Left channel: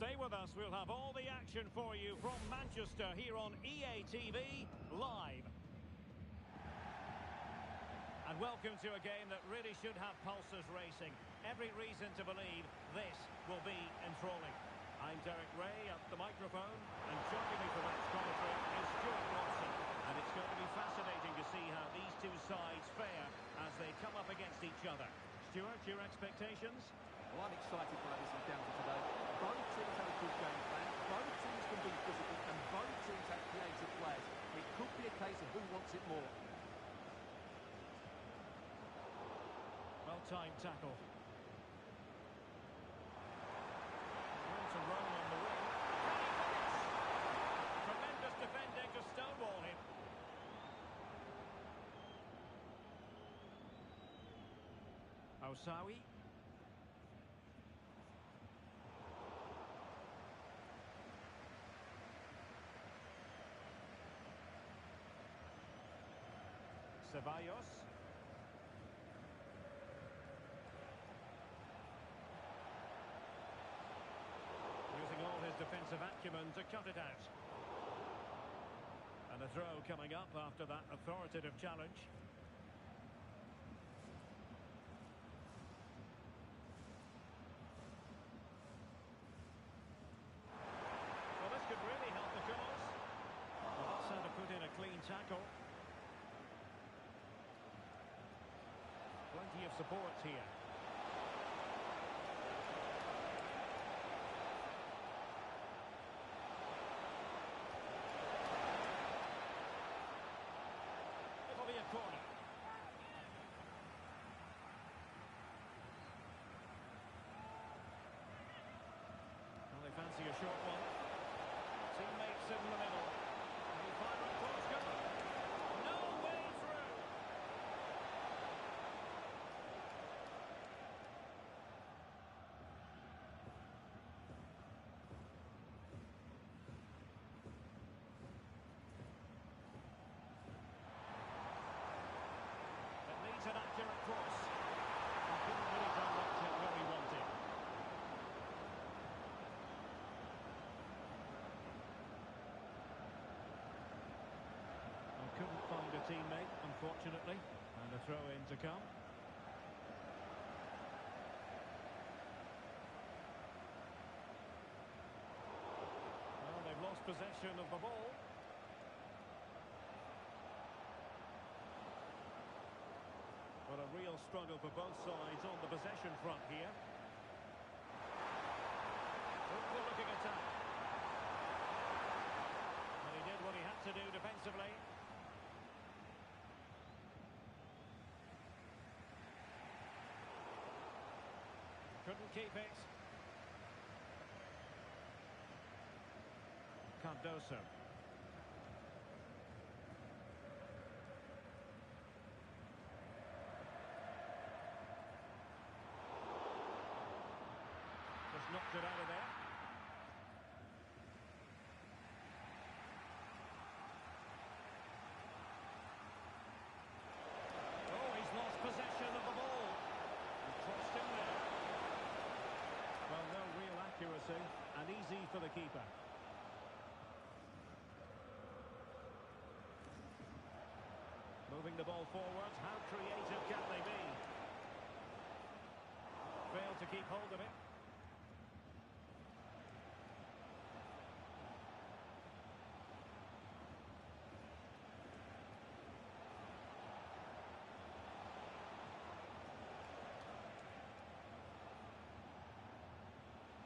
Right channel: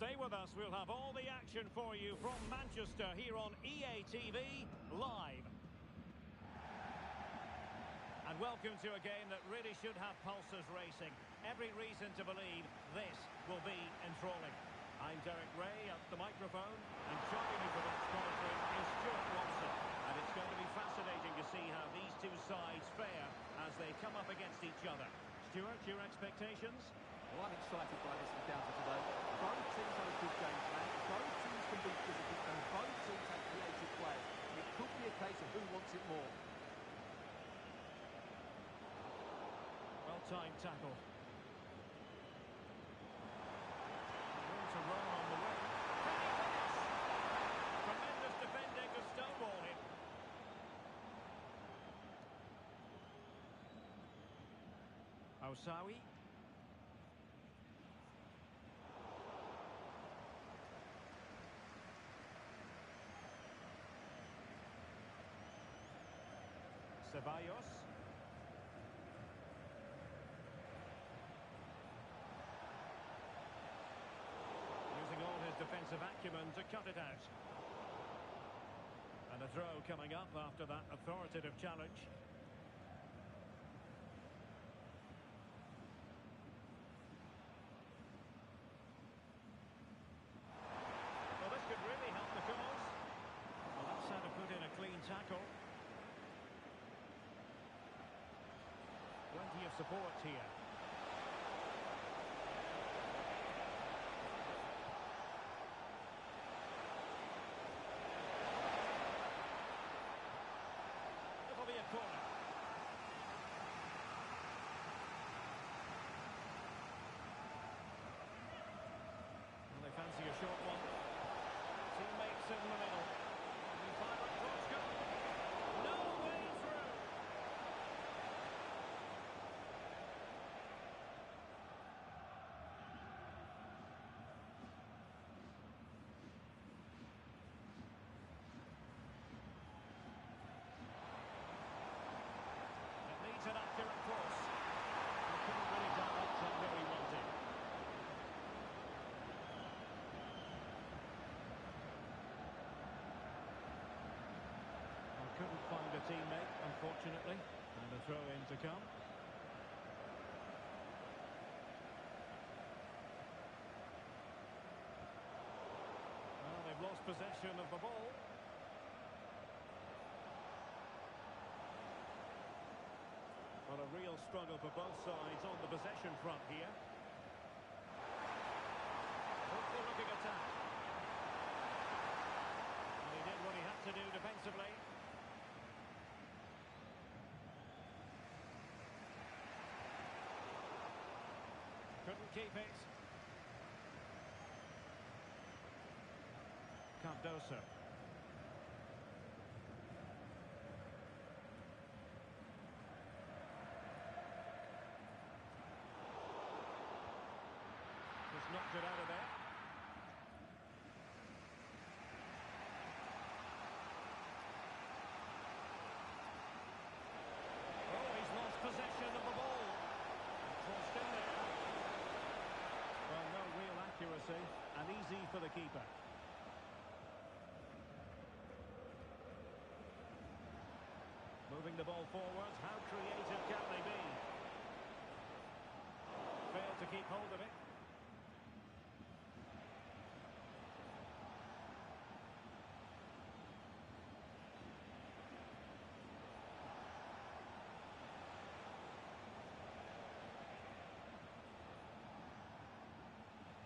Stay with us, we'll have all the action for you from Manchester here on EA TV Live. And welcome to a game that really should have pulses racing. Every reason to believe this will be enthralling. I'm Derek Ray at the microphone, and joining me for match commentary is Stuart Watson. And it's going to be fascinating to see how these two sides fare as they come up against each other. Stuart, your expectations? Well, I'm excited by this encounter today. Both teams have a good game plan, both teams can be physical, and both teams have creative players. It could be a case of who wants it more. Well-timed tackle. Room to roam on the wing. Can he finish? Tremendous defending to stonewall him. Osawi. Ceballos. Using all his defensive acumen to cut it out. And a throw coming up after that authoritative challenge. Well, this could really help the cause. Well, that's how to put in a clean tackle. Plenty of support here. It'll be a corner. Well, they fancy a short one. Teammates in the middle. Can he fire it towards goal? No way through. Needs an accurate cross. He couldn't really direct it where he wanted. Well, couldn't find a teammate, unfortunately. And a throw-in to come. Well, they've lost possession of the ball. Well, a real struggle for both sides on the possession front here. Hopeful-looking attack. And he did what he had to do defensively. Couldn't keep it. Cardoso. Just knocked it out of there. Oh, he's lost possession of the ball. And crossed in there. Well, no real accuracy. And easy for the keeper. Moving the ball forwards. How creative can they be? Failed to keep hold of it.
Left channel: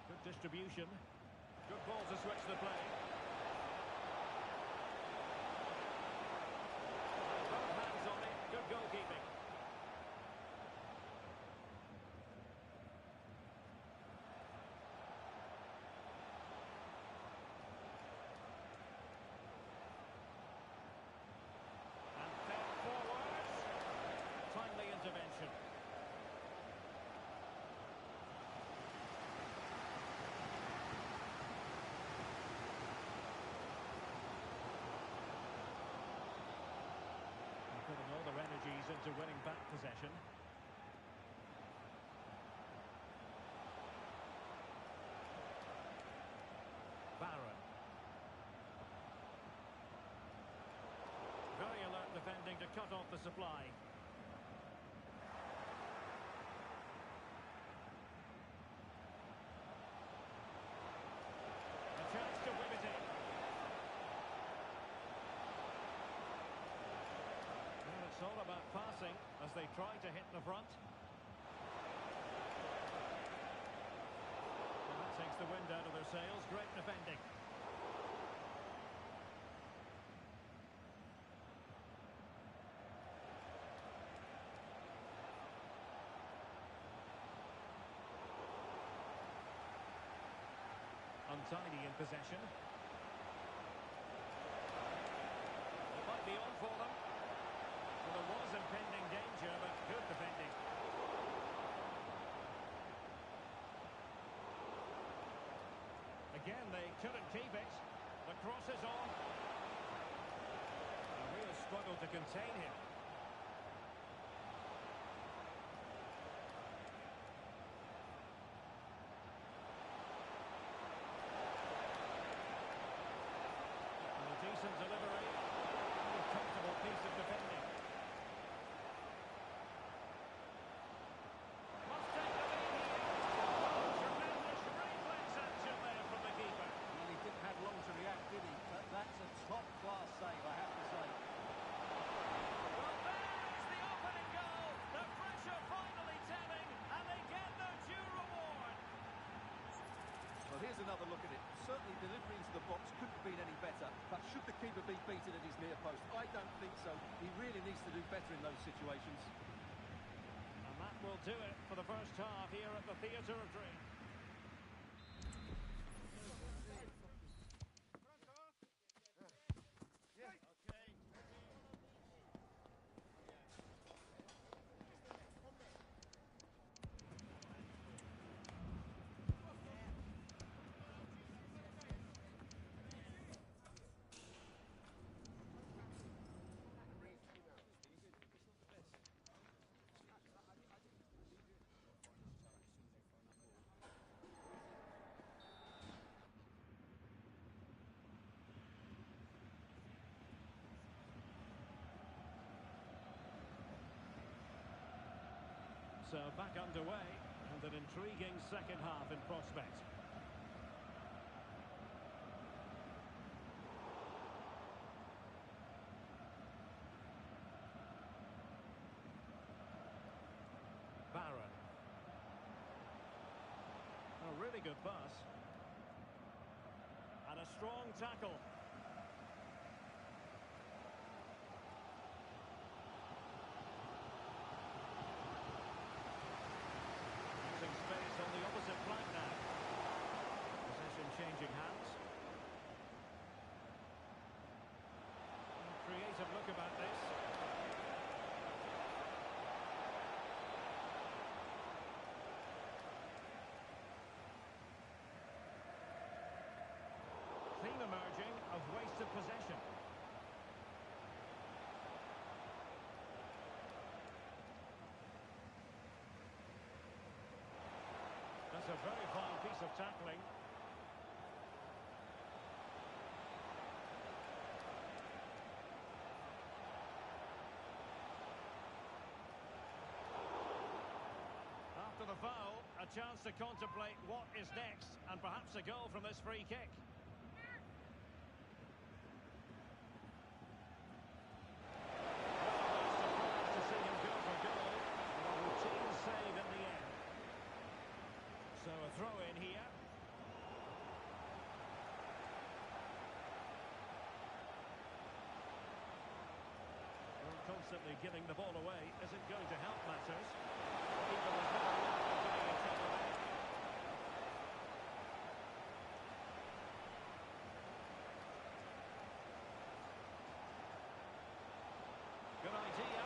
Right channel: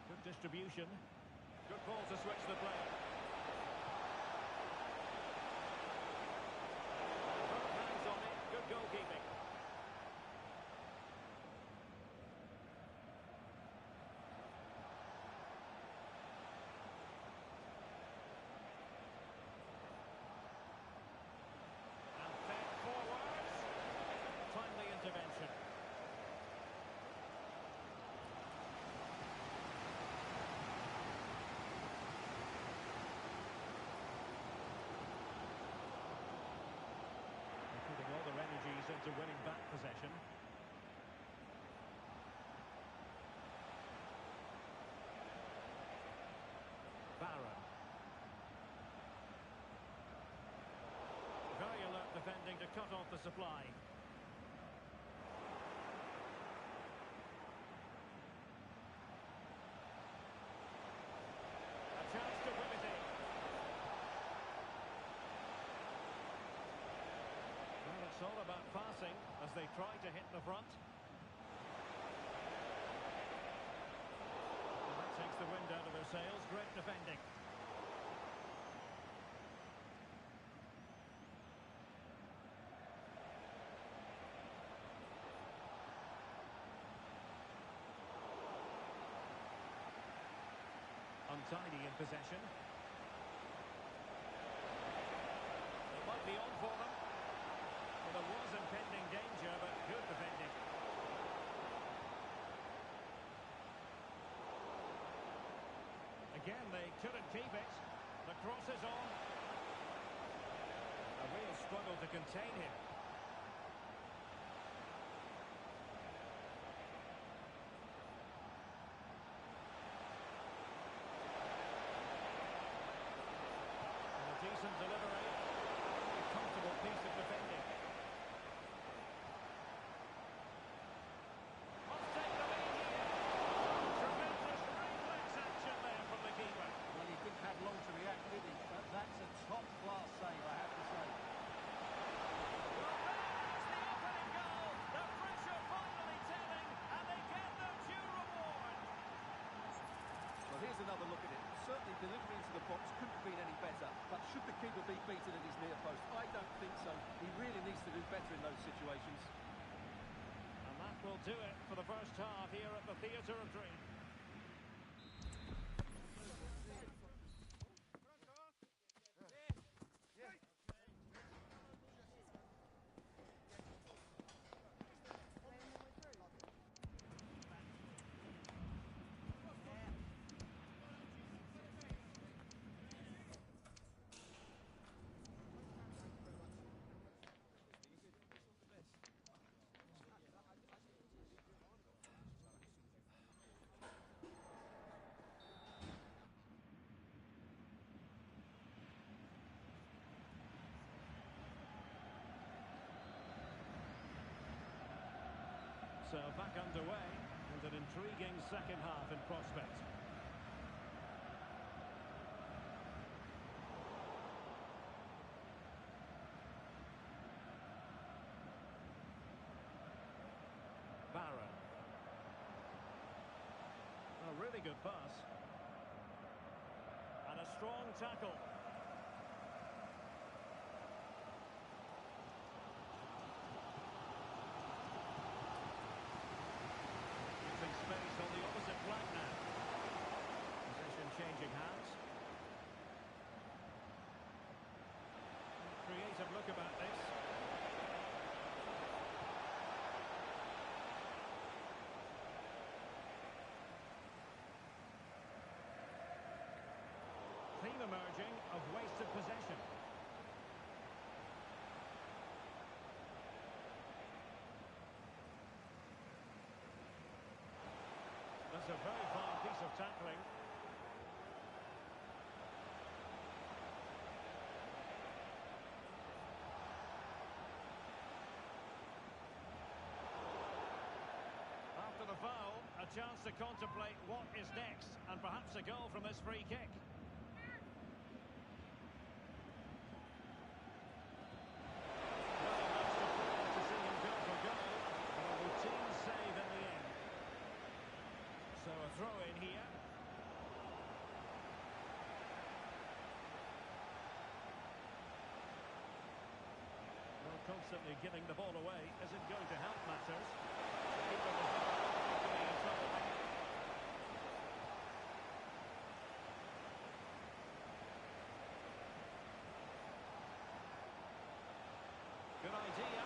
Good distribution. Good ball to switch the play. And both hands on it. Good goalkeeping. And fed forwards. Timely intervention. Putting all their energies into winning back possession. cut off the supply. A chance to whip it in. Well, it's all about passing as they try to hit the front. Well, that takes the wind out of their sails. Great defending. Untidy in possession. It might be on for them. Well, there was impending danger, but good defending. Again, they couldn't keep it. The cross is on. A real struggle to contain him. Decent delivery. A comfortable piece of defending. Must take the lead here. Oh, tremendous reflex action there from the keeper. Well, he didn't have long to react, did he? But that's a top-class save, I have to say. Well, there's the opening goal. The pressure finally telling, and they get their due reward. Well, here's another look at it. Certainly delivery into the box couldn't have been any better, but should the keeper be beaten at his near post? I don't think so. He really needs to do better in those situations. And that will do it for the first half here at the Theatre of Dreams. So back underway, and an intriguing second half in prospect. Barron. A really good pass. And a strong tackle. Space on the opposite flank now. Possession changing hands. Creative look about this. Theme emerging of wasted possession. That's a very fine piece of tackling. After the foul, a chance to contemplate what is next, and perhaps a goal from this free kick. Well, that's the point to see him go for goal, but a routine save in the end. So a throw in here. Well, constantly giving the ball away isn't going to help matters. The keeper was never likely to be in trouble there. Good idea.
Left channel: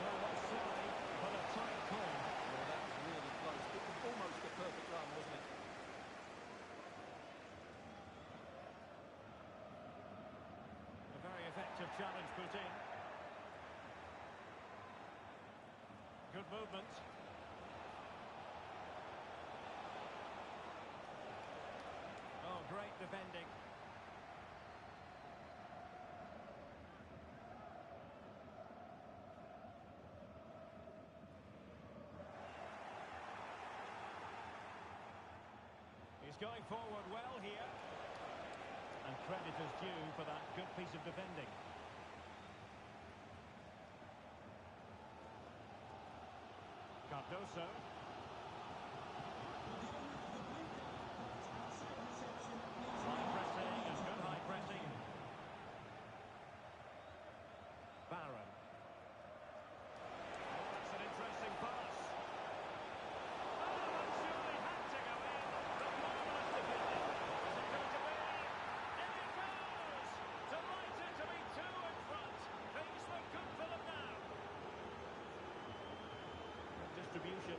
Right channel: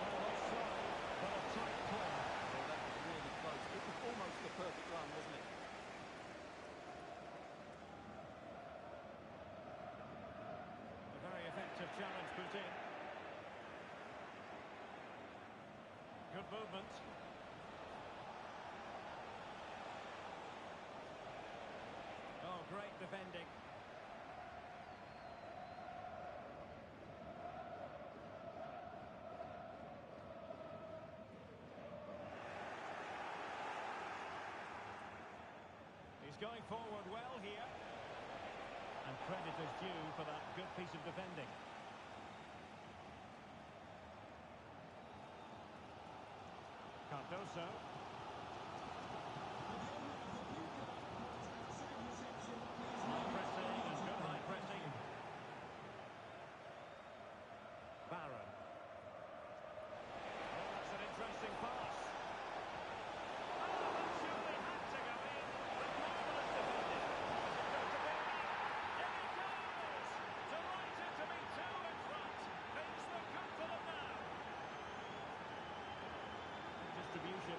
Well, offside, but a tight call. Well, that was really close. It was almost a perfect run, wasn't it? A very effective challenge put in. Good movement. Oh, great defending. He's going forward well here. And credit is due for that good piece of defending. Cardoso. High pressing and good high pressing. Barron. Oh, that's an interesting pass. Oh, that surely had to go in. The marvellous defending. Is it going to be? In it goes! Delighted to be two in front. Things look good for them now. Good distribution.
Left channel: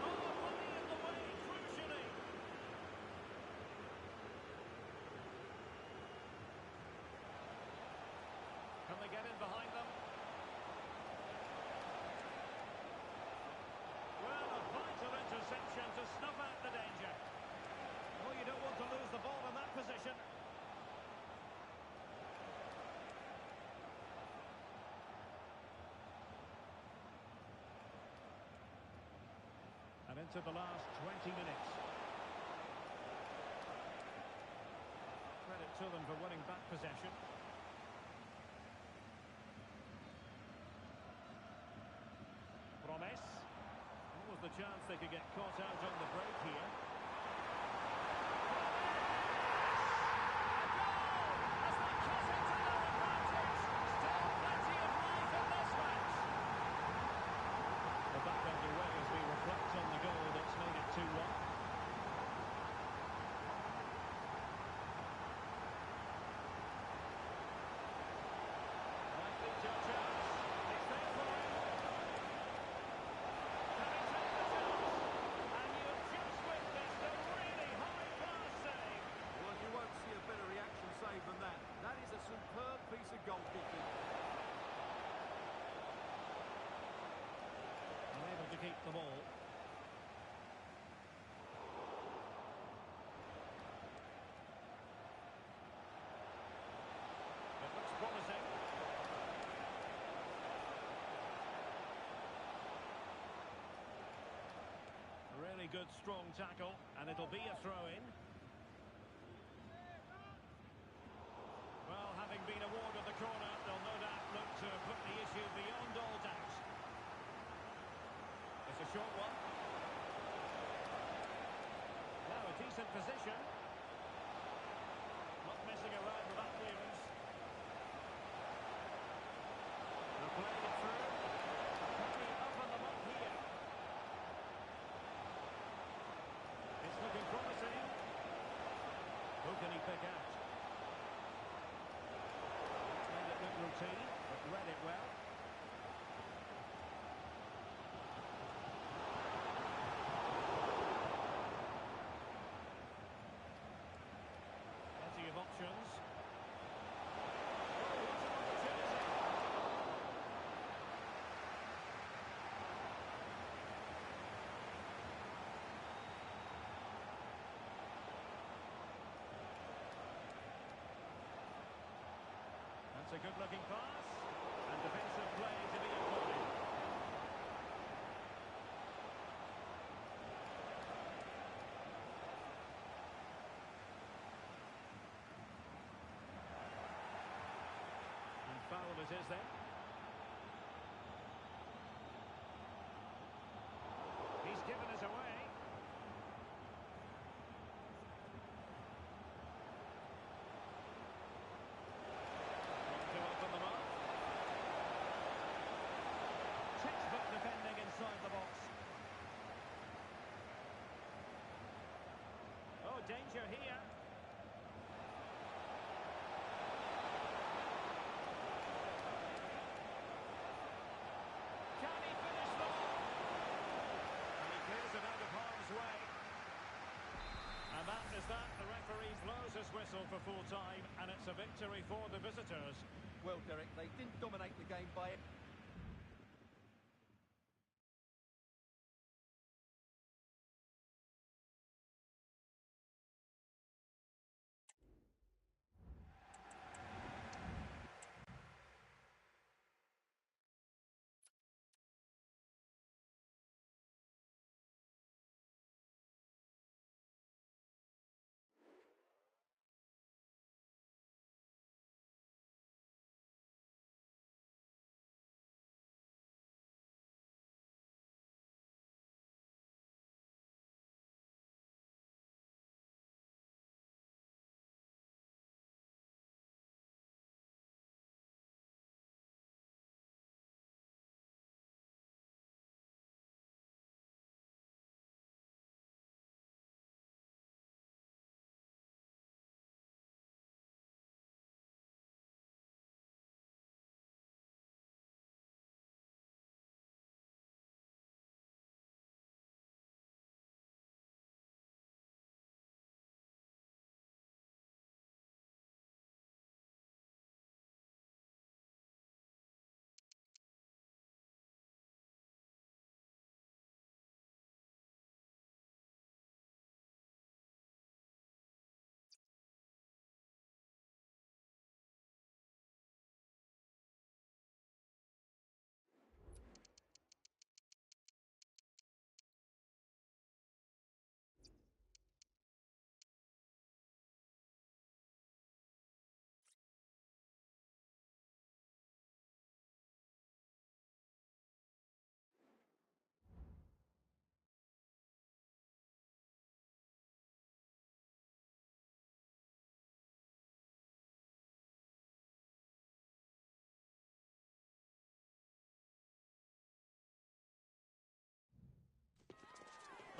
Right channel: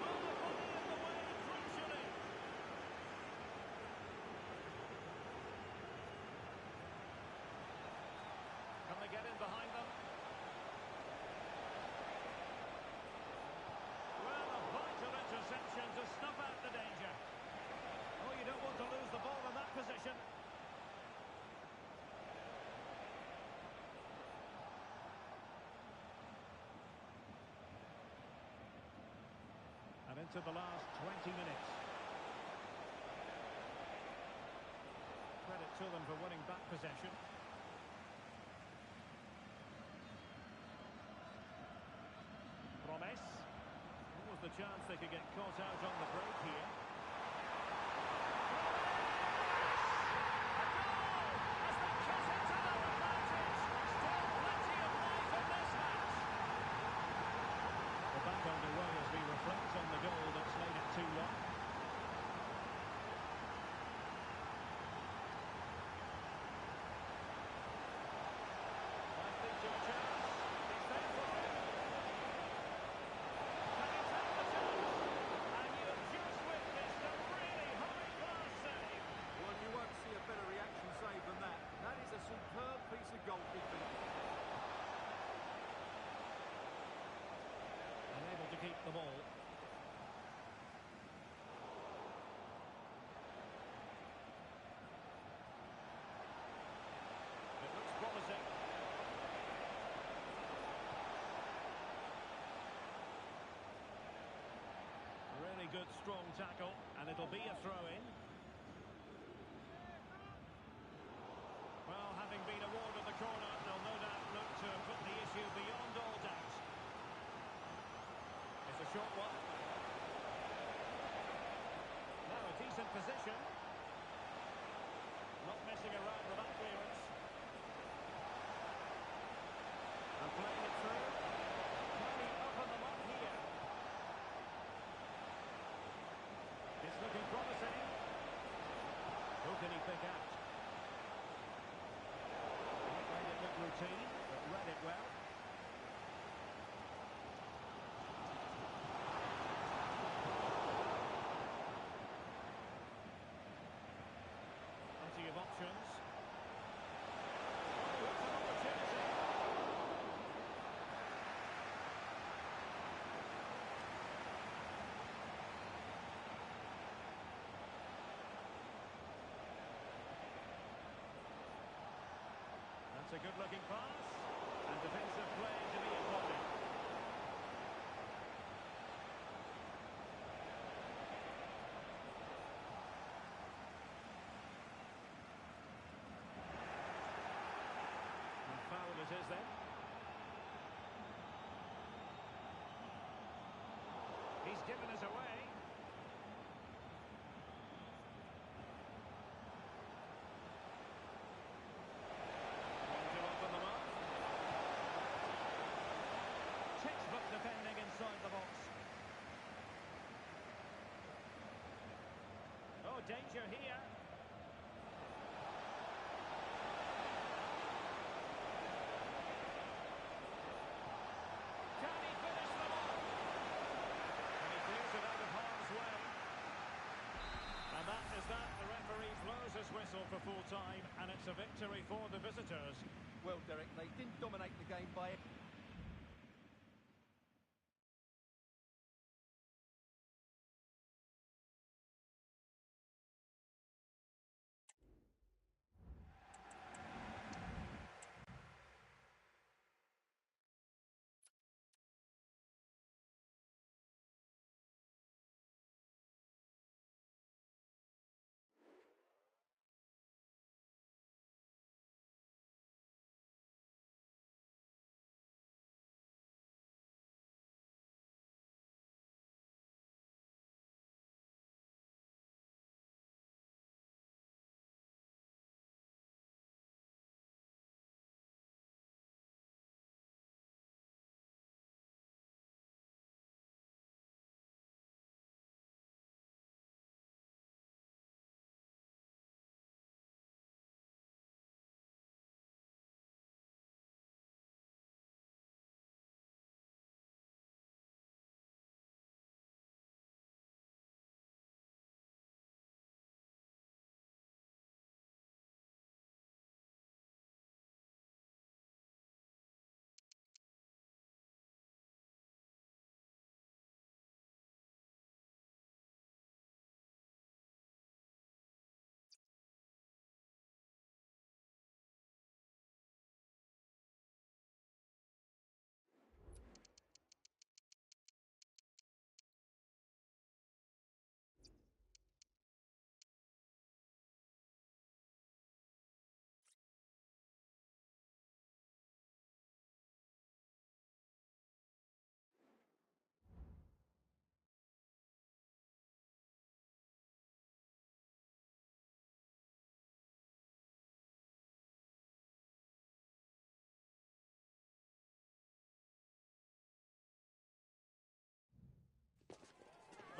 Oh, body in the way, crucially. Can they get in behind them? Well, a vital interception to snuff out the danger. Oh, you don't want to lose the ball in that position. And into the last 20 minutes. Credit to them for winning back possession. Promise. What was the chance they could get caught out on the break here? Promise! A goal! As they cut into their advantage. Still plenty of life in this match. Well, back underway as we reflect on the goal that's made it 2-1. Likely to a chance. It's there for him. Can he take the chance? And you've just witnessed a really high-class save. Well, you won't see a better reaction save than that. That is a superb piece of goalkeeping. Unable to keep the ball. It looks promising. Really good, strong tackle, and it'll be a throw-in. Well, having been awarded the corner, they'll no doubt look to put the issue beyond all doubt. It's a short one. Now a decent position. Not messing around with that clearance. And playing it through. Carney up on the mark here. It's looking promising. Who can he pick out? Made it look routine, but read it well. Plenty of options. Oh, what an opportunity! That's a good-looking pass, and defensive play to be applauded. And foul it is then. He's given us away. Textbook defending inside the box. Oh, danger here. Can he finish them off? And he clears it out of harm's way. And that is that. The referee blows his whistle for full time, and it's a victory for the visitors. Well, Derek, they didn't dominate the game by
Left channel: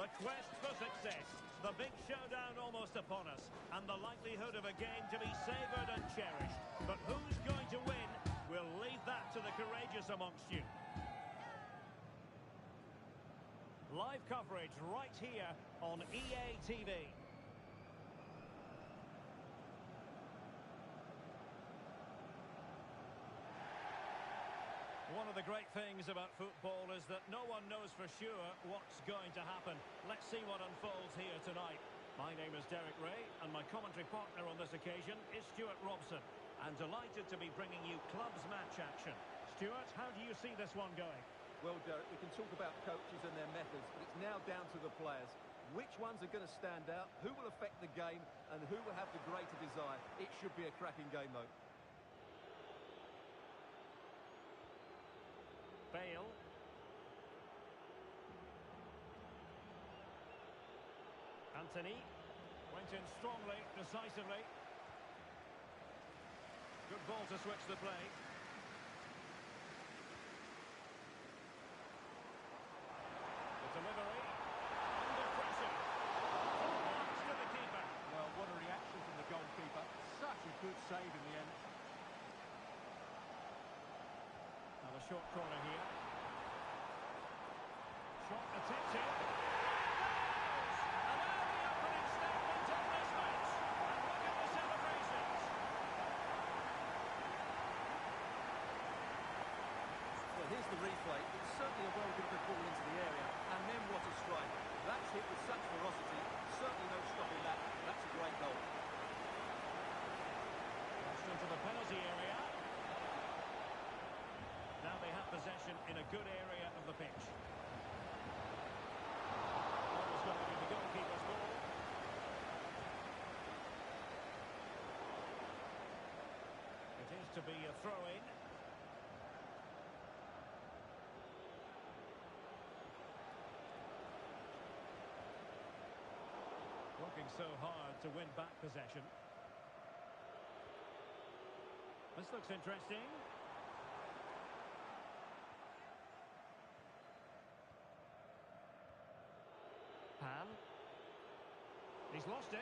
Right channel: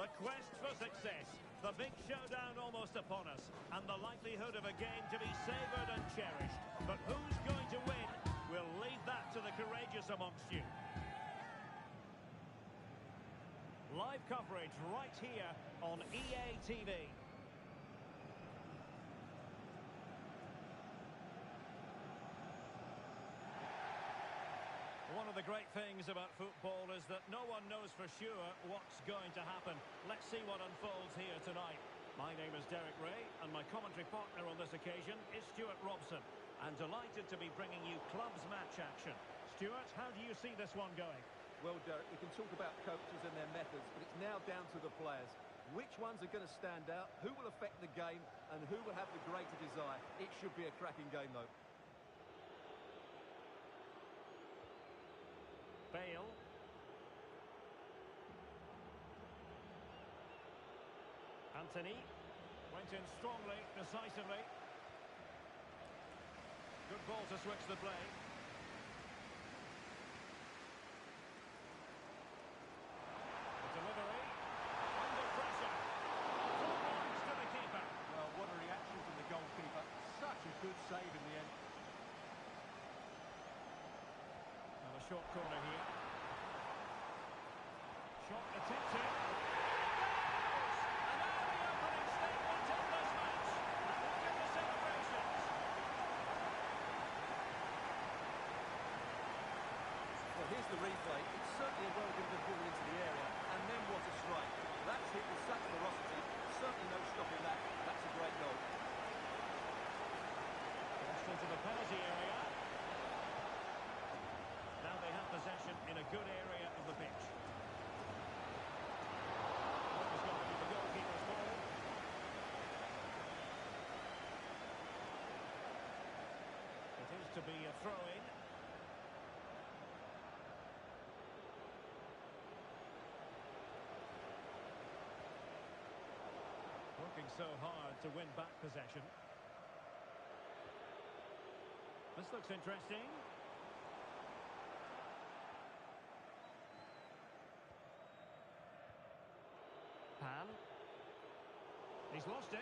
The quest for success. The big showdown almost upon us. And the likelihood of a game to be savoured and cherished. But who's going to win? We'll leave that to the courageous amongst you. Live coverage right here on EA TV. One of the great things about football is that no one knows for sure what's going to happen. Let's see what unfolds here tonight. My name is Derek Ray, and my commentary partner on this occasion is Stuart Robson. And delighted to be bringing you clubs match action. Stuart, how do you see this one going? Well, Derek, we can talk about coaches and their methods, but it's now down to the players. Which ones are going to stand out, who will affect the game, and who will have the greater desire? It should be a cracking game, though. Bale. Anthony went in strongly, decisively. Good ball to switch the play. The delivery. Under pressure. Full marks to the keeper. Well, what a reaction from the goalkeeper. Such a good save in the end. Now a short corner here. Shot attempted. And now the opening statement in this match. And look at the celebrations. Well, here's the replay. It's certainly a well-delivered ball into the area. And then what a strike. That's hit with such ferocity. Certainly no stopping that. That's a great goal. Crossed into the penalty area. Now they have possession in a good area of the pitch. Always going to be the goalkeeper's ball. It is to be a throw-in. Working so hard to win back possession. This looks interesting. Pan. He's lost it.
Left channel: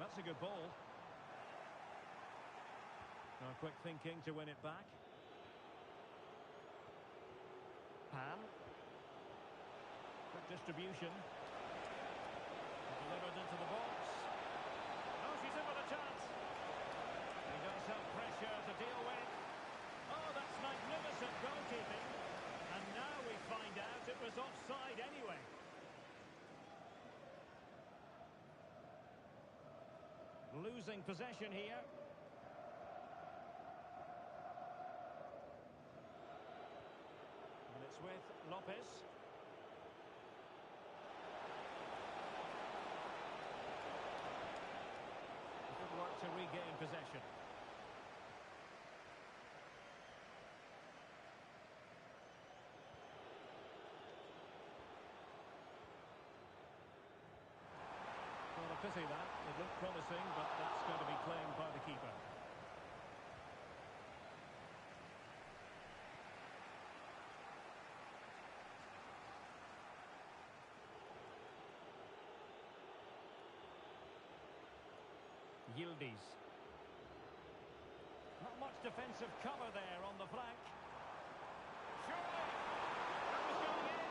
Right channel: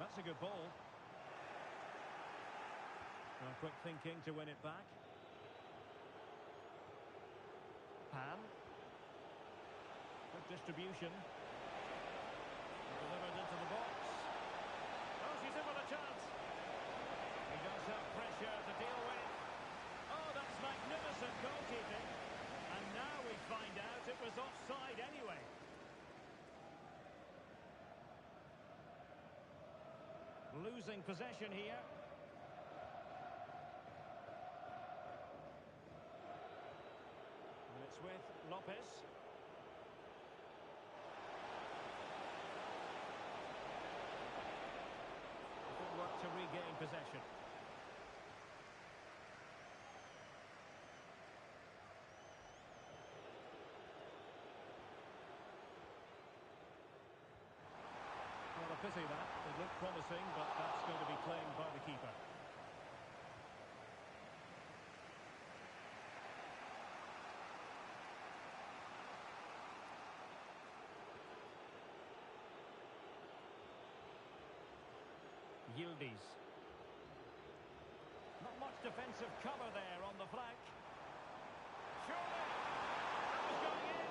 That's a good ball. Now quick thinking to win it back. Pan. Good distribution. Delivered into the box. Oh, she's in with a chance. He does have pressure to deal with. Oh, that's magnificent goalkeeping. And now we find out it was offside anyway. Losing possession here. And it's with Lopez. Good work to regain possession. Well, a pity that. It looked promising, but that's going to be claimed by the keeper. Yildiz. Not much defensive cover there on the flank. Surely! That was going in!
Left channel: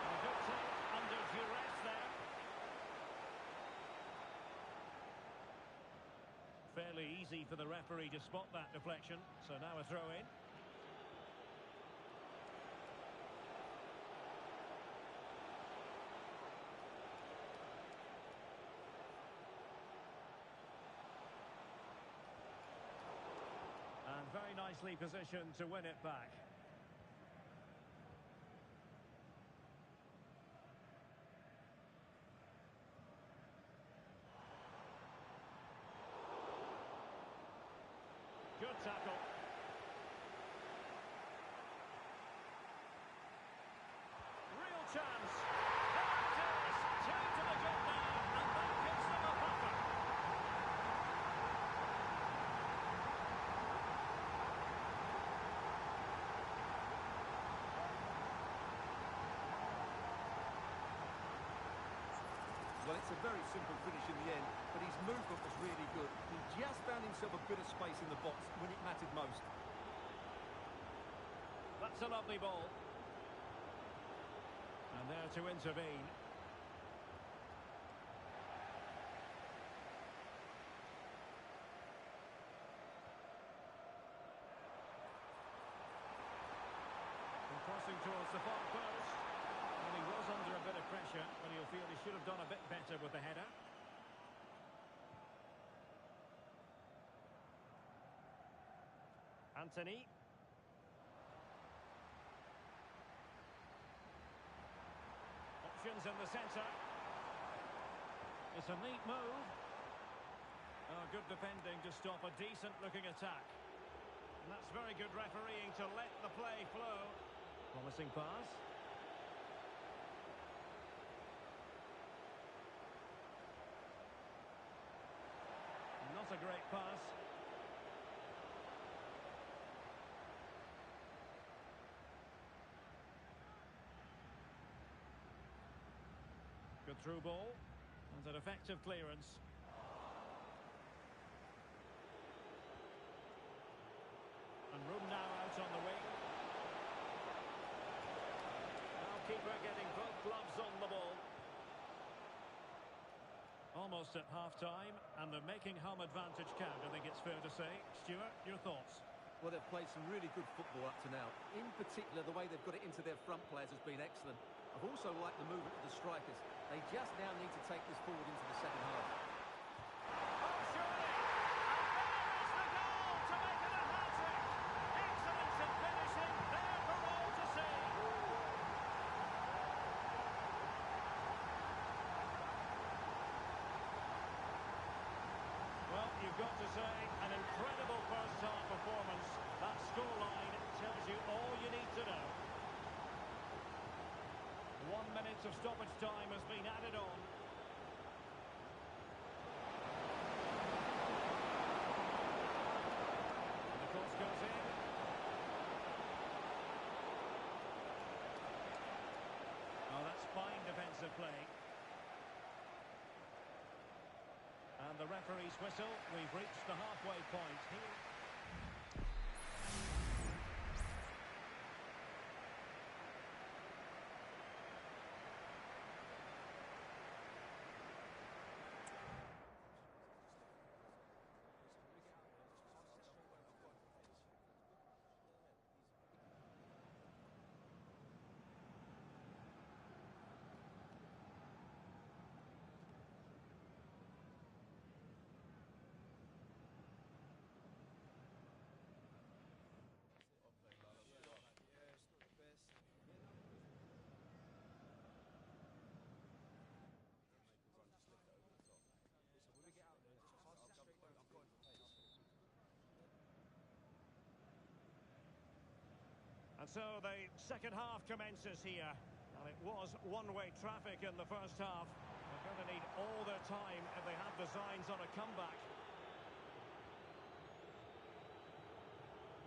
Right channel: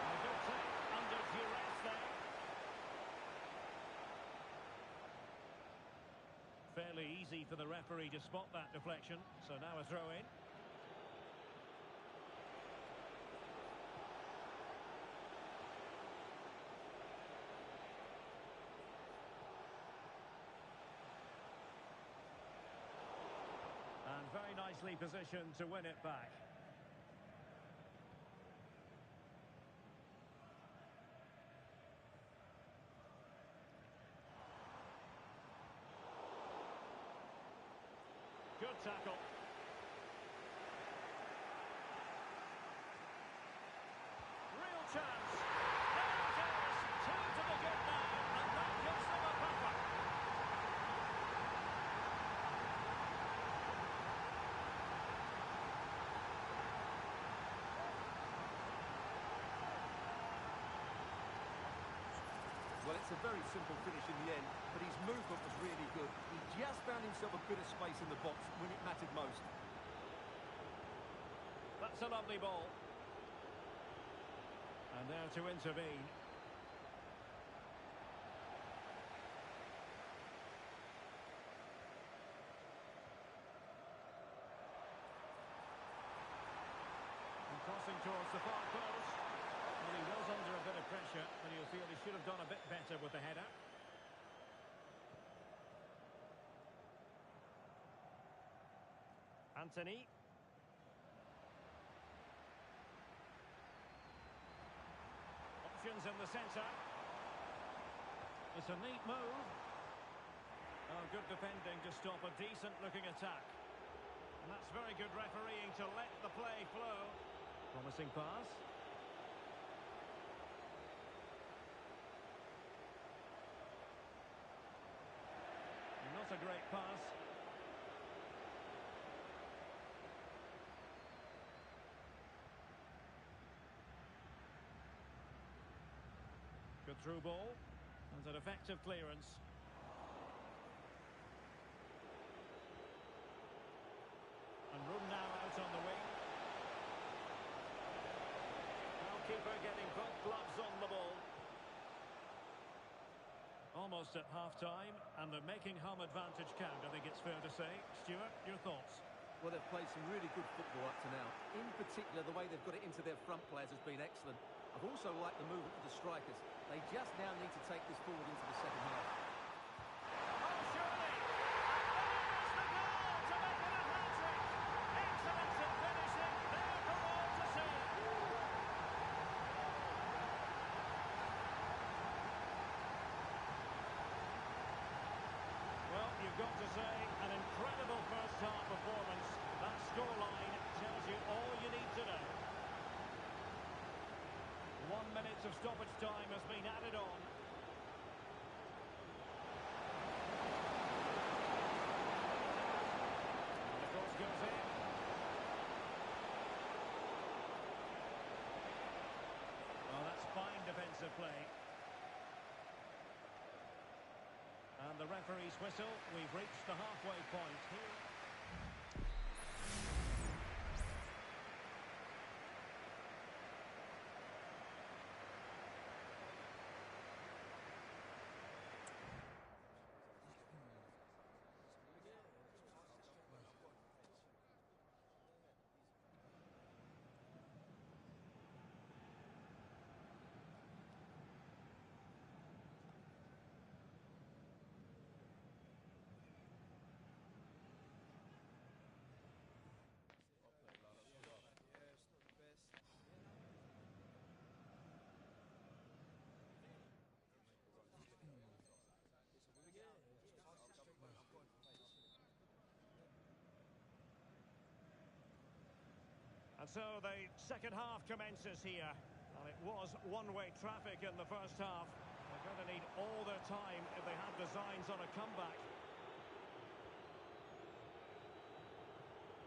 And a good take under duress there. Fairly easy for the referee to spot that deflection, so now a throw-in. And very nicely positioned to win it back. Good tackle. chance. There it is. Two to the good now, and that gives them a buffer. Well, it's a very simple finish in the end, but his movement was really good. He just found himself a bit of space in the box when it mattered most. That's a lovely ball. And there to intervene. And crossing towards the far post. Well, he was under a bit of pressure, but he'll feel he should have done a bit better with the header. Anthony. Options in the centre. It's a neat move. Oh, good defending to stop a decent-looking attack. And that's very good refereeing to let the play flow. Promising pass. Not a great pass. Good through ball. And an effective clearance. And room now out on the wing. Now keeper getting both gloves on the ball. Almost at half-time, and they're making home advantage count, I think it's fair to say. Stuart, your thoughts? Well, they've played some really good football up to now. In particular, the way they've got it into their front players has been excellent. I've also liked the movement of the strikers. They just now need to take this forward into the second half. Oh, surely! And there is the goal to make it a hat-trick! Excellence in finishing, there for all to see! Well, you've got to say, an incredible first-half performance. That scoreline tells you all you need to know. 1 minute of stoppage time has been added on. And the cross goes in. Oh, that's fine defensive play. And the referee's whistle. We've reached the halfway point here. And so the second half commences here. And it was one-way traffic in the first half. They're going to need all their time if they have designs on a comeback.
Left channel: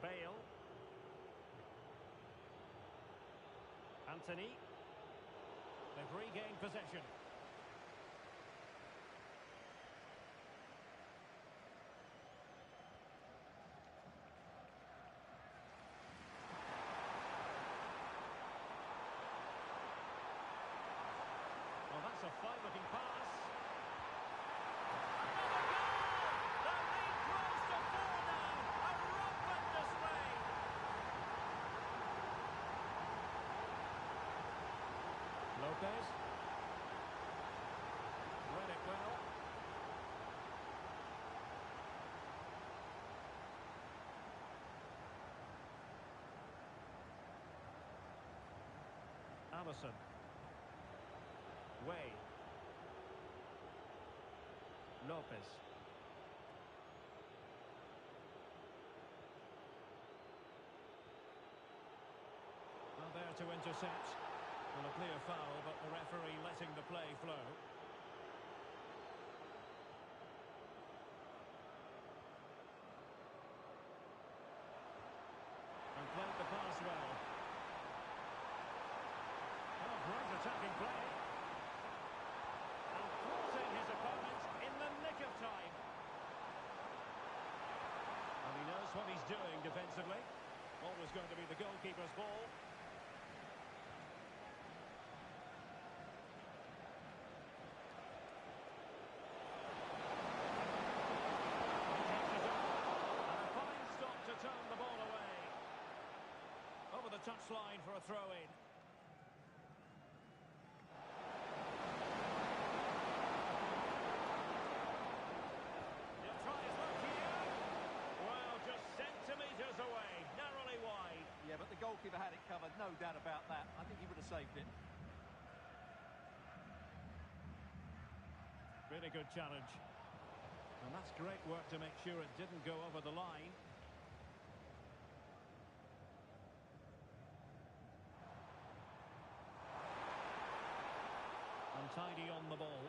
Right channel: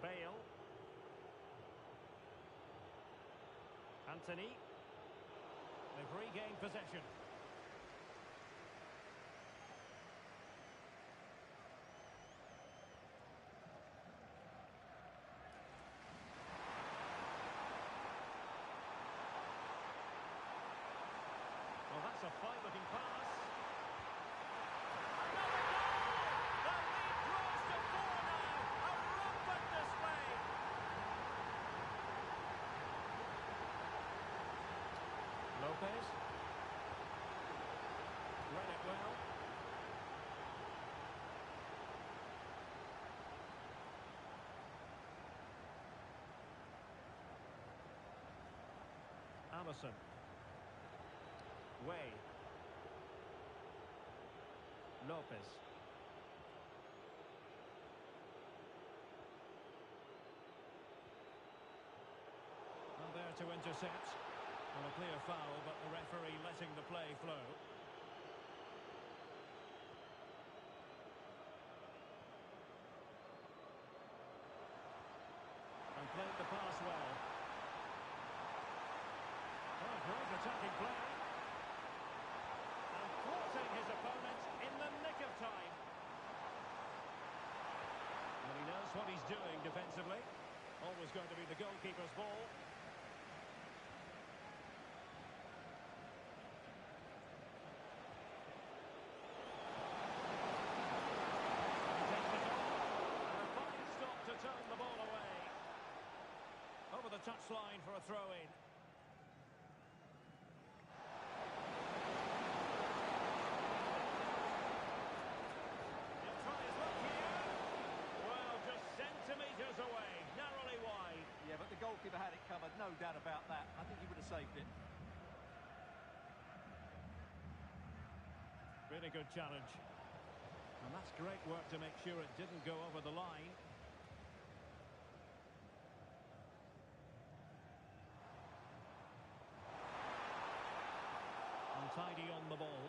Bale. Anthony. They've regained possession. Well, that's a fine-looking pass. Another goal! The lead grows to 4 now. A rampant display. Lopez. Read it well. Allison. Way. Lopez. Well, there to intercept. Well, a clear foul, but the referee letting the play flow. And played the pass well. Oh, great attacking play. And thwarting his opponent in the nick of time. And he knows what he's doing defensively. Always going to be the goalkeeper's ball. He takes it on. And a fine stop to turn the ball away. Over the touchline for a throw-in. He'll try his luck here. Well, just centimetres away, narrowly wide. Yeah, but the goalkeeper had it covered, no doubt about that. I think he would have saved it. Really good challenge. And that's great work to make sure it didn't go over the line. Untidy on the ball.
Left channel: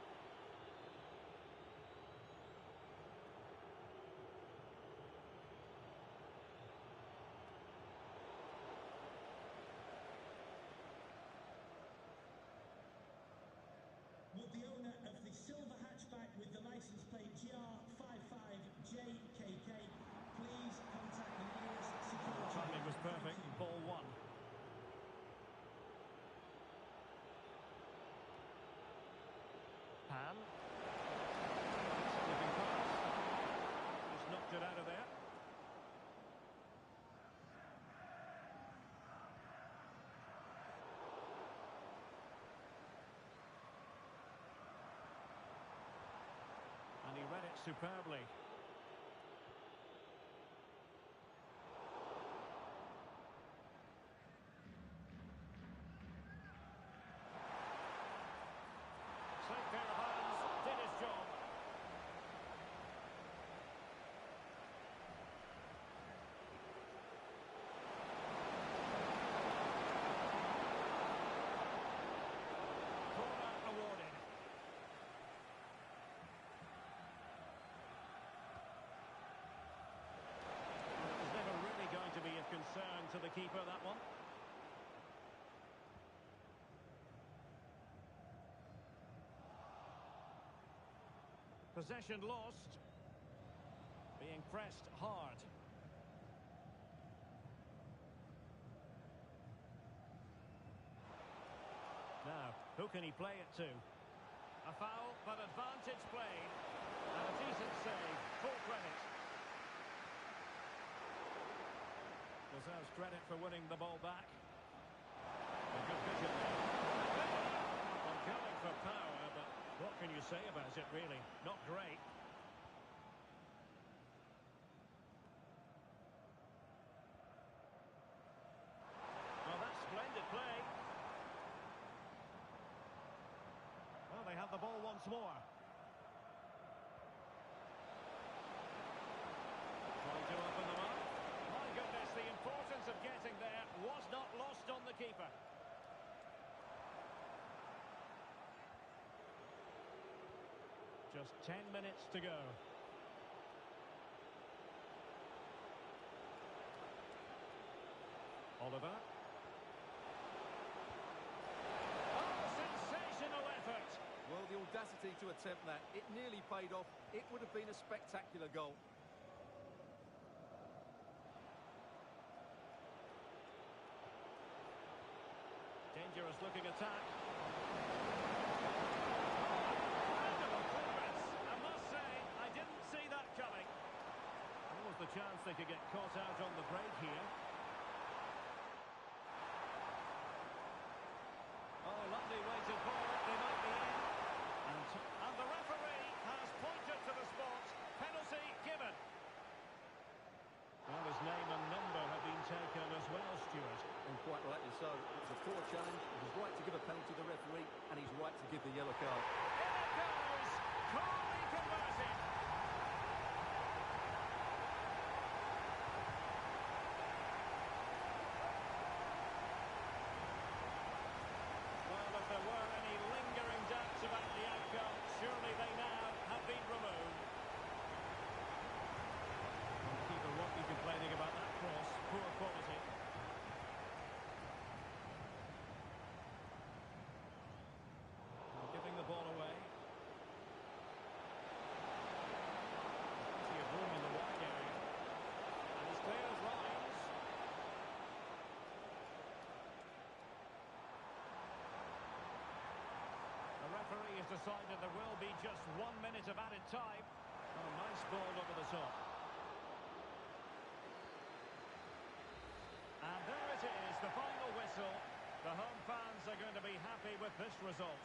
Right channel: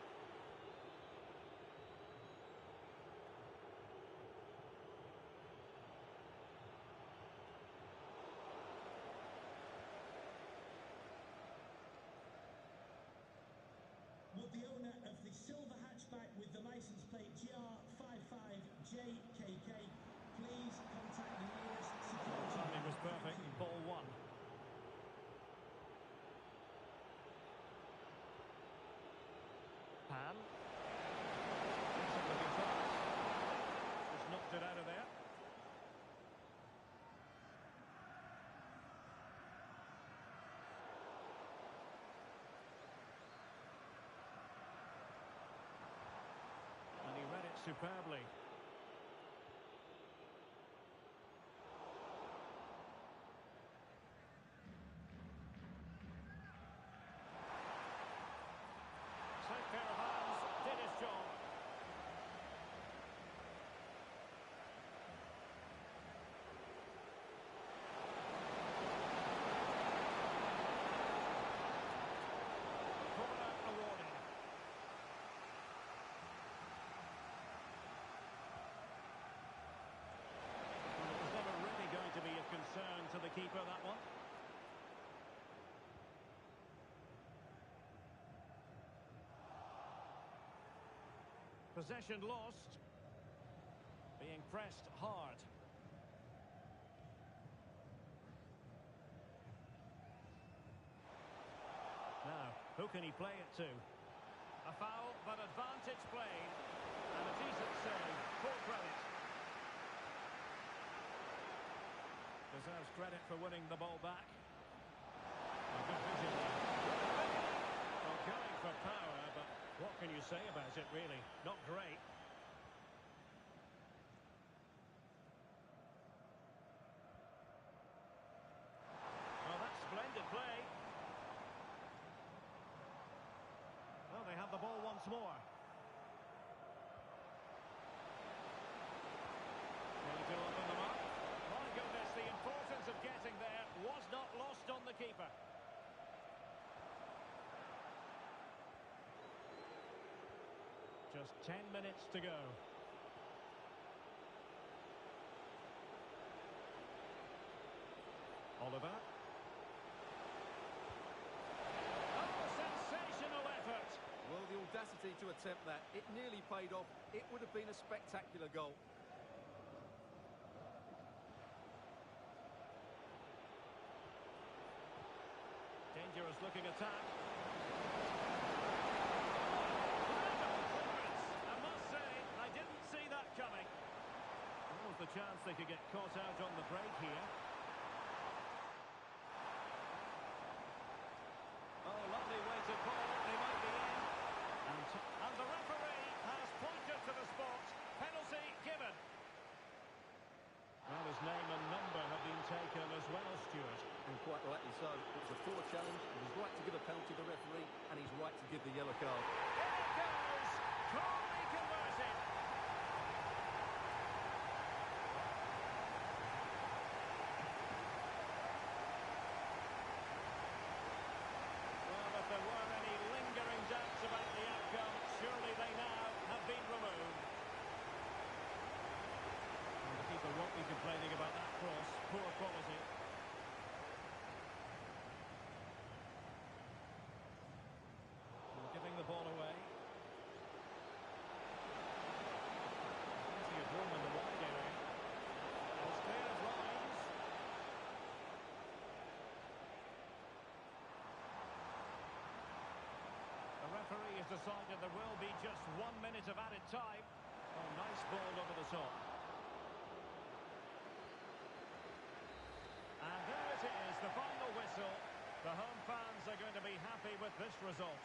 Would the owner of the silver hatchback with the license plate GR55JKK please contact the nearest security? The timing was perfect. Ball one. Pan. Decent looking pass. Just knocked it out of there. And he read it superbly. Safe pair of hands, did his job. Corner awarded. Well, it was never really going to be of concern to the keeper, that one. Possession lost. Being pressed hard. Now, who can he play it to? A foul, but advantage played. And a decent save. Full credit. Deserves credit for winning the ball back. A good vision there. Well, going for power, but what can you say about it, really? Not great. Oh, that's splendid play. Well, they have the ball once more. Trying to open them up. My goodness, the importance of getting there was not lost on the keeper. Just 10 minutes to go. Oliver. Oh, sensational effort. Well, the audacity to attempt that. It nearly paid off. It would have been a spectacular goal. Dangerous looking attack. The chance they could get caught out on the break here. Oh, lovely weighted ball. They might be in. And the referee has pointed to the spot. Penalty given. Well, his name and number have been taken as well, Stuart. And quite rightly so. It was a poor challenge. He was right to give a penalty to the referee, and he's right to give the yellow card. In it goes. Coolly converted. has decided there will be just 1 minute of added time. Oh, nice ball over the top. And there it is, the final whistle. The home fans are going to be happy with this result.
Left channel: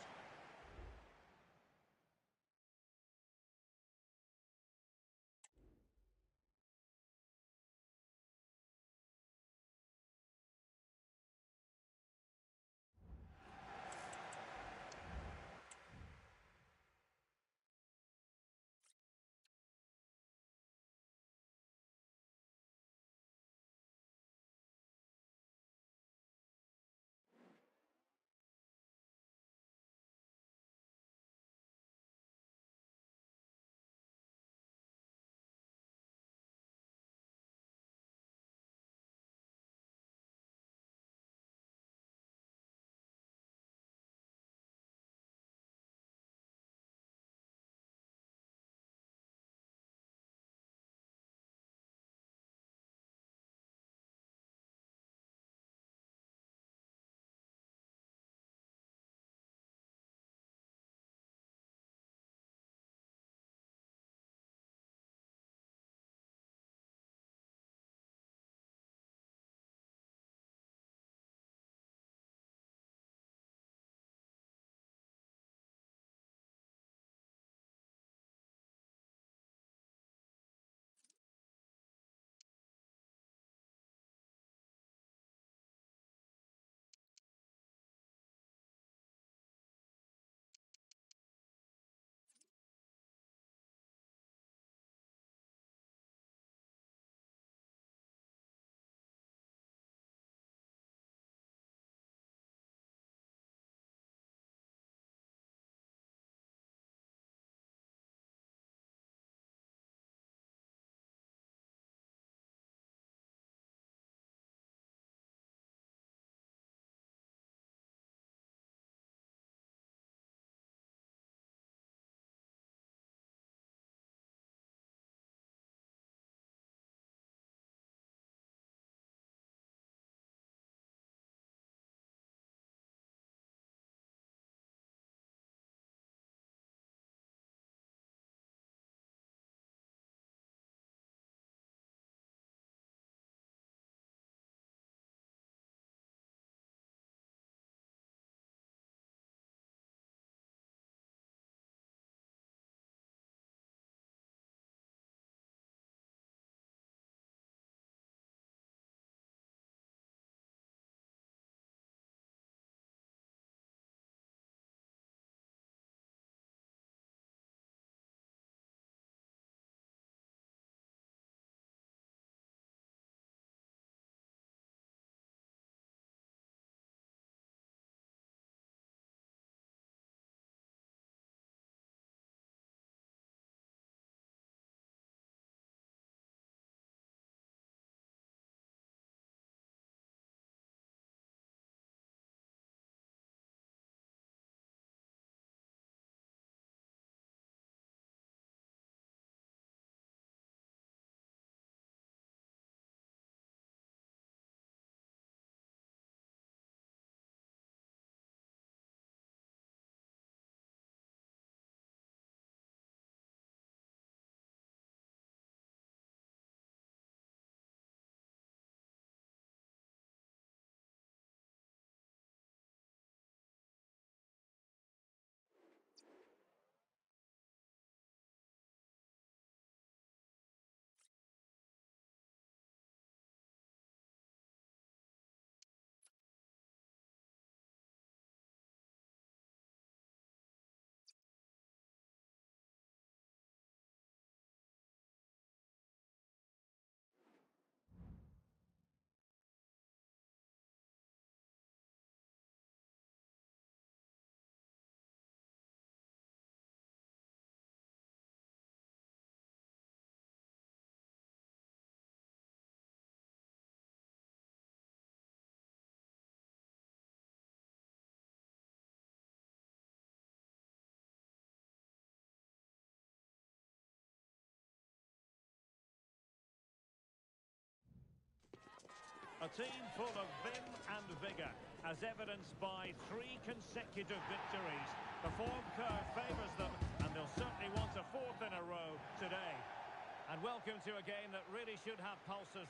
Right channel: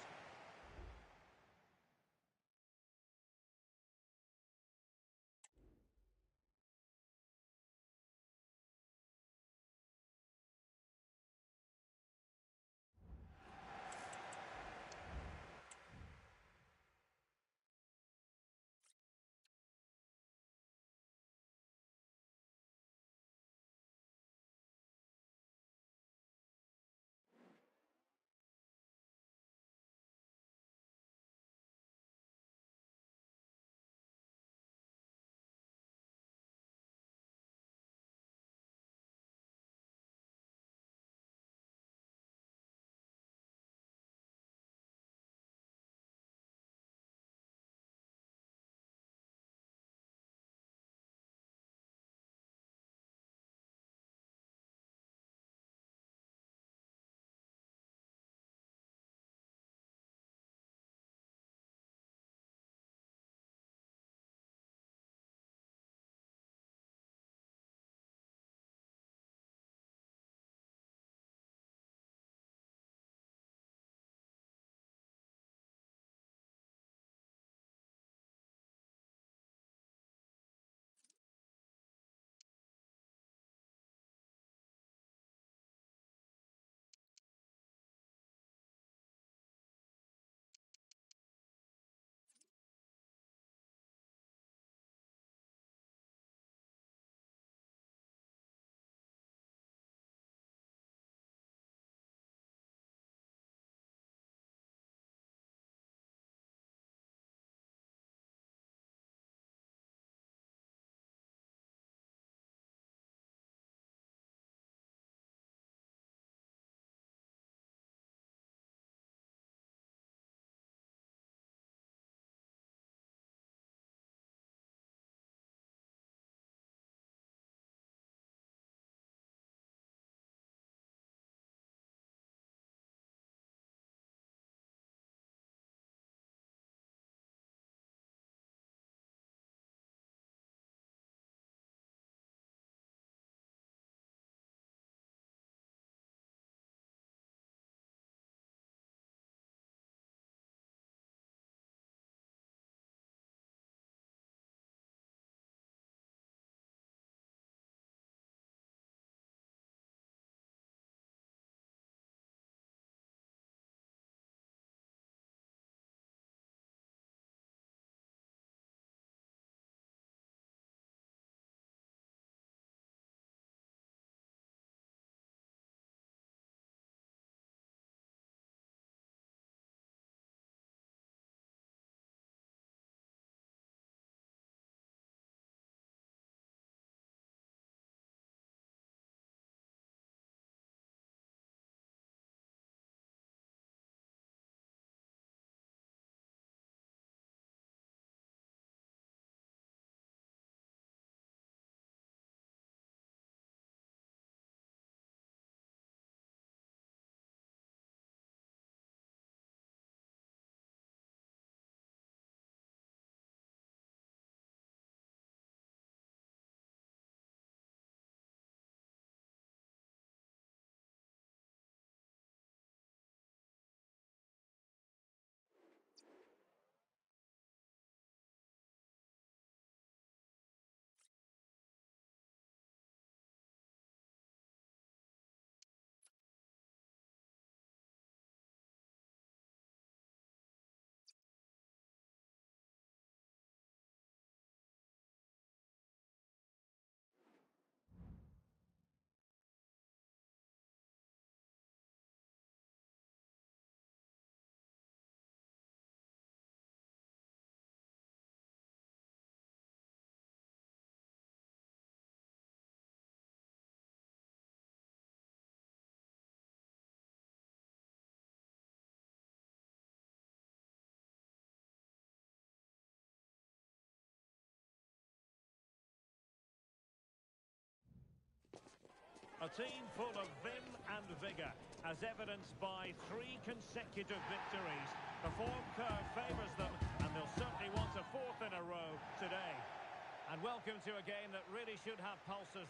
A team full of vim and vigour, as evidenced by 3 consecutive victories. The form curve favours them, and they'll certainly want a 4th in a row today. And welcome to a game that really should have pulses.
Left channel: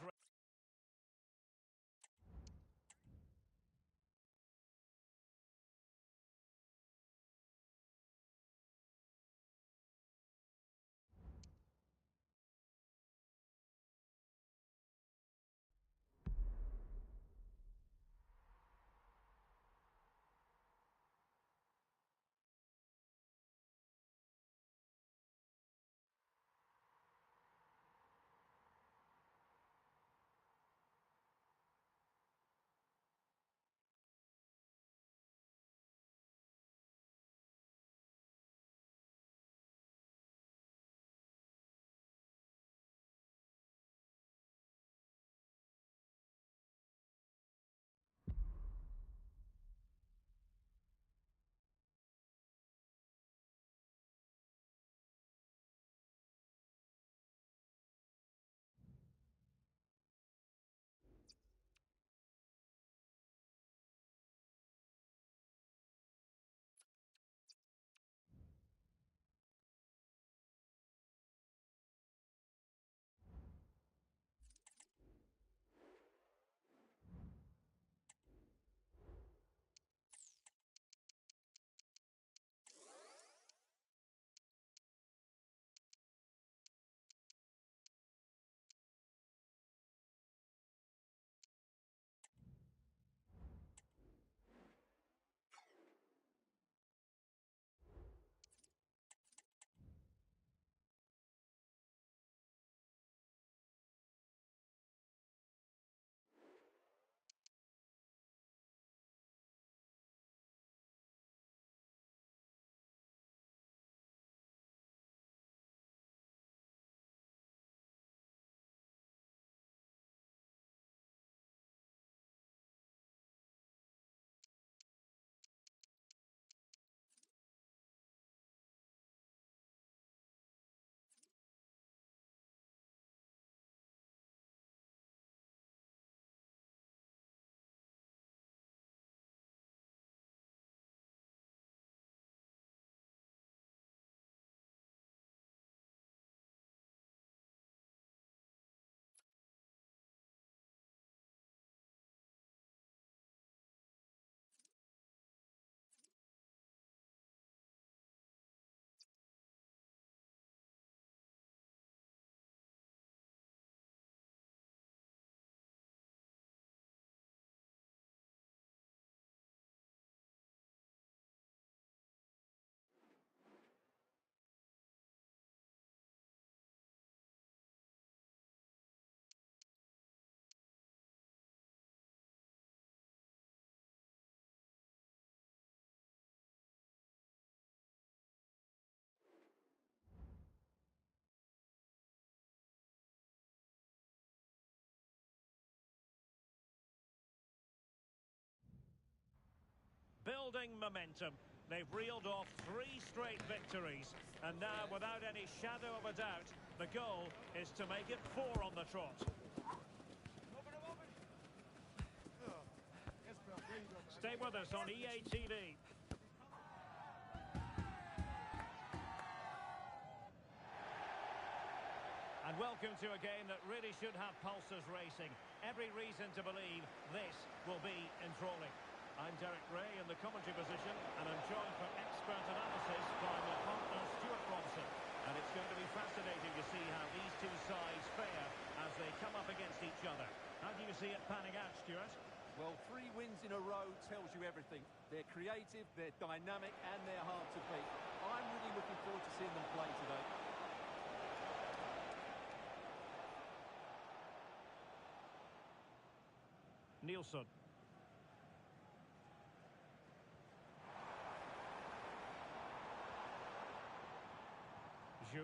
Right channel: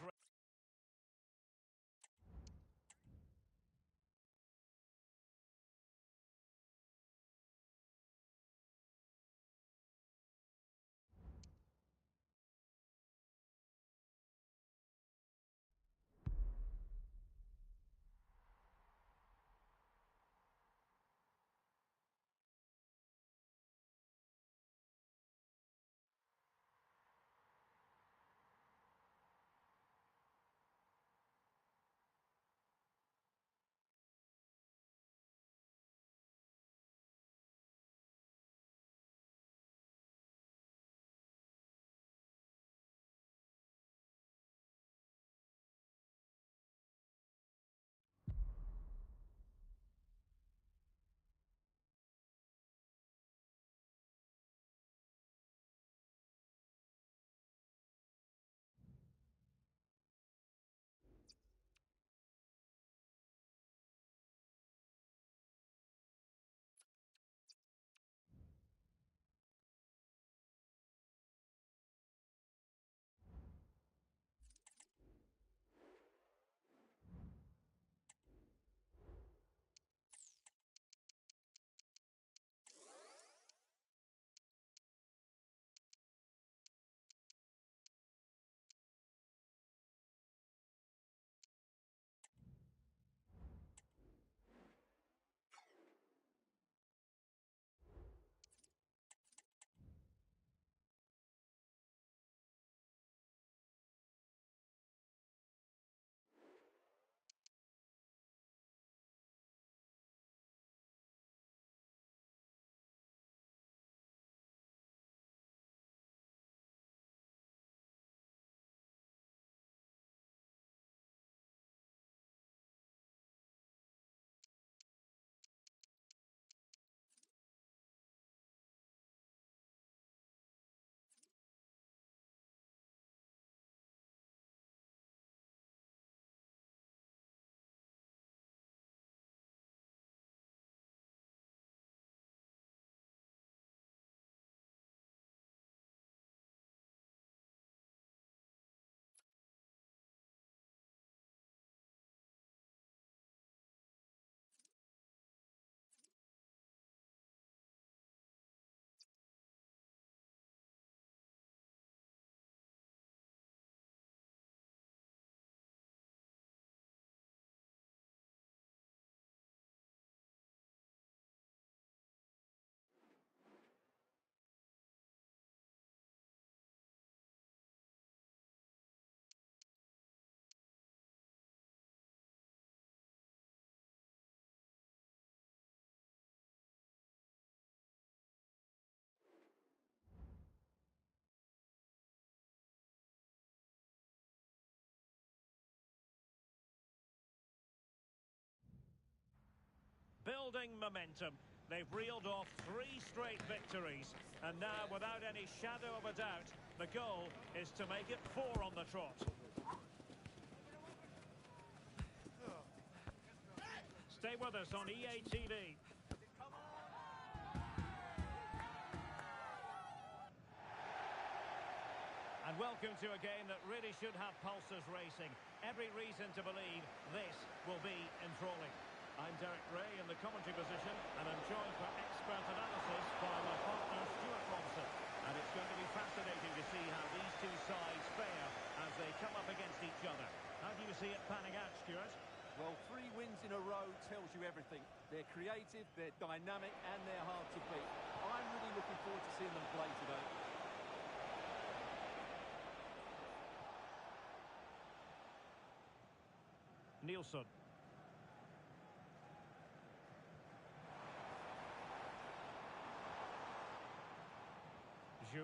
Building momentum. They've reeled off 3 straight victories. And now, without any shadow of a doubt, the goal is to make it 4 on the trot. Stay with us on EA TV. And welcome to a game that really should have pulses racing. Every reason to believe this will be enthralling. I'm Derek Ray in the commentary position, and I'm joined for expert analysis by my partner Stuart Robson. And it's going to be fascinating to see how these two sides fare as they come up against each other. How do you see it panning out, Stuart? Well, 3 wins in a row tells you everything. They're creative, they're dynamic, and they're hard to beat. I'm really looking forward to seeing them play today. Nielsen. Zhu.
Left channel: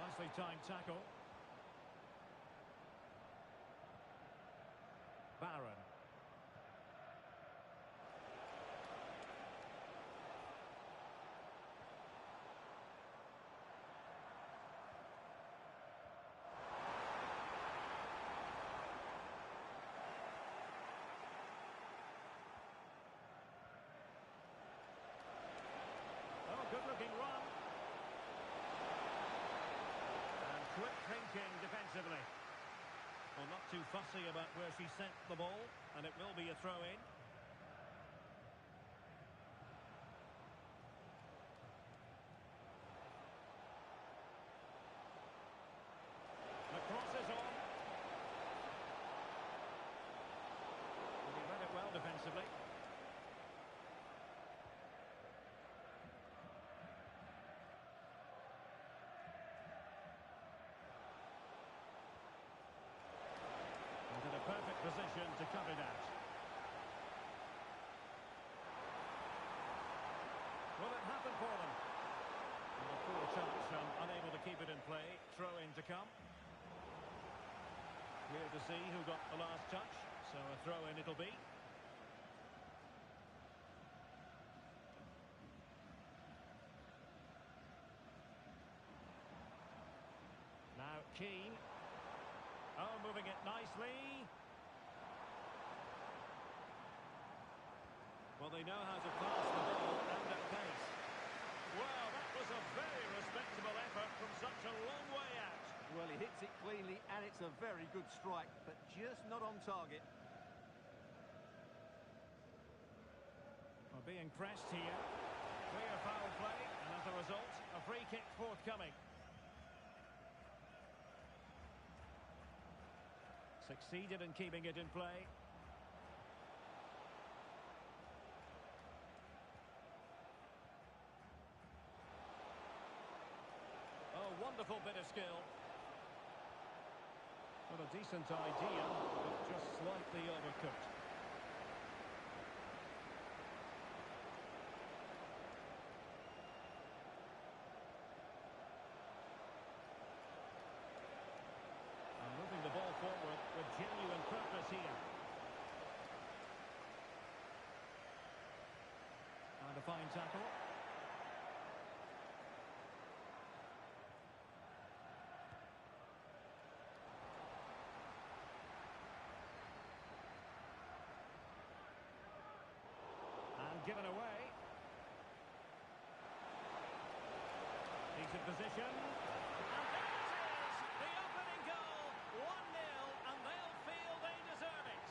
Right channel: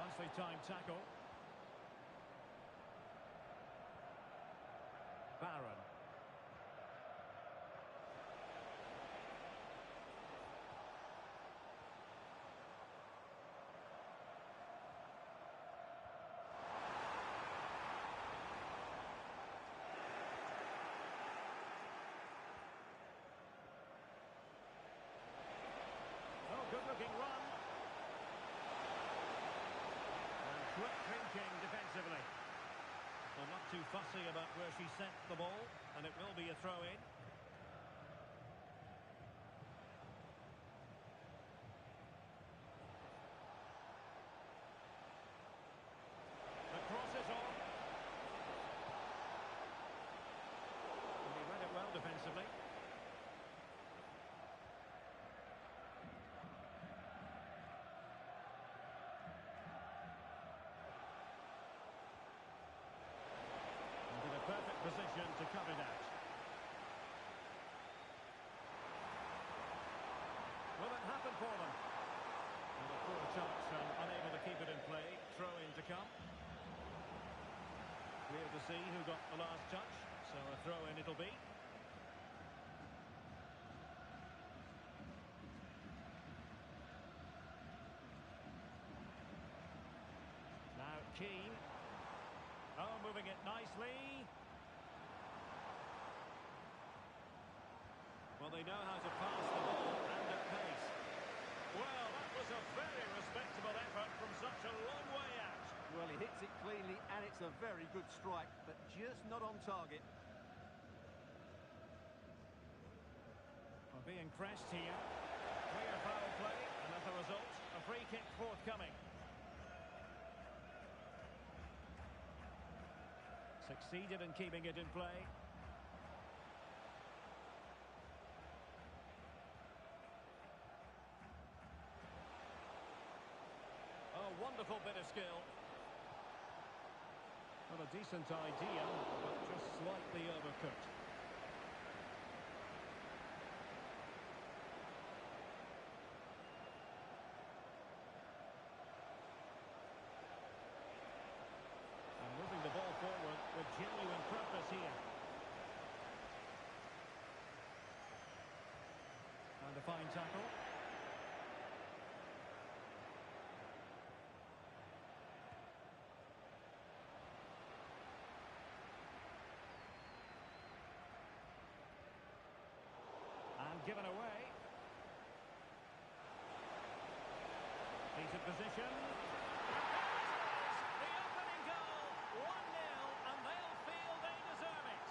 Nicely timed tackle. Barron. quick thinking defensively. Well, not too fussy about where she sent the ball, and it will be a throw-in. The cross is on. And he read it well defensively. And in a perfect position to cut it out. Will it happen for them? And a poor touch and unable to keep it in play. Throw in to come. Clear to see who got the last touch, so a throw-in it'll be. Now Keane. Oh, moving it nicely. Well, they know how to pass the ball and at pace. Well, that was a very respectable effort from such a long way out. Well, he hits it cleanly, and it's a very good strike, but just not on target. Well, being pressed here. Clear foul play, and as a result, a free kick forthcoming. Succeeded in keeping it in play. Oh, wonderful bit of skill. Not a decent idea, but just slightly overcooked. And moving the ball forward with genuine purpose here. And a fine tackle. And given away. Decent position. And there it is! The opening goal! 1-0, and they'll feel they deserve it.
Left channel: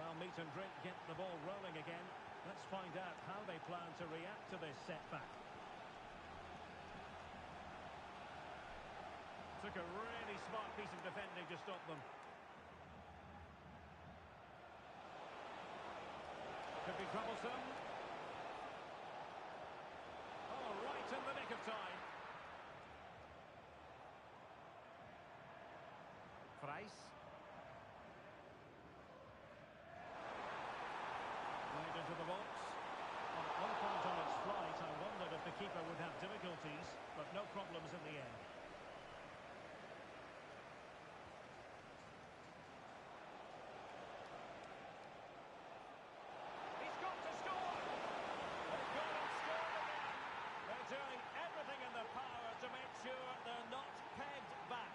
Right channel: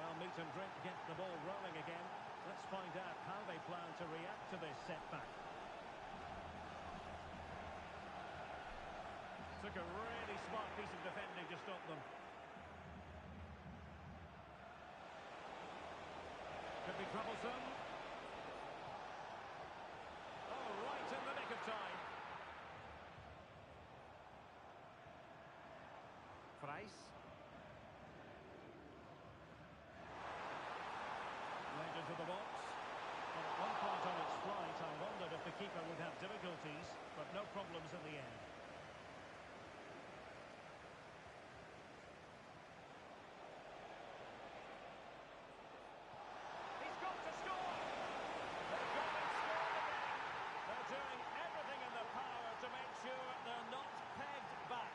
Well, meat and drink get the ball rolling again. Let's find out how they plan to react to this setback. Took a really smart piece of defending to stop them. Could be troublesome. Oh, right in the nick of time. Price. Laid into the box. Well, at one point on its flight, I wondered if the keeper would have difficulties, but no problems in the end. Doing everything in their power to make sure they're not pegged back.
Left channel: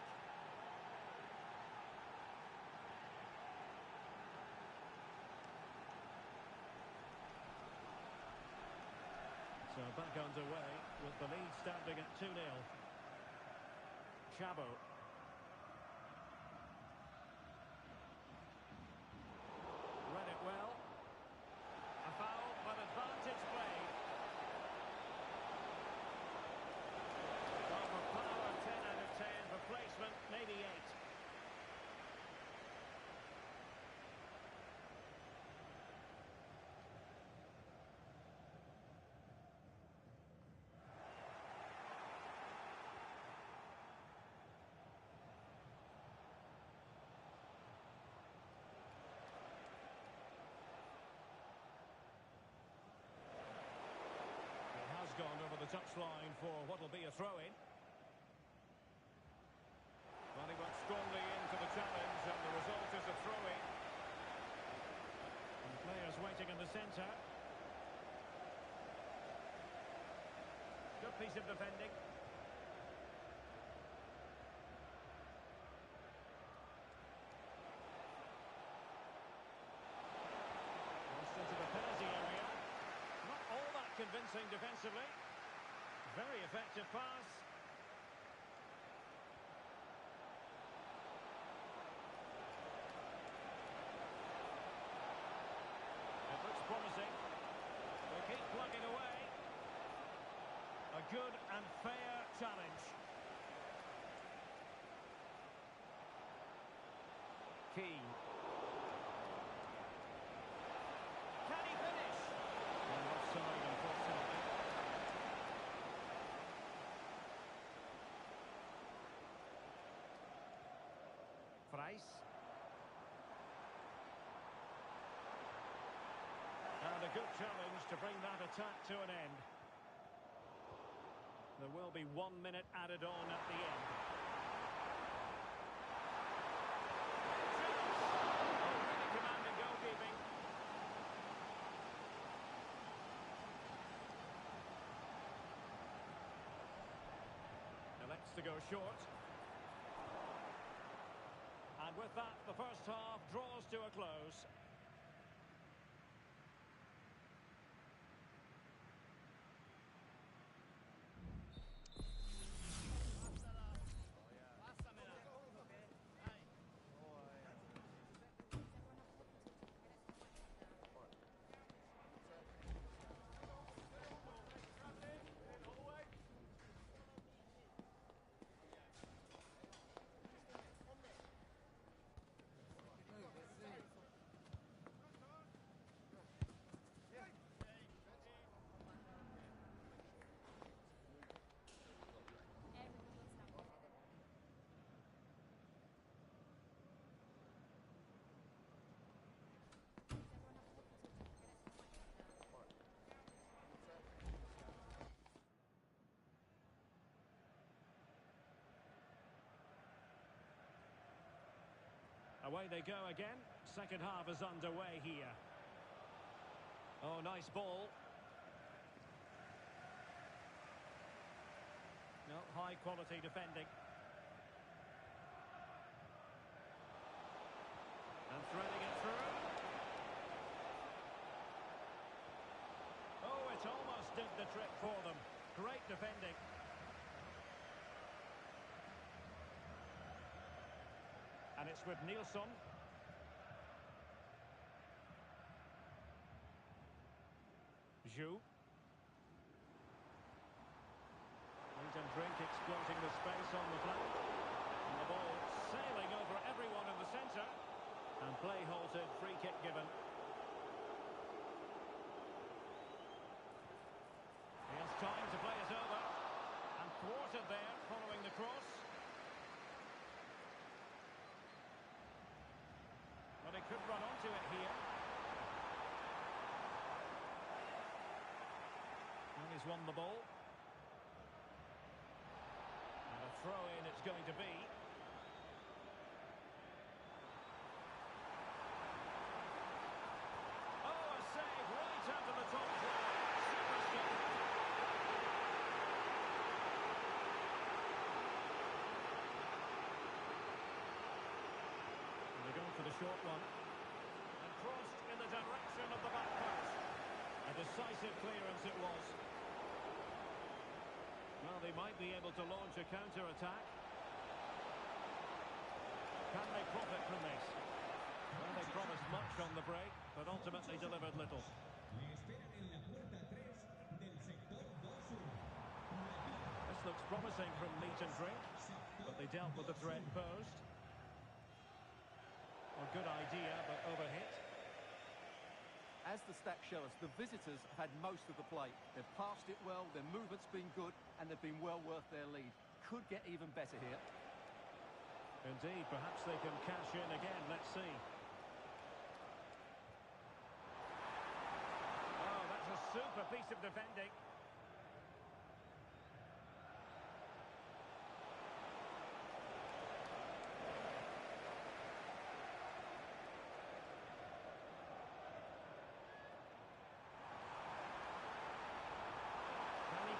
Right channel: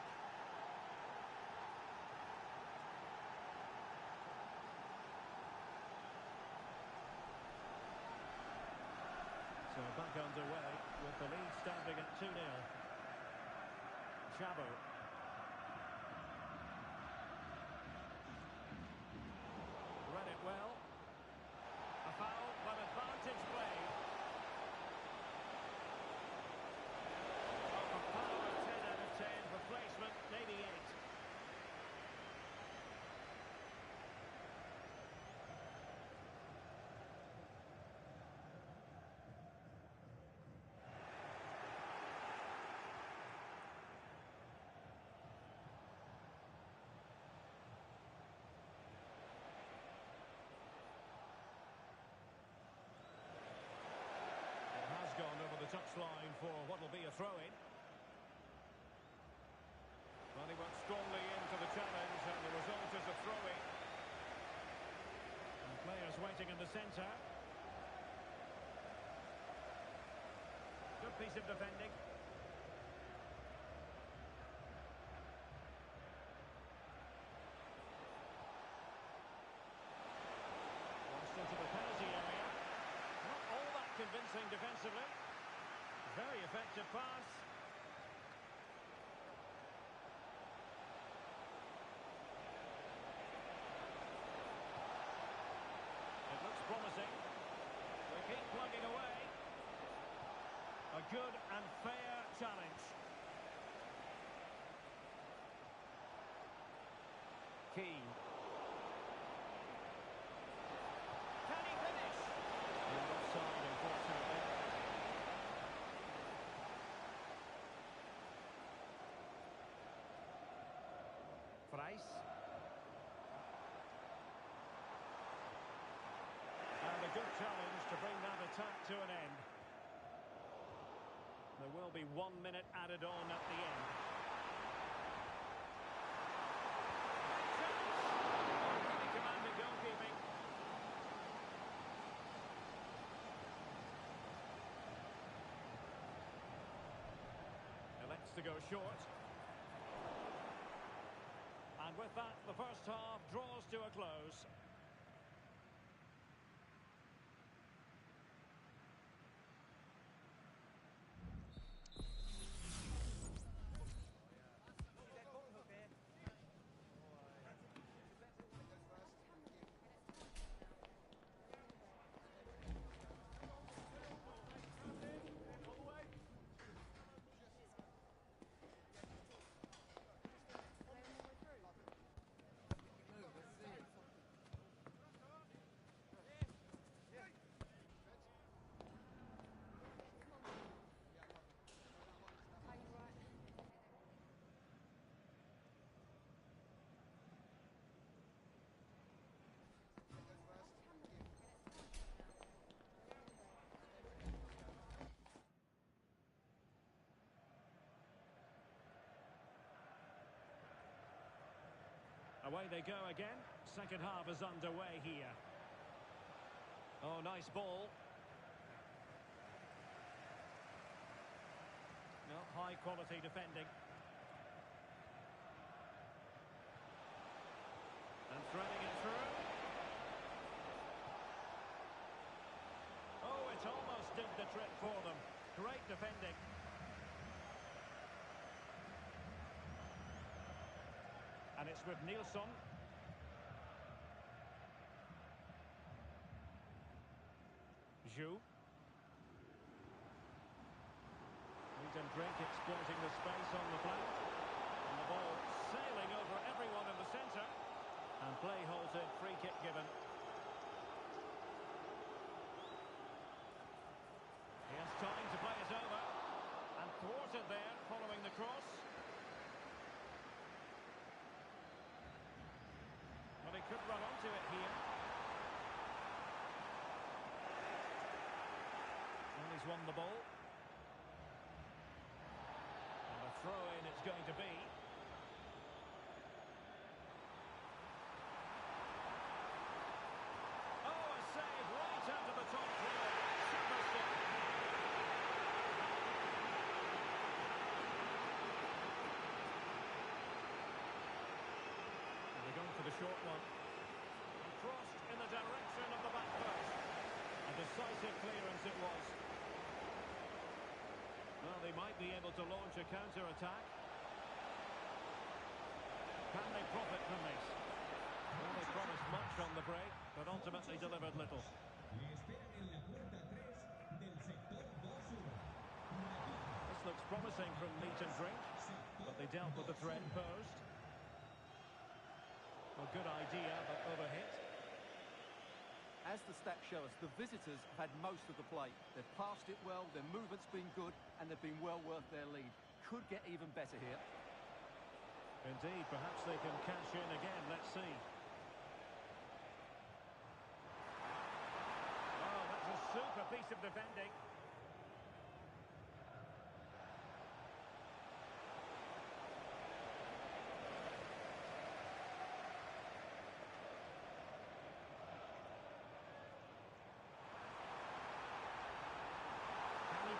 So back underway with the lead standing at 2-0. Chabo. Read it well. A foul, but advantage played. Power 10 out of 10, replacement maybe 8. It has gone over the touchline for what will be a throw-in. Well, he went strongly into the challenge, and the result is a throw-in. And players waiting in the centre. Good piece of defending. Crossed into the penalty area. Not all that convincing defensively. Very effective pass. A good and fair challenge. Keane. Can he finish? And offside, unfortunately. Price. And a good challenge to bring that attack to an end. There will be 1 minute added on at the end. Chance! Oh, really commanding goalkeeping. Elects to go short. And with that, the first half draws to a close. Away they go again. Second half is underway here. Oh, nice ball. No, high quality defending. And threading it through. Oh, it almost did the trick for them. Great defending. And it's with Nilsson. Zhu. Meat and Drink exploiting the space on the flank. And the ball sailing over everyone in the centre. And play halted, free kick given. He has time to play it over. And thwarted there following the cross. Well, he could run onto it here. And he's won the ball. And a throw-in it's going to be. Oh, a save right out of the top drawer. Super stuff. They're going for the short one. And crossed in the direction of the back post. A decisive clearance it was. Well, they might be able to launch a counter-attack. Can they profit from this? Well, they promised much on the break, but ultimately delivered little. This looks promising from Meat and Drink, but they dealt with the threat posed. Well, good idea, but overhit. As the stats show us, the visitors have had most of the play. They've passed it well, their movement's been good, and they've been well worth their lead. Could get even better here. Indeed, perhaps they can cash in again. Let's see. Oh, that's a super piece of defending.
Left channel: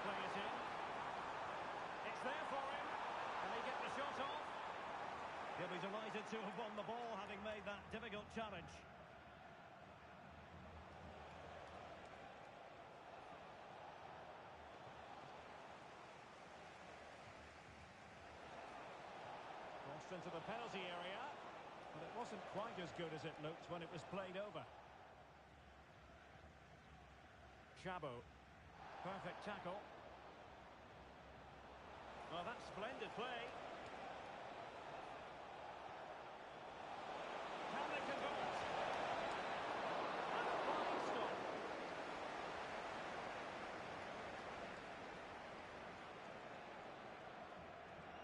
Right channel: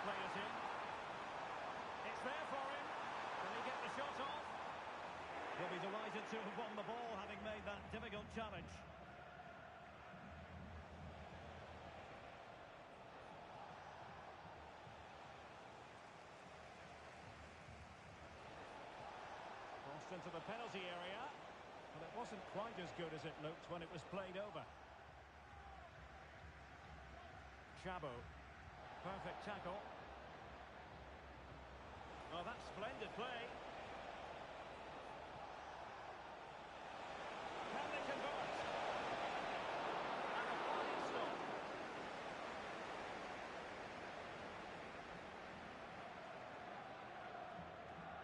Play it in. It's there for him. Can he get the shot off? He'll be delighted to have won the ball, having made that difficult challenge. Crossed into the penalty area, but it wasn't quite as good as it looked when it was played over. Chabo. Perfect tackle. Splendid play. Can they convert? And a fine stop.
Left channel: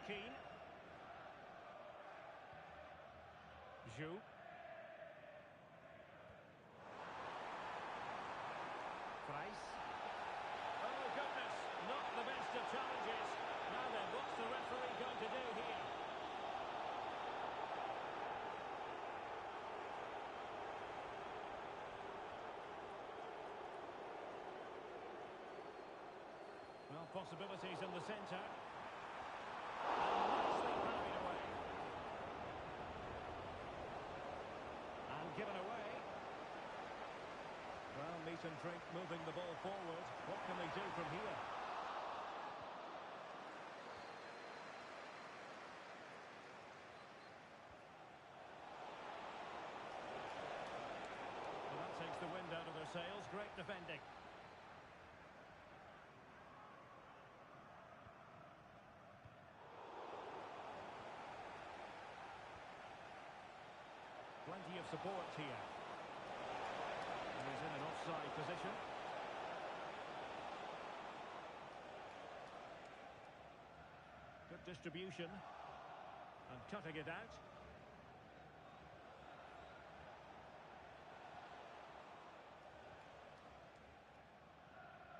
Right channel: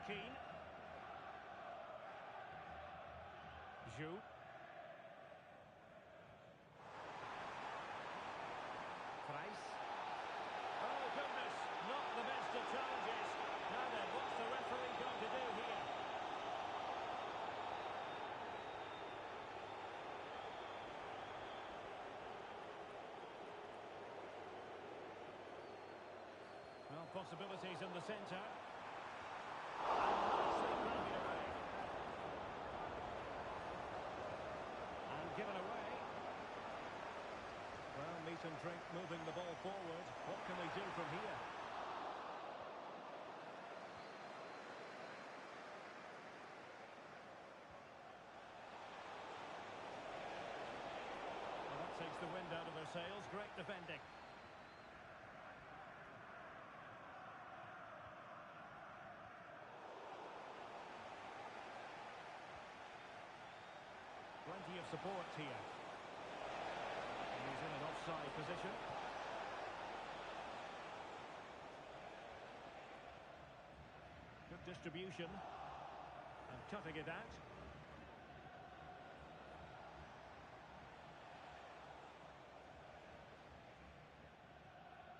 Keane. Zhu. Price. Oh, goodness. Not the best of challenges. Now then, what's the referee going to do here? Well, possibilities in the centre. And nicely parried away. And given away. Well, meat and drink moving the ball forward. What can they do from here? Well, that takes the wind out of their sails. Great defending. Plenty of support here. And he's in an offside position. Good distribution. And cutting it out.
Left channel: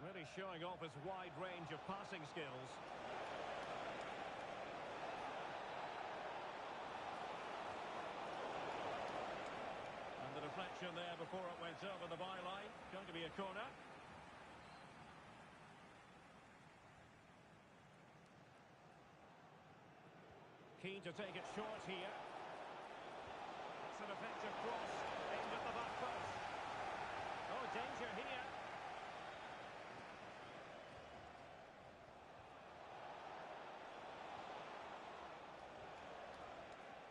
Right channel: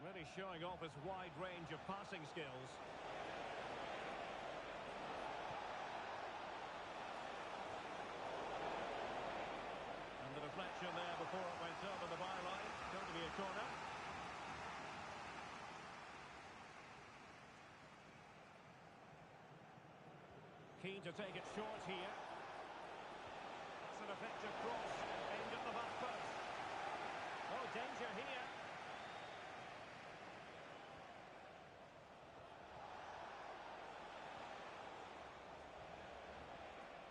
Really showing off his wide range of passing skills. And the deflection there before it went over the byline. Going to be a corner. Keen to take it short here. That's an effective cross. Aimed at the back post. Oh, danger here.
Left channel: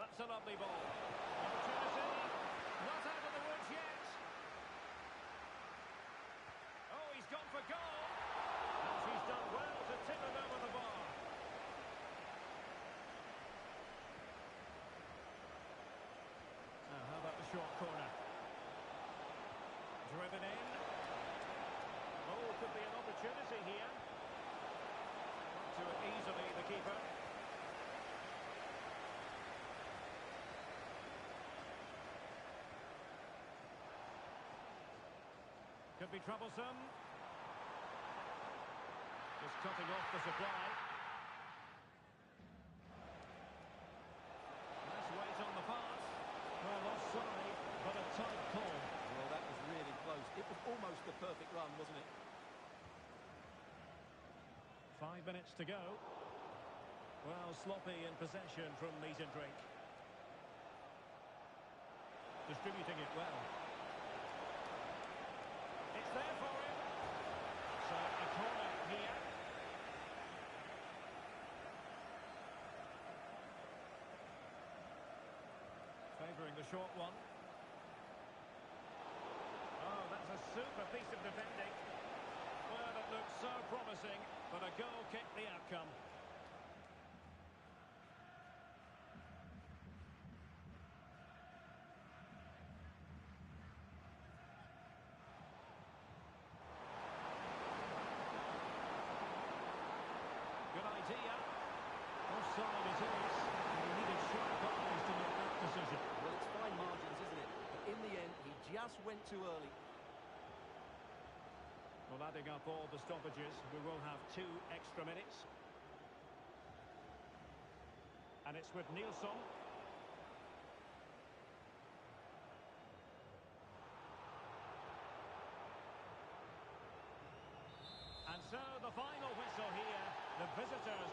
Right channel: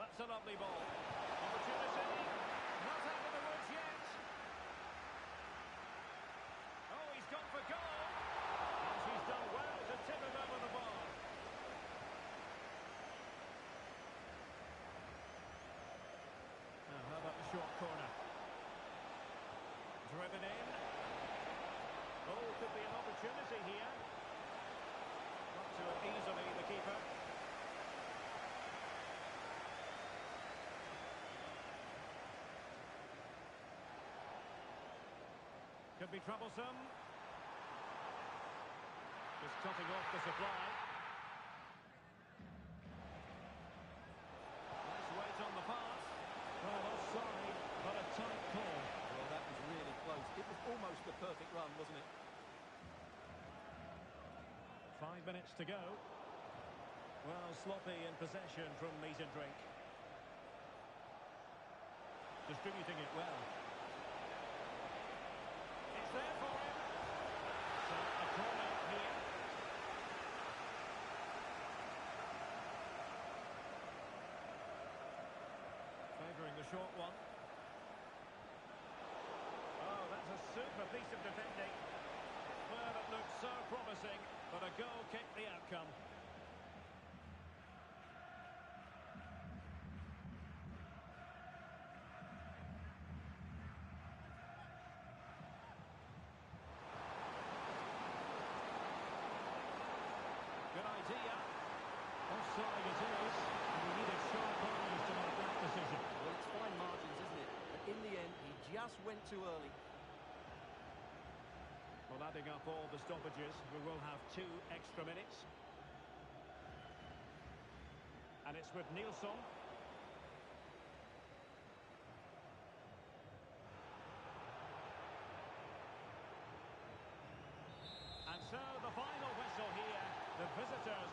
That's a lovely ball. Opportunity. Not out of the woods yet. Oh, he's gone for goal. And she's done well to tip it over the bar. Now, how about the short corner? Driven in. Oh, could be an opportunity here. Got to it easily, the keeper. Could be troublesome. Just cutting off the supply. Nice weight on the pass. Well, offside, but a tight call. Well, that was really close. It was almost the perfect run, wasn't it? 5 minutes to go. Well, sloppy in possession from meat and drink. Distributing it well. It's there for him. So, a corner here. Favouring the short one. Oh, that's a super piece of defending. Well, it looked so promising, but a goal kicked the outcome. Good idea. Offside it is, and he needed sharp eyes to make that decision. Well, it's fine margins, isn't it? But in the end, he just went too early. Well, adding up all the stoppages, we will have 2 extra minutes. And it's with Nilsson. And so the final whistle here, the visitors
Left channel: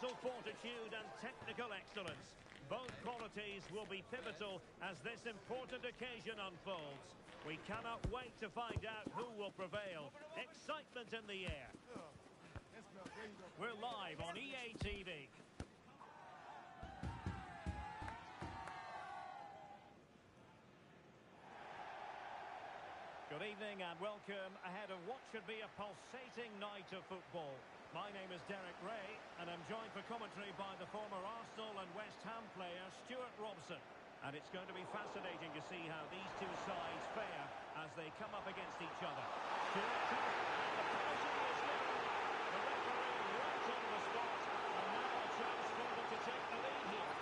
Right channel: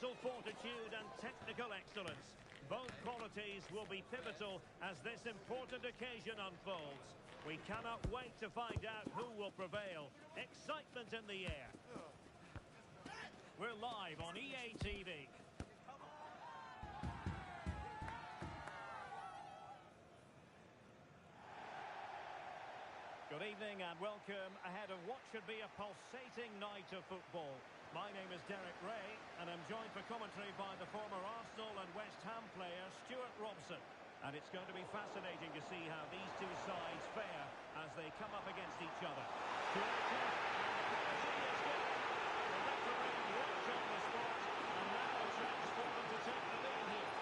mental fortitude and technical excellence. Both qualities will be pivotal as this important occasion unfolds. We cannot wait to find out who will prevail. Excitement in the air. We're live on EA TV. Good evening and welcome ahead of what should be a pulsating night of football. My name is Derek Ray and I'm joined for commentary by the former Arsenal and West Ham player Stuart Robson. And it's going to be fascinating to see how these two sides fare as they come up against each other. Stuart, and the penalty is given. The referee right on the spot, and now a chance for them to take the lead here.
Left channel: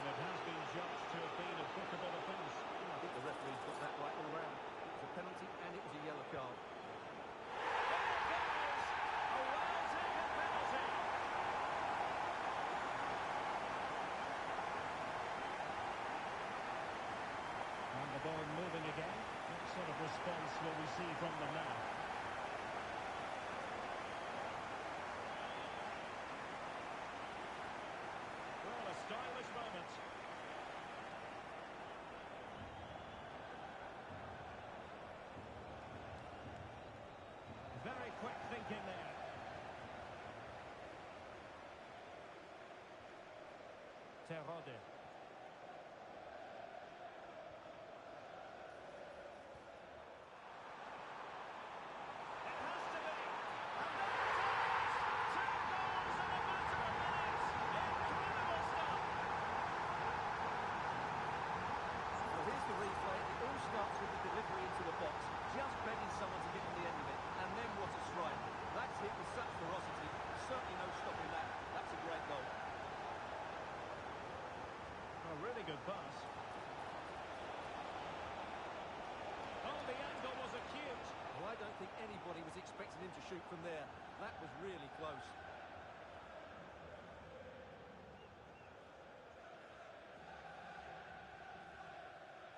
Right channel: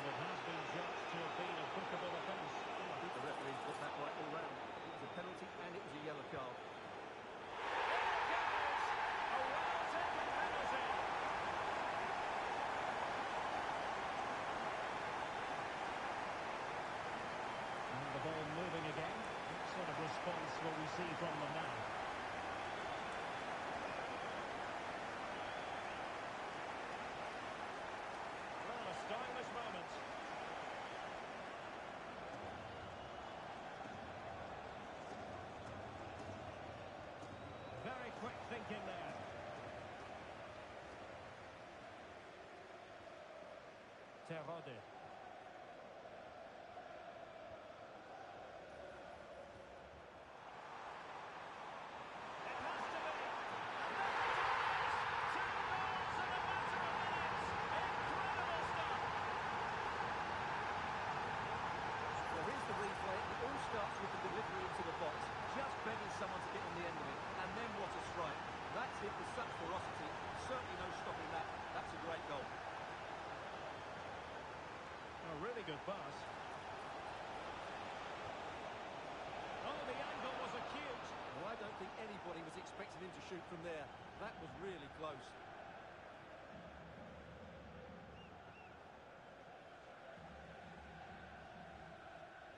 And it has been judged to have been a bookable offence. I think the referee's got that right all round. It was a penalty and it was a yellow card. In it goes! A well-taken penalty. And the ball moving again. What sort of response will we see from them now? Well, a stylish moment. Very quick thinking there. Terode. It has to be. And there it is! 2 goals in a matter of minutes. Incredible stuff. Well, here's the replay. It all starts with the delivery into the box. Just begging someone to get on the end of it. And then what a strike. That's hit with such ferocity. Certainly no stopping that. That's a great goal. A really good pass. Oh, the angle was acute. Well, I don't think anybody was expecting him to shoot from there. That was really close.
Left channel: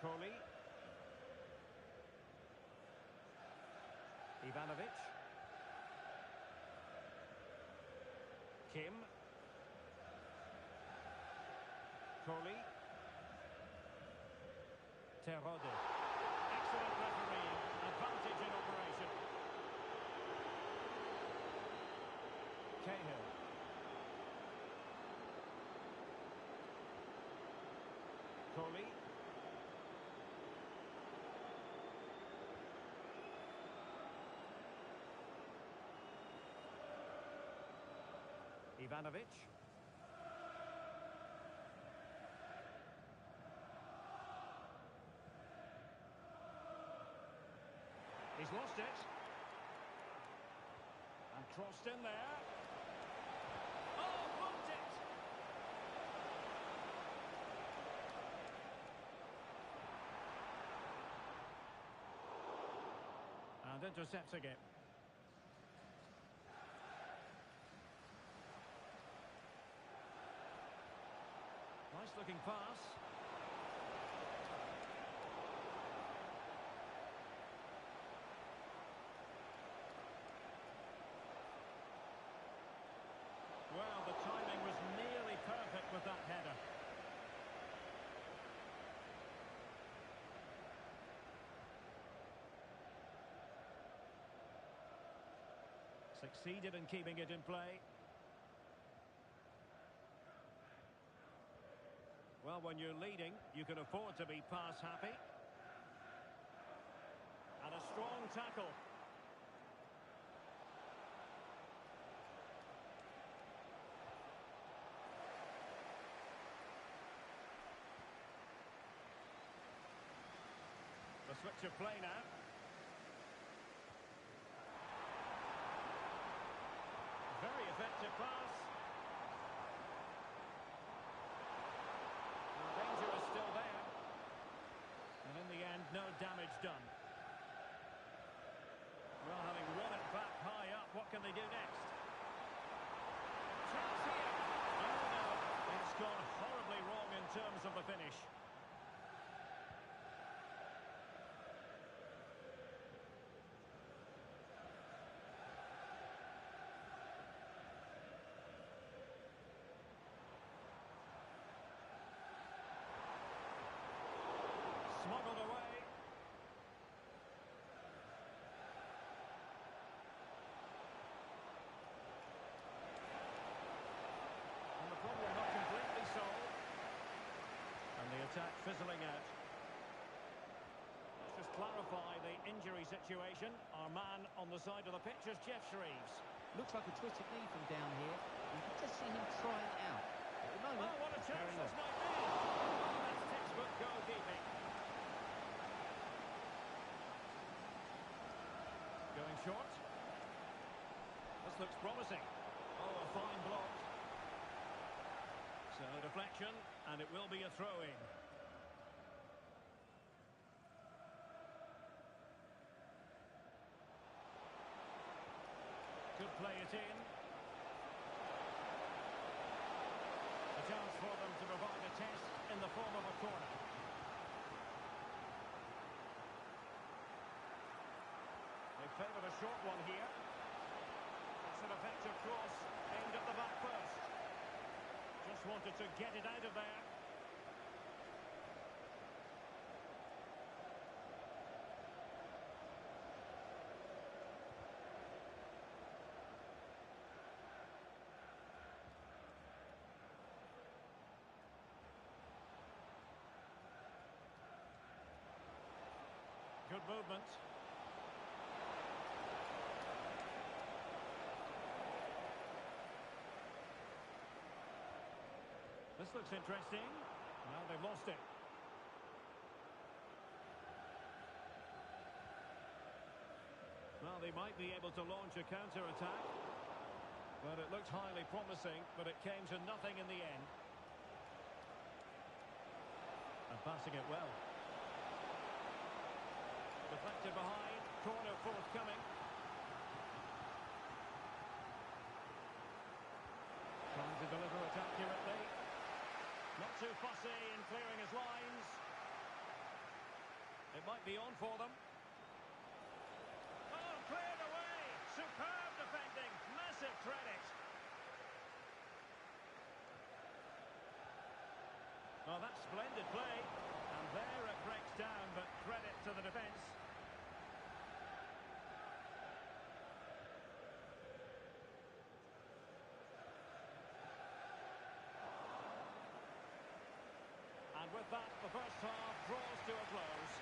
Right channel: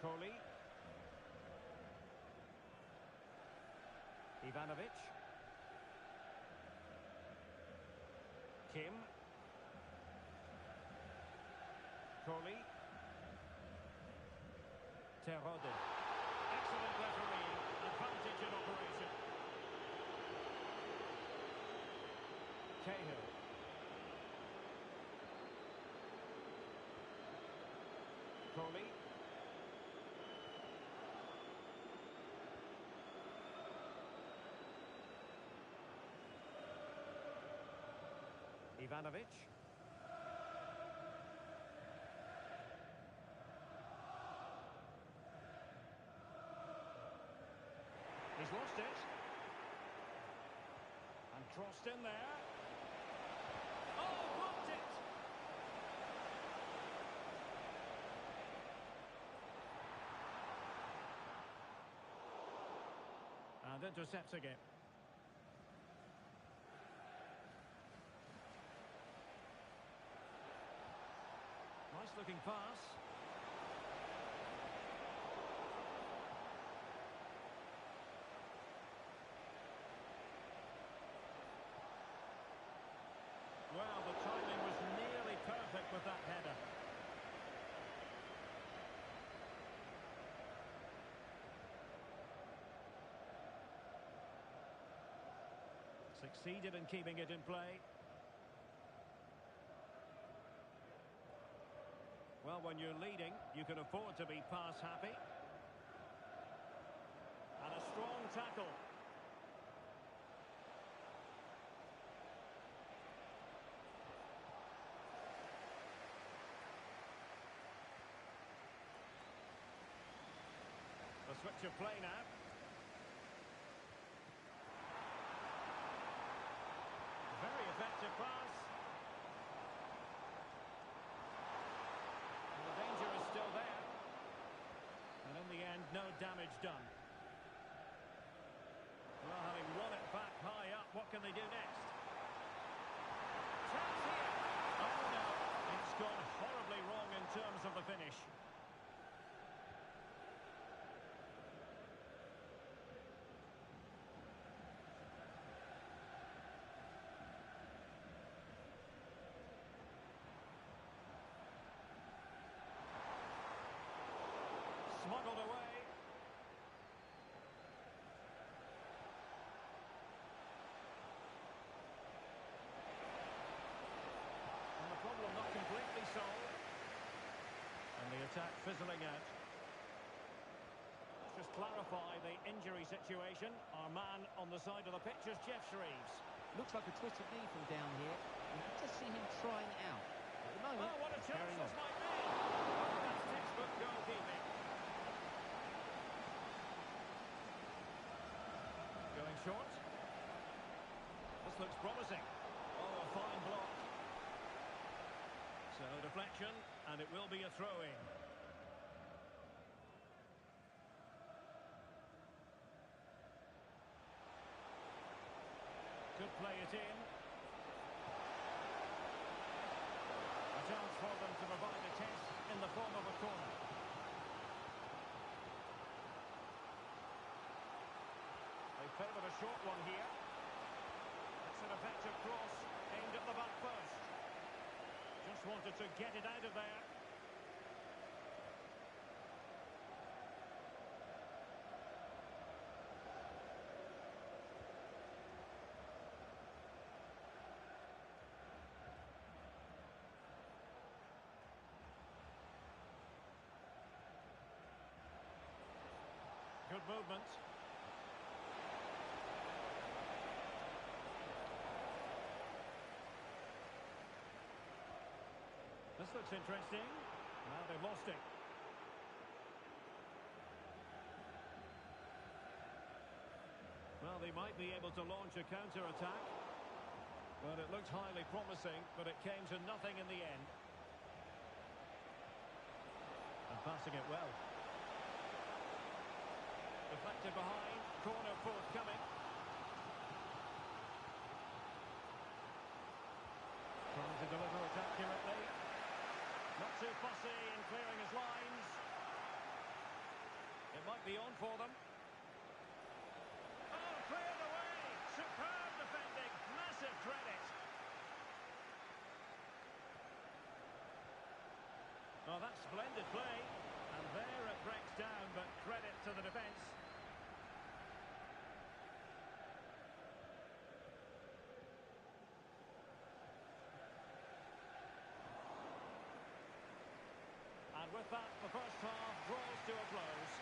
Kohli. Ivanovic. Kim. Kohli. Terode. Excellent refereeing. Advantage in operation. Cahill. Kohli. Ivanovic. He's lost it. And crossed in there. Oh, blocked it! And intercepting it. Nice looking pass. Well, the timing was nearly perfect with that header. Succeeded in keeping it in play. Well, when you're leading, you can afford to be pass happy. And a strong tackle. The switch of play now. Very effective pass. Well, the danger is still there. And in the end, no damage done. Well, having won it back high up, what can they do next? Chance here. Oh, no. It's gone horribly wrong in terms of the finish. fizzling out. Let's just clarify the injury situation. Our man on the side of the pitch is Jeff Shreves. Looks like a twisted knee from down here. You can just see him trying it out. At the moment, Oh, what a chance carrying this on. might be. Oh, that's textbook goalkeeping. Going short. This looks promising. Oh, a fine block. So, deflection, and it will be a throw-in. Could play it in. A chance for them to provide a test in the form of a corner. They favoured a short one here. It's an effective cross aimed at the back post. Just wanted to get it out of there. Good movement. This looks interesting. Now they've lost it. Well, they might be able to launch a counter-attack. But it looked highly promising, but it came to nothing in the end. And passing it well. Deflected behind, corner forthcoming. Trying to deliver it accurately. Not too fussy in clearing his lines. It might be on for them. Oh, cleared away! Superb defending, massive credit. Oh, that's splendid play. And there it breaks down, but credit to the defence. And with that, the first half draws to a close.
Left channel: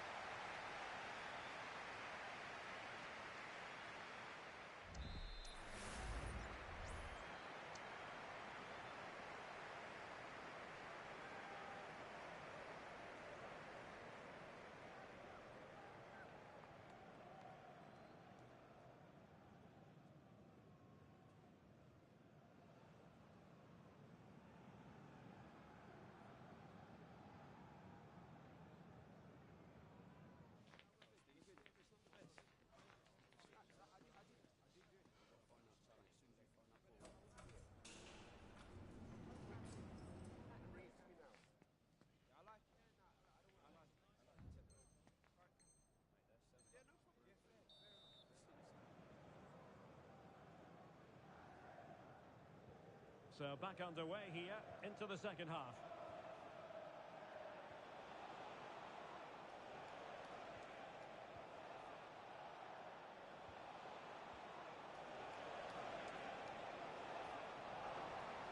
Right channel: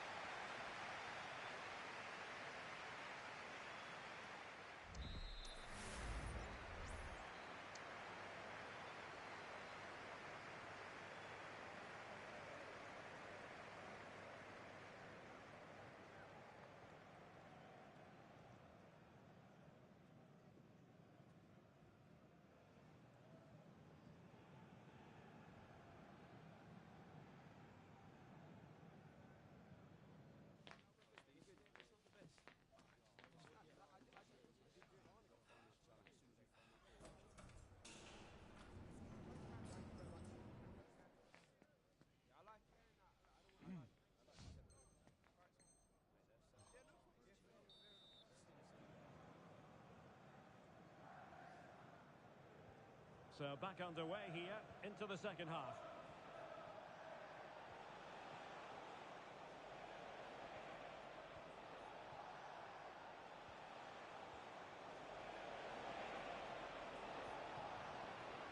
So back underway here into the second half.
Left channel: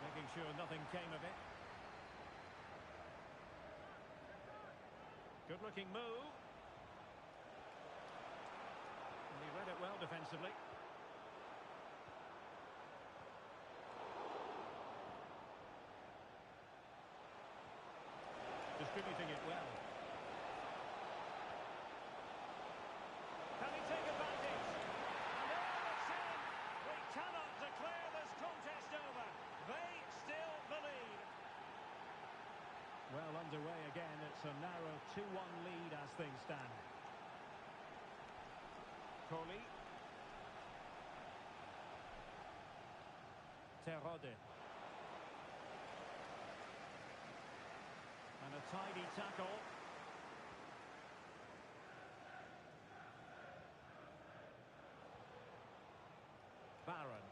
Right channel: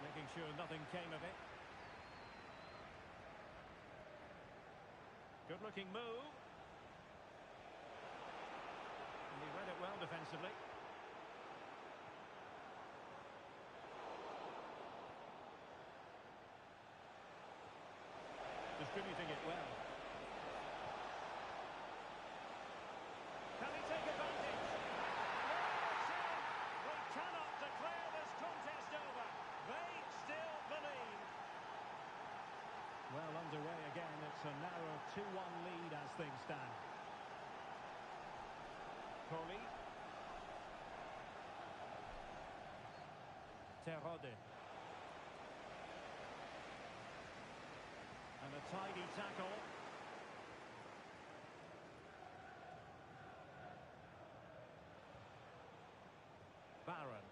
Making sure nothing came of it. Good looking move. And he read it well defensively. Distributing it well. Can he take advantage? And oh, it's in! We cannot declare this contest over. They still believe. Well underway again. It's a narrow 2-1 lead as things stand. Coley. Terode. And a tidy tackle. Barron.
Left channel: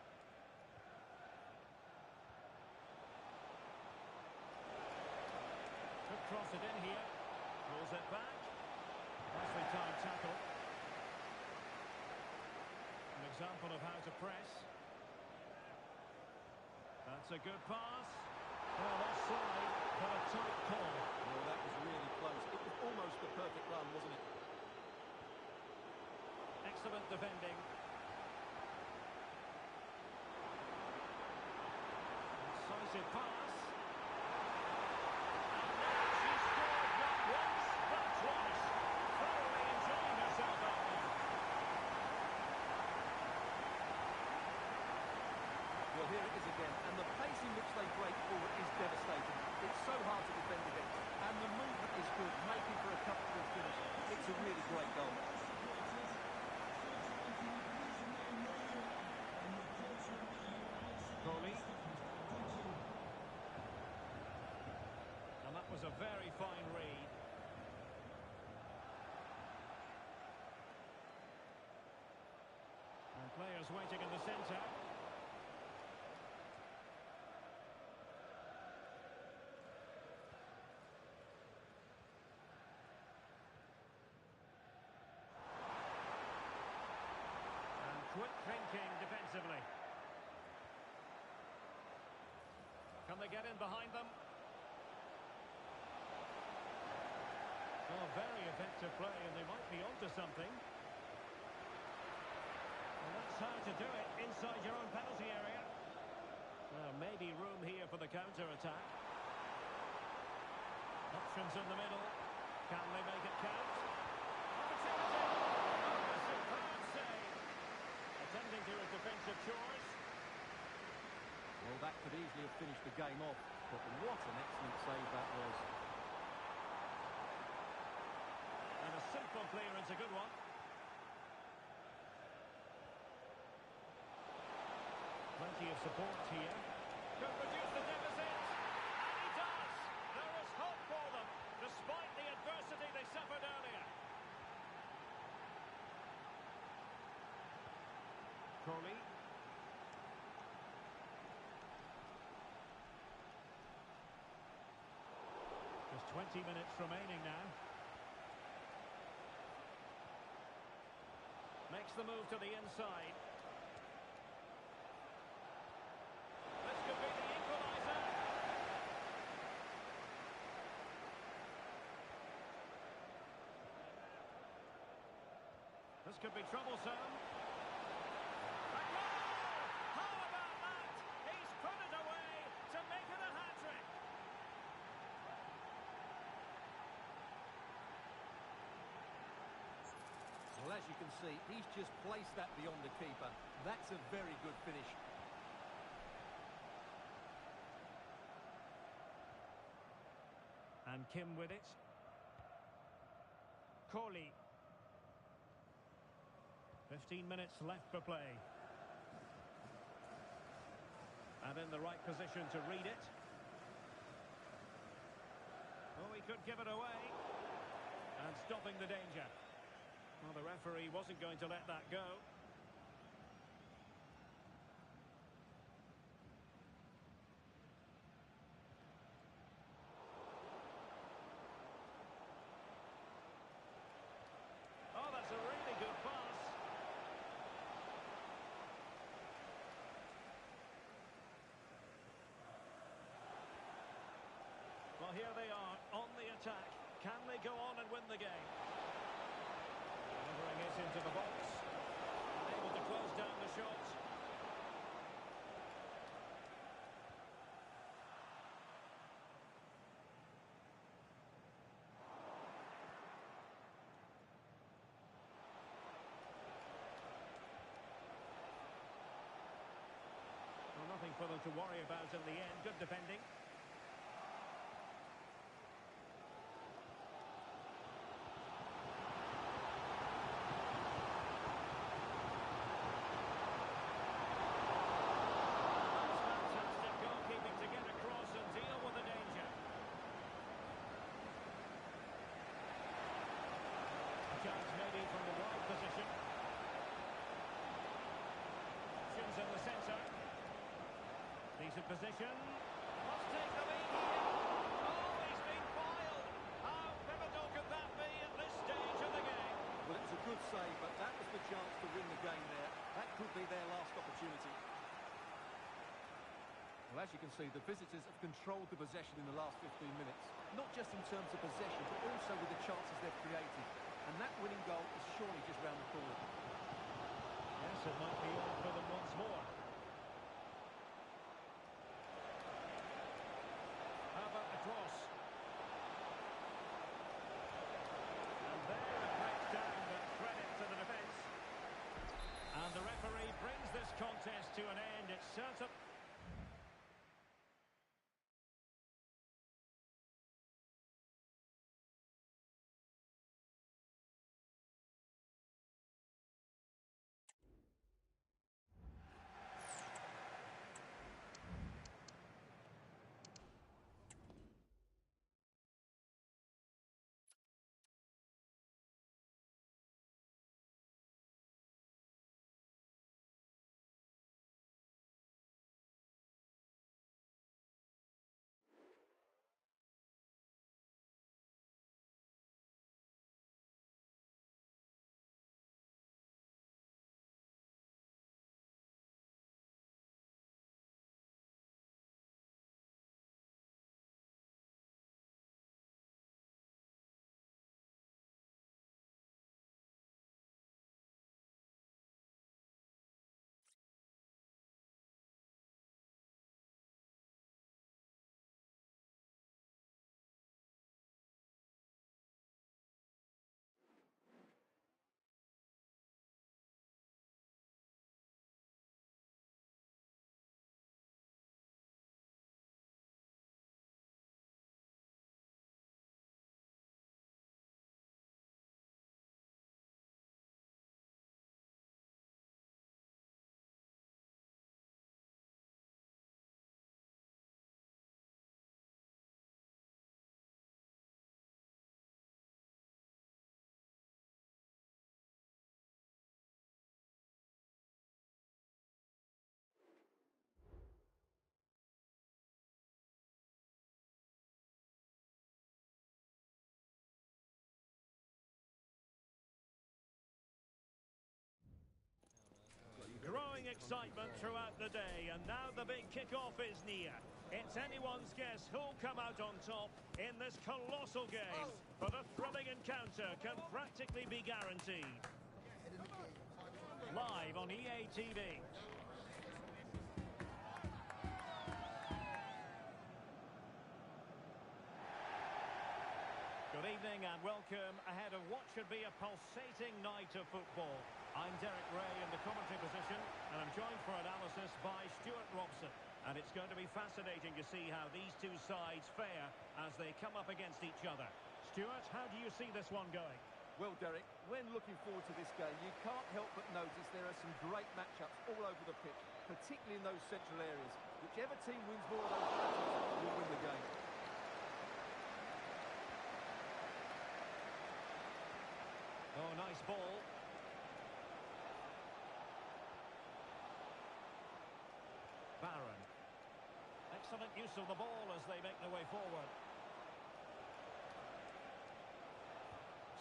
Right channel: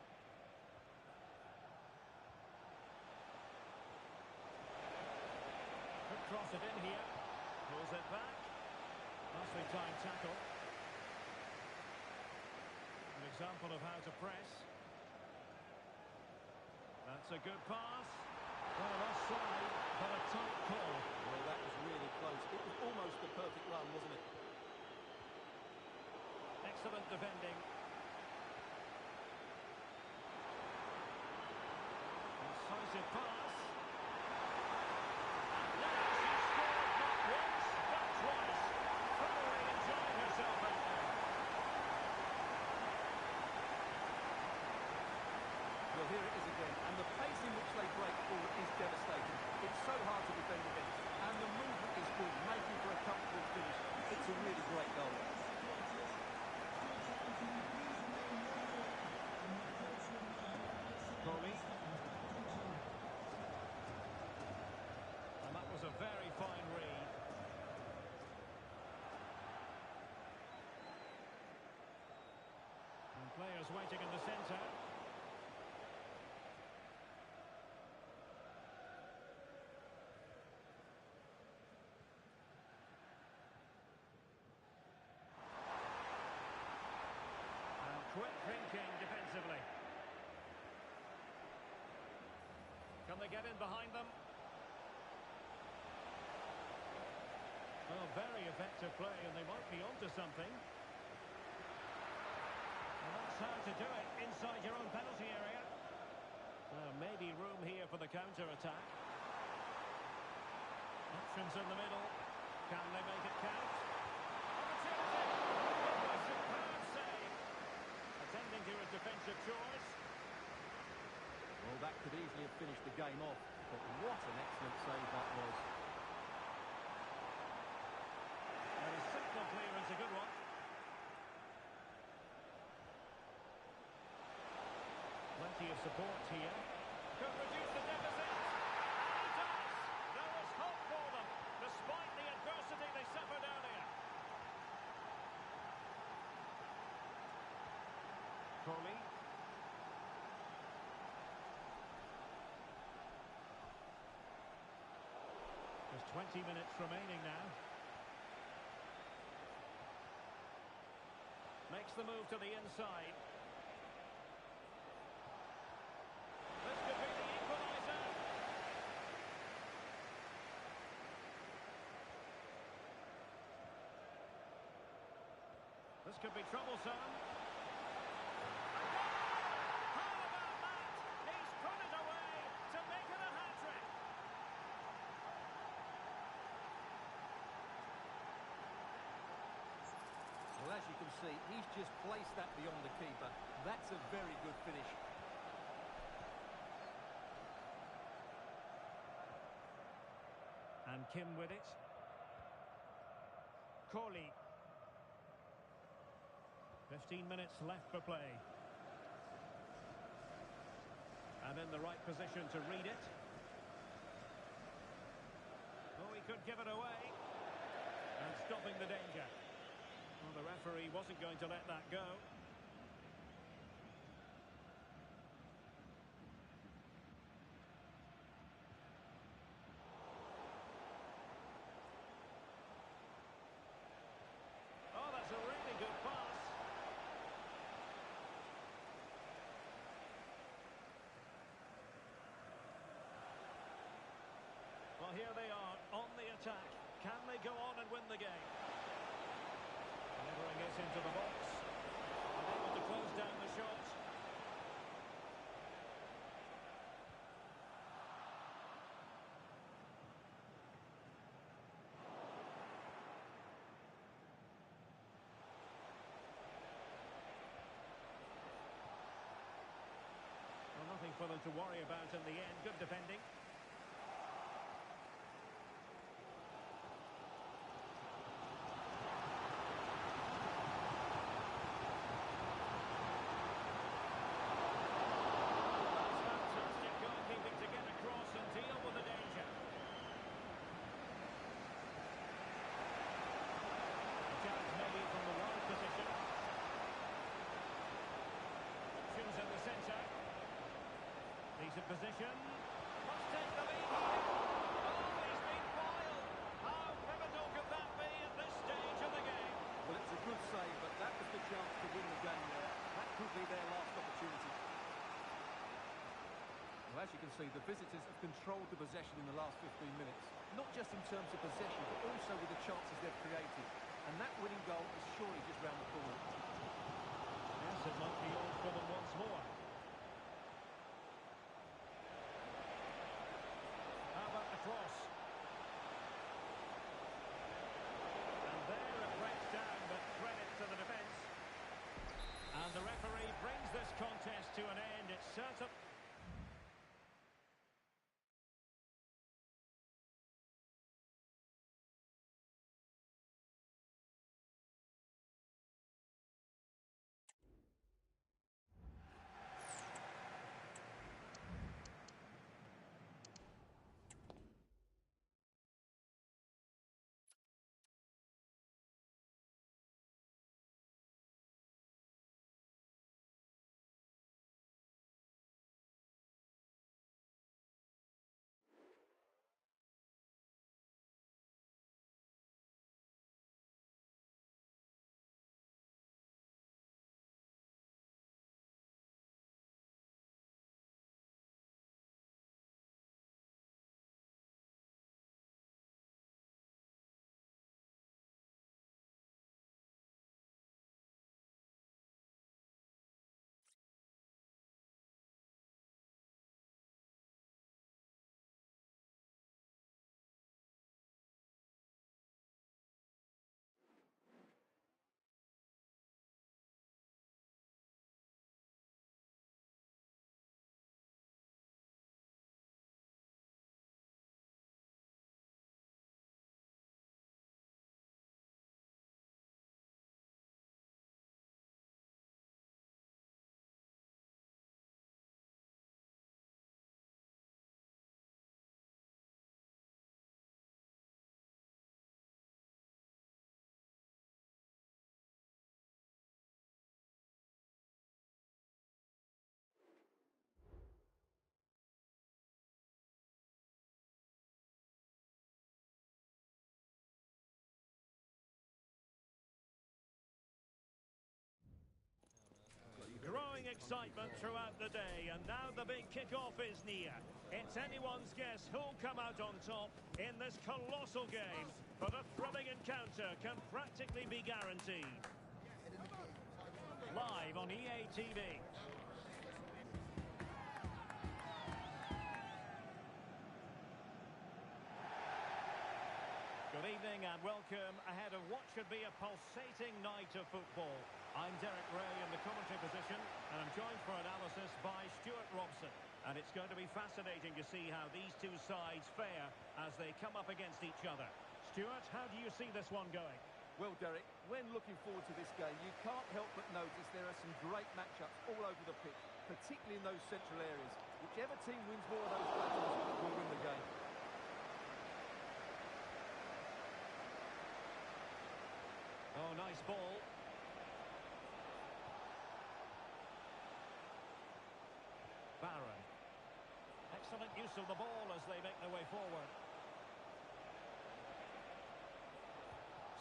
Could cross it in here. Pulls it back. Nicely timed tackle. An example of how to press. That's a good pass. Well, offside, but a tight call. Well, that was really close. It was almost the perfect run, wasn't it? Excellent defending. Incisive pass. And now she's scored not once, but twice. Thoroughly enjoying herself out there. Well, here it is again, and the pace in which they break forward is devastating. It's so hard to defend against, and the movement is good, making for a comfortable finish. It's a really great goal. Crowley. And that was a very fine read. And players waiting in the centre. And quick thinking defensively. Can they get in behind them? Oh, very effective play, and they might be onto something. Well, that's how to do it inside your own penalty area. Maybe room here for the counter-attack. Options in the middle. Can they make it count? Opportunity! Oh, a superb save. Attending to his defensive chores. Well, that could easily have finished the game off, but what an excellent save that was. And a simple clearance, a good one. Plenty of support here. Could reduce the deficit. And he does! There is hope for them, despite the adversity they suffered earlier. Crowley. Just 20 minutes remaining now. Makes the move to the inside. This could be the equaliser. This could be troublesome. A goal! How about that? He's put it away to make it a hat-trick. Well, as you can see, he's just placed that beyond the keeper. That's a very good finish. And Kim with it. Corley. 15 minutes left for play. And in the right position to read it. Oh, he could give it away. And stopping the danger. Well, the referee wasn't going to let that go. Oh, that's a really good pass. Well, here they are on the attack. Can they go on and win the game? Delivering it into the box. Unable to close down the shot. Well, nothing for them to worry about in the end. Good defending. To get across and deal with the danger. A chance maybe from the wide position. Options in the centre. Decent position. Must take the lead here. Oh, he's been foiled. How pivotal could that be at this stage of the game? Well, it was a good save, but that was the chance to win the game there. That could be their last opportunity. Well, as you can see, the visitors have controlled the possession in the last 15 minutes. Not just in terms of possession, but also with the chances they've created. And that winning goal is surely just round the corner. Yes, it might be on for them once more. How about the cross? And there it breaks down, but credit to the defence. And the referee brings this contest to an end. It's certain. Growing excitement throughout the day, and now the big kick-off is near. It's anyone's guess who'll come out on top in this colossal game, but a thrilling encounter can practically be guaranteed. Live on EA TV. Good evening and welcome ahead of what should be a pulsating night of football. I'm Derek Ray in the commentary position, and I'm joined for analysis by Stuart Robson. And it's going to be fascinating to see how these two sides fare as they come up against each other. Stuart, how do you see this one going? Well, Derek, when looking forward to this game, you can't help but notice there are some great matchups all over the pitch, particularly in those central areas. Whichever team wins more of those battles will win the game. Oh, nice ball. Barron. Excellent use of the ball as they make their way forward.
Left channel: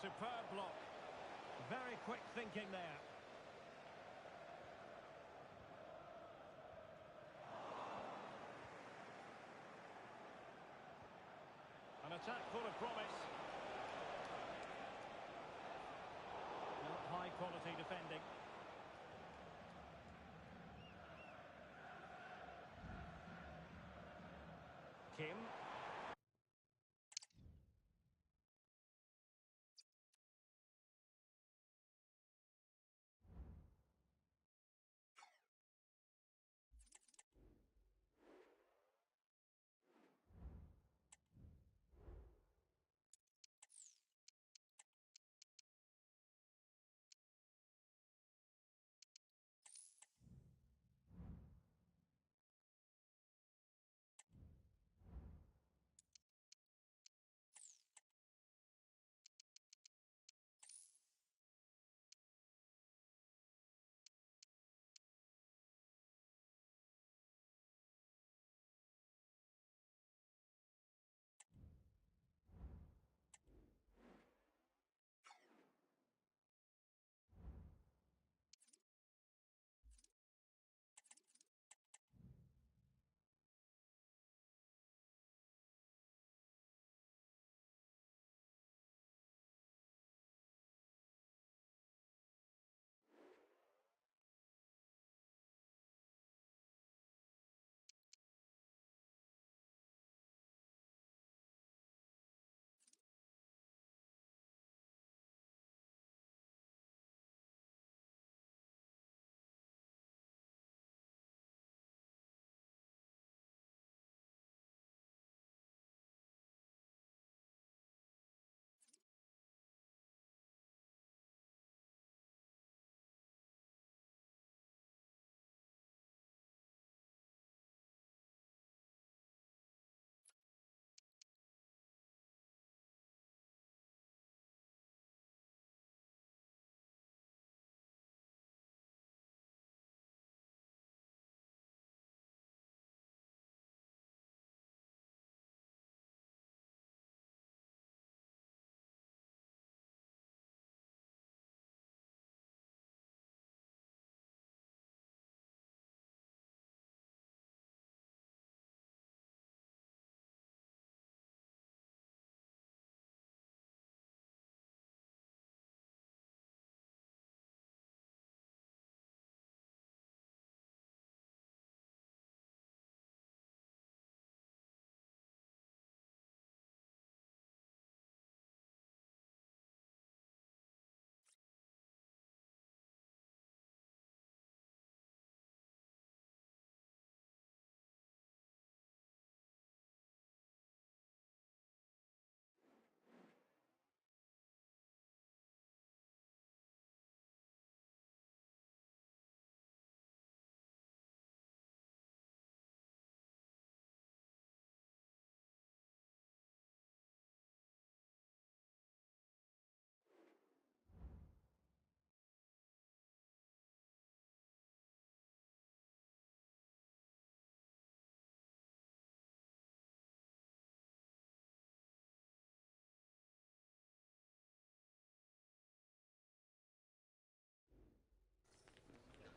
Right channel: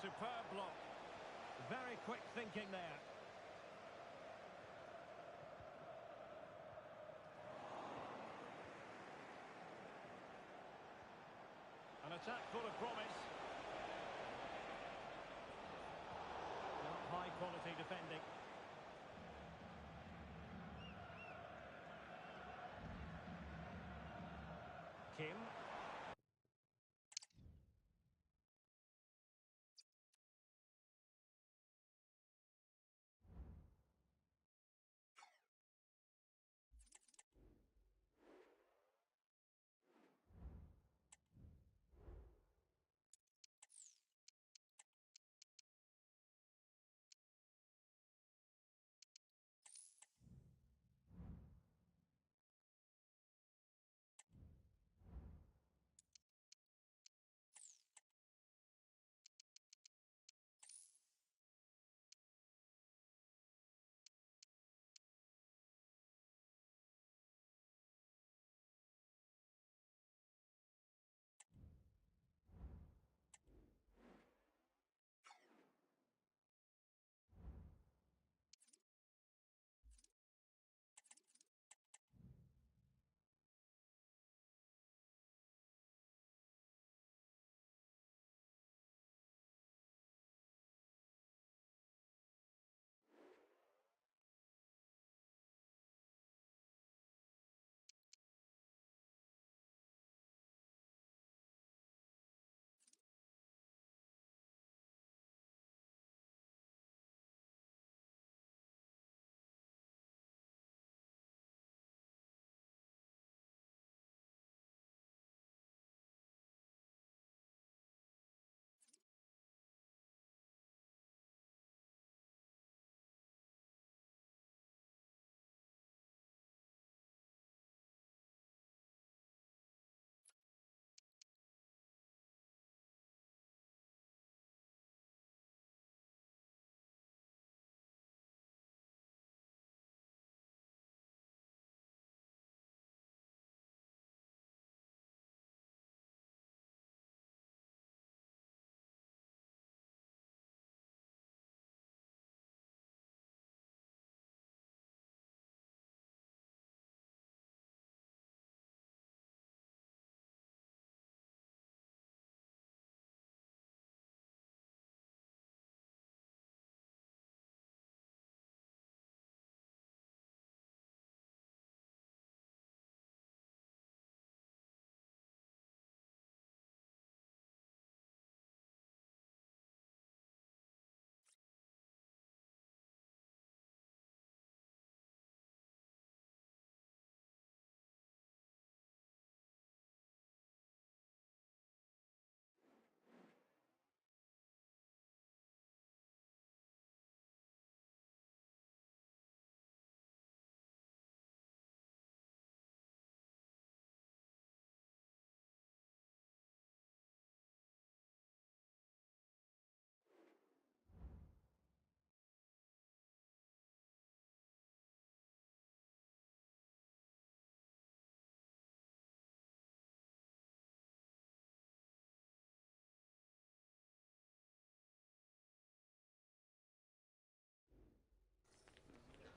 Superb block. Very quick thinking there. An attack full of promise. Not high quality defending. Kim.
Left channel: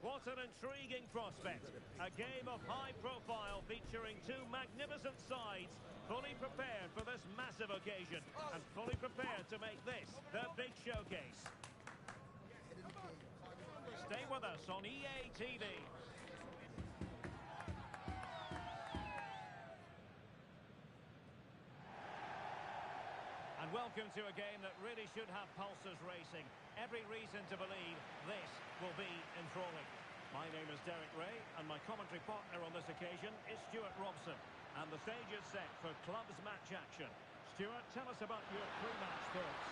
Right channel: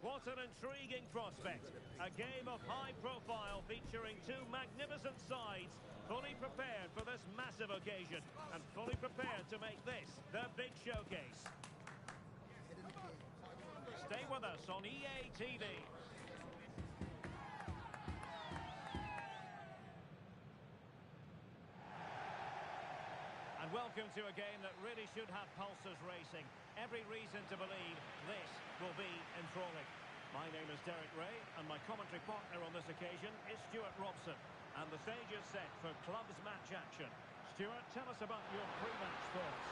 What an intriguing prospect. A game of high profile featuring two magnificent sides, fully prepared for this massive occasion and fully prepared to make this their big showcase. Stay with us on EA TV. And welcome to a game that really should have pulses racing. Every reason to believe this will be enthralling. My name is Derek Ray, and my commentary partner on this occasion is Stuart Robson. And the stage is set for clubs match action. Stuart, tell us about your pre-match thoughts.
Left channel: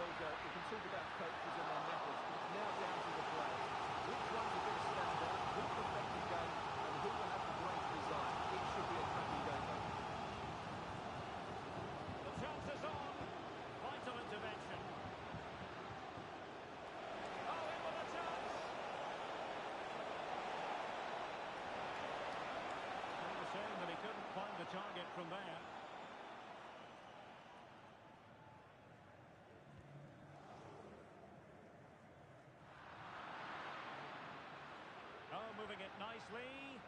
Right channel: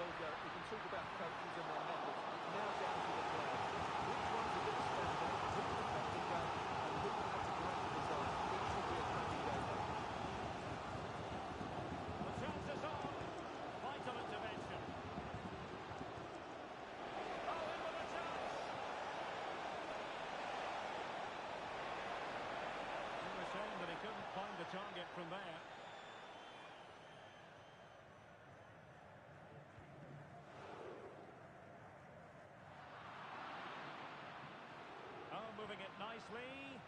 Well, Derek, we can talk about coaches and their methods. It's now down to the players. Which ones are going to stand out, who will affect the game, and who will have the greater desire. It should be a cracking game, though. The chance is on. Vital intervention. Oh, in with a chance. It was a shame that he couldn't find the target from there. Oh, moving it nicely.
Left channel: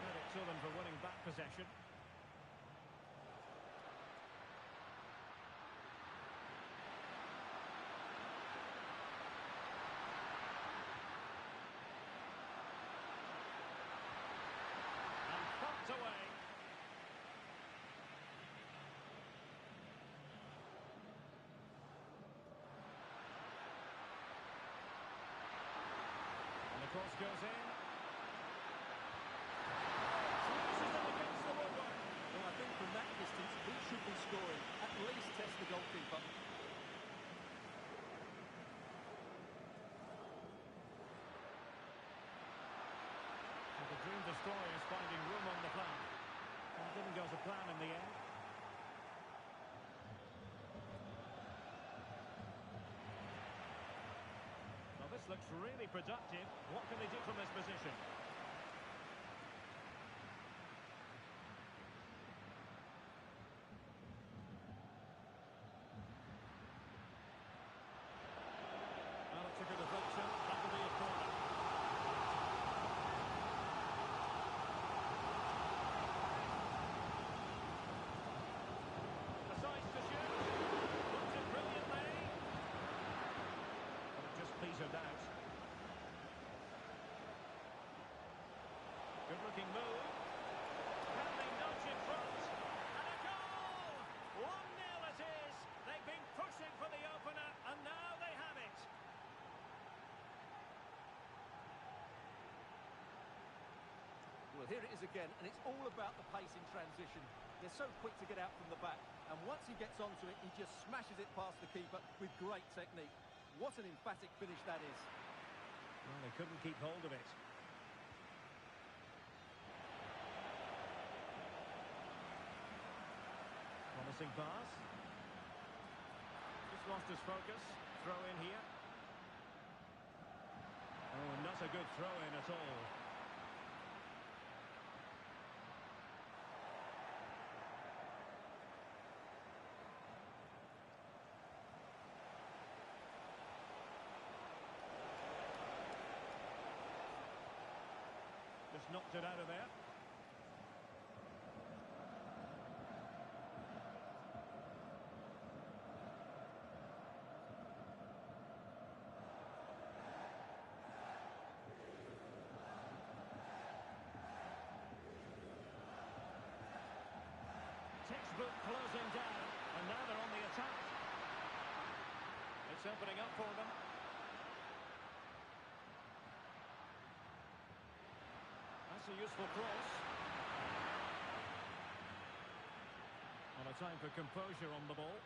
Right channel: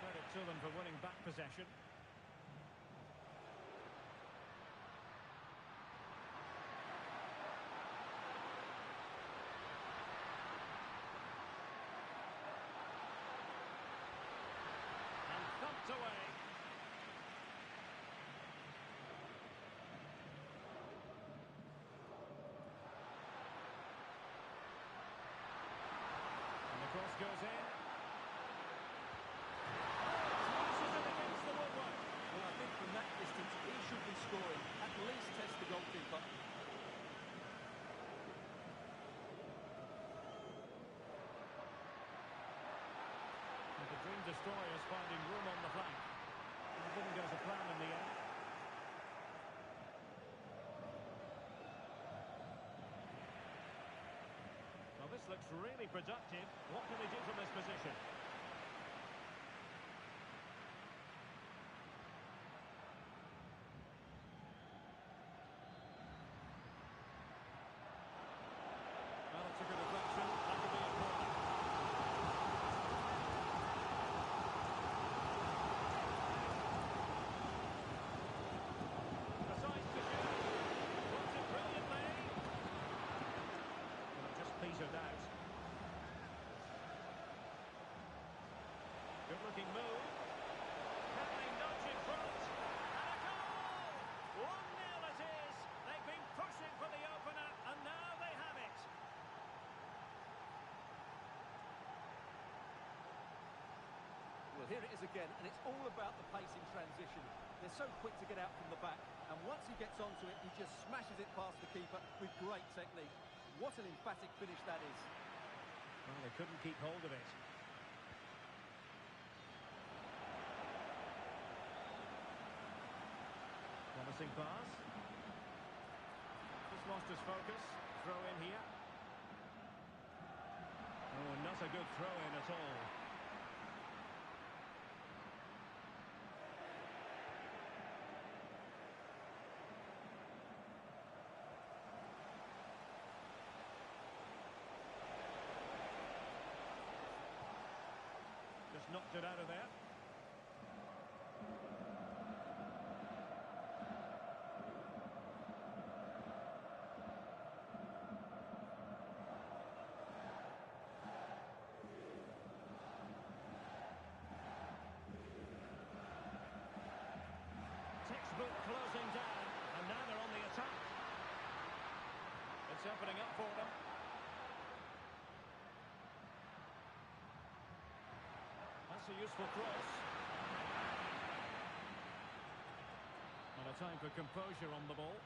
Credit to them for winning back possession. And thumped away. And the cross goes in. Oh, smashes it against the woodwork. Well, I think from that distance, he should be scoring. At least test the goalkeeper. And the Dream Destroyers finding room on the flank. Well, it didn't go to plan in the end. Well, this looks really productive. What can they do from this position? Well, it took a deflection. That will be a corner. Decides to shoot. Blocks it brilliantly. But it just petered out. Good-looking move. Can they nudge in front? And a goal! 1-0 it is. They've been pushing for the opener, and now they have it. Well, here it is again, and it's all about the pace in transition. They're so quick to get out from the back, and once he gets onto it, he just smashes it past the keeper with great technique. What an emphatic finish that is. Well, they couldn't keep hold of it. Promising pass. Just lost his focus. Throw in here. Oh, not a good throw in at all. Just knocked it out of there. Textbook closing down, and now they're on the attack. It's opening up for them. That's a useful cross. And a time for composure on the ball.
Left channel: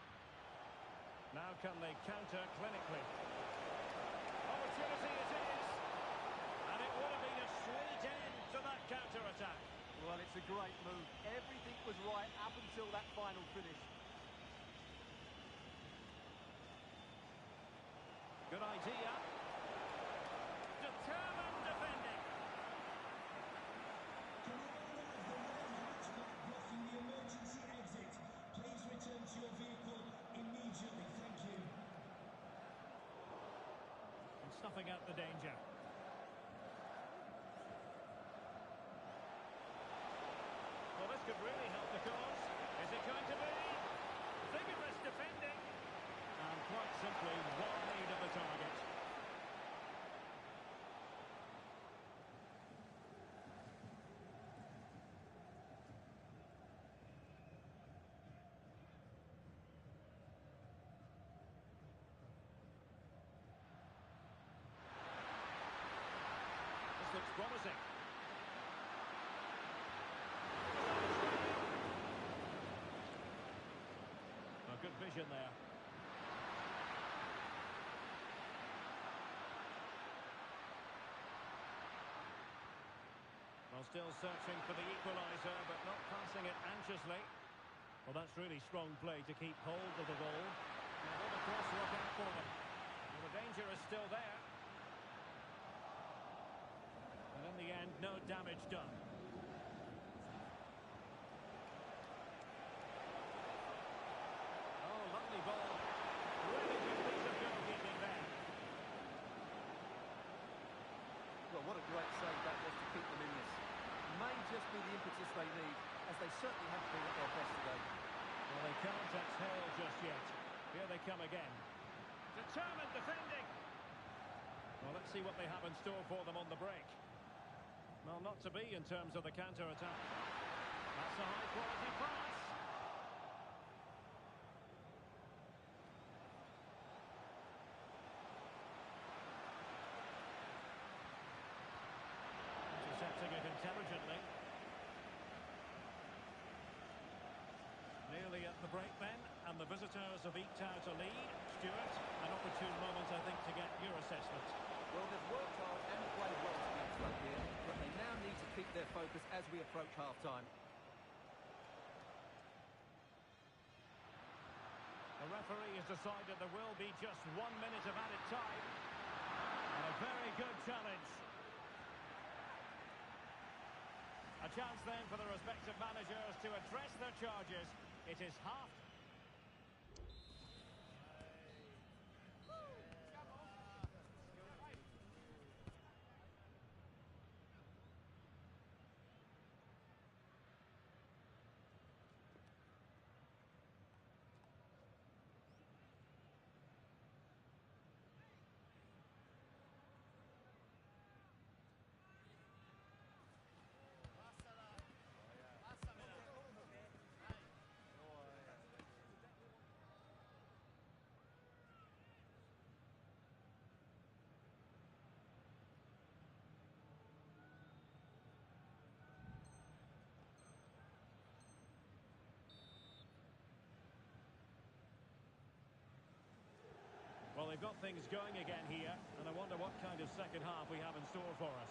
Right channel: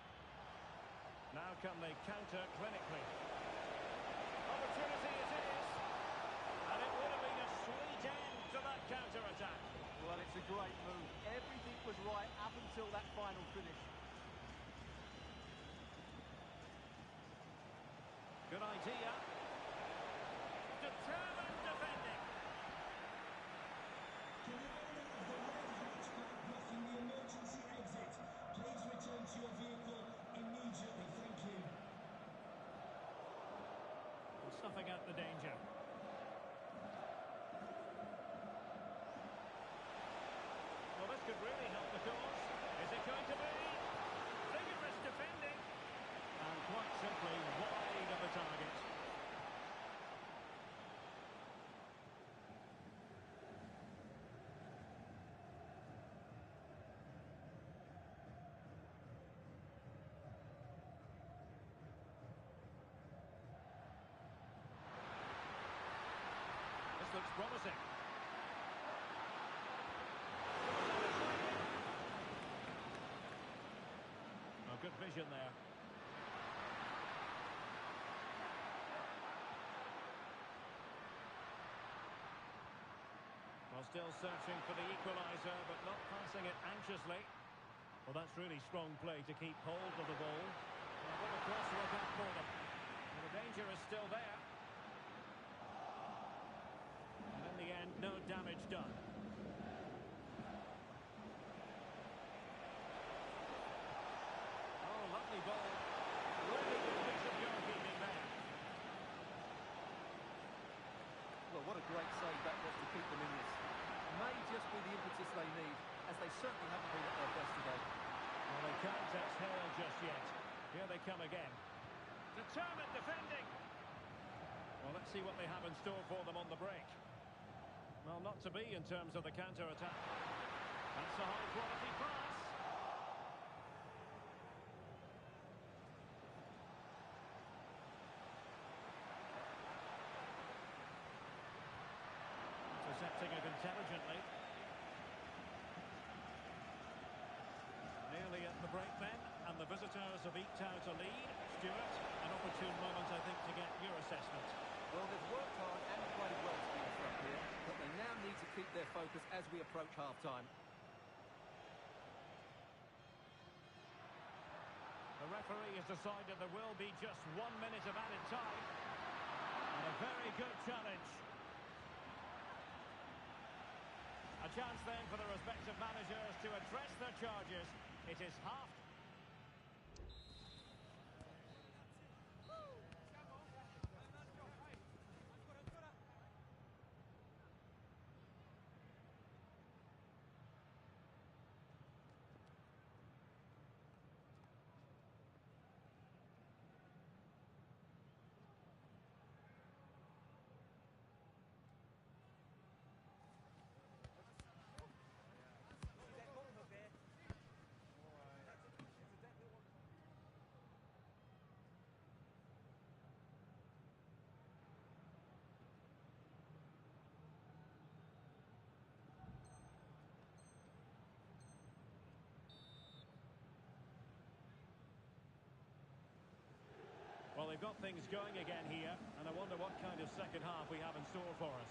Now can they counter clinically? Opportunity it is. And it would have been a sweet end to that counter-attack. Well, it's a great move. Everything was right up until that final finish. Good idea. Determined defending. To the owner of the red hatchback blocking the emergency exit, please return to your vehicle immediately. Thank you. snuffing out the danger. Well, this could really help the cause. Is it going to be? Vigorous defending. And quite simply wide of the target. This looks promising. It was on its way in. Oh, good vision there. Well, still searching for the equaliser, but not passing it anxiously. Well, that's really strong play to keep hold of the ball. Now, will the cross work out for them? Well, the danger is still there. And in the end, no damage done. Oh, lovely ball. Really good piece of goalkeeping there. Well, what a great save that was to keep them in this. May just be the impetus they need, as they certainly haven't been at their best today. Well, they can't exhale just yet. Here they come again. Determined defending. Well, let's see what they have in store for them on the break. Well, not to be in terms of the counter-attack. That's a high-quality pass. Intercepting it intelligently. Nearly at the break then, and the visitors have eked out a lead. Stuart, an opportune moment, I think, to get your assessment. Well, they've worked hard and played well to be in front here, but they now need to keep their focus as we approach half-time. The referee has decided there will be just 1 minute of added time. And a very good challenge. A chance then for the respective managers to address their charges. It is half Well, they've got things going again here, and I wonder what kind of second half we have in store for us.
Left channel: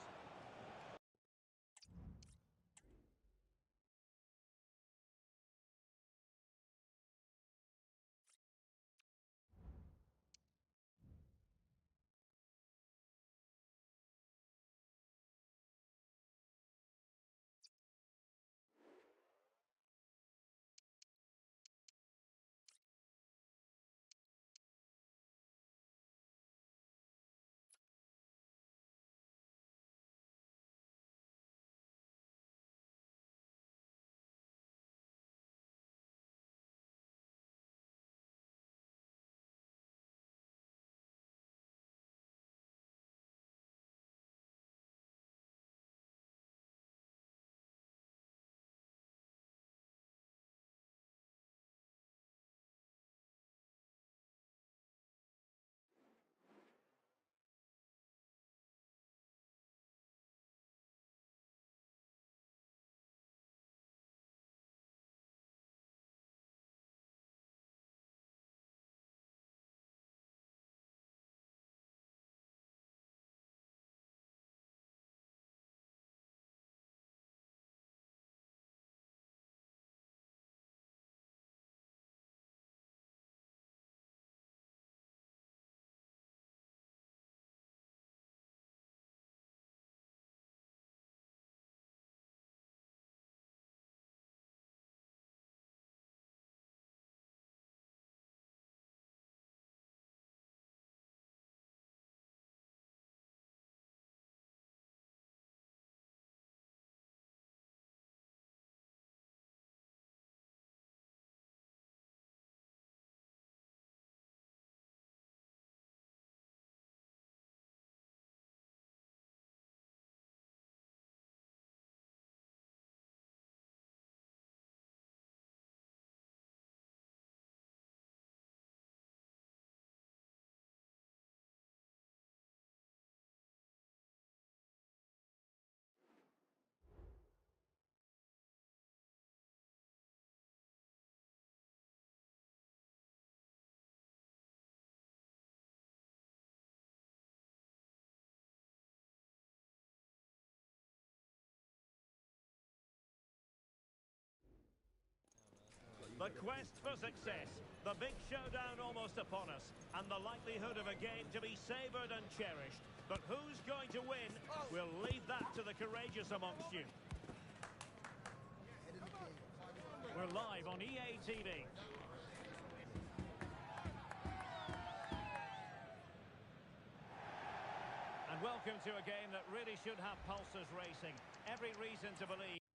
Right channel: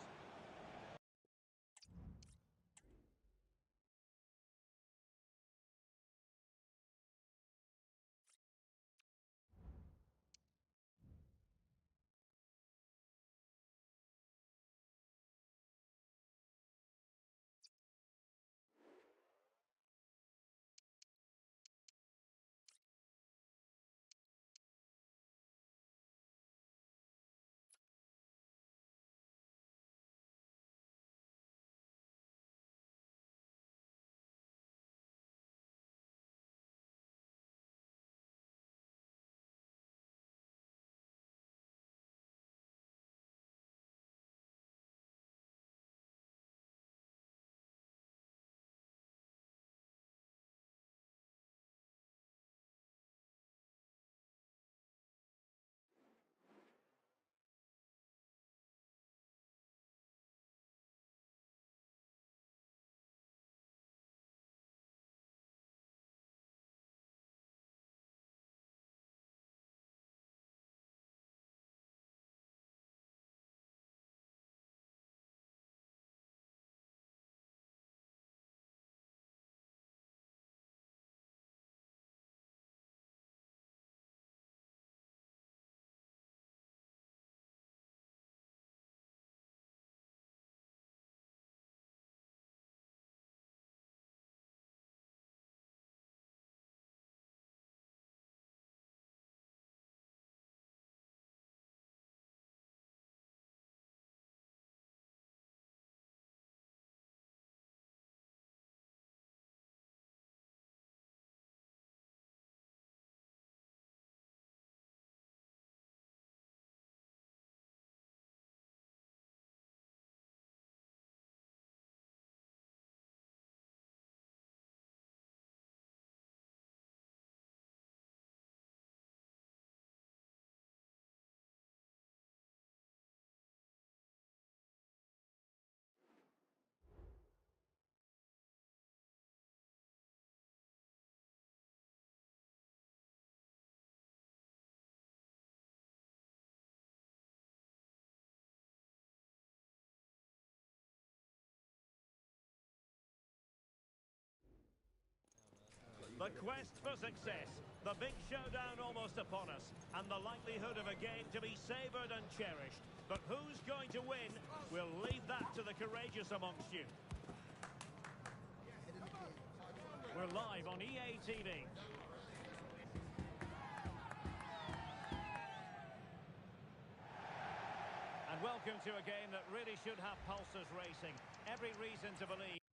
The quest for success. The big showdown almost upon us. And the likelihood of a game to be savoured and cherished. But who's going to win? We'll leave that to the courageous amongst you. We're live on EA TV. And welcome to a game that really should have pulses racing. Every reason to believe.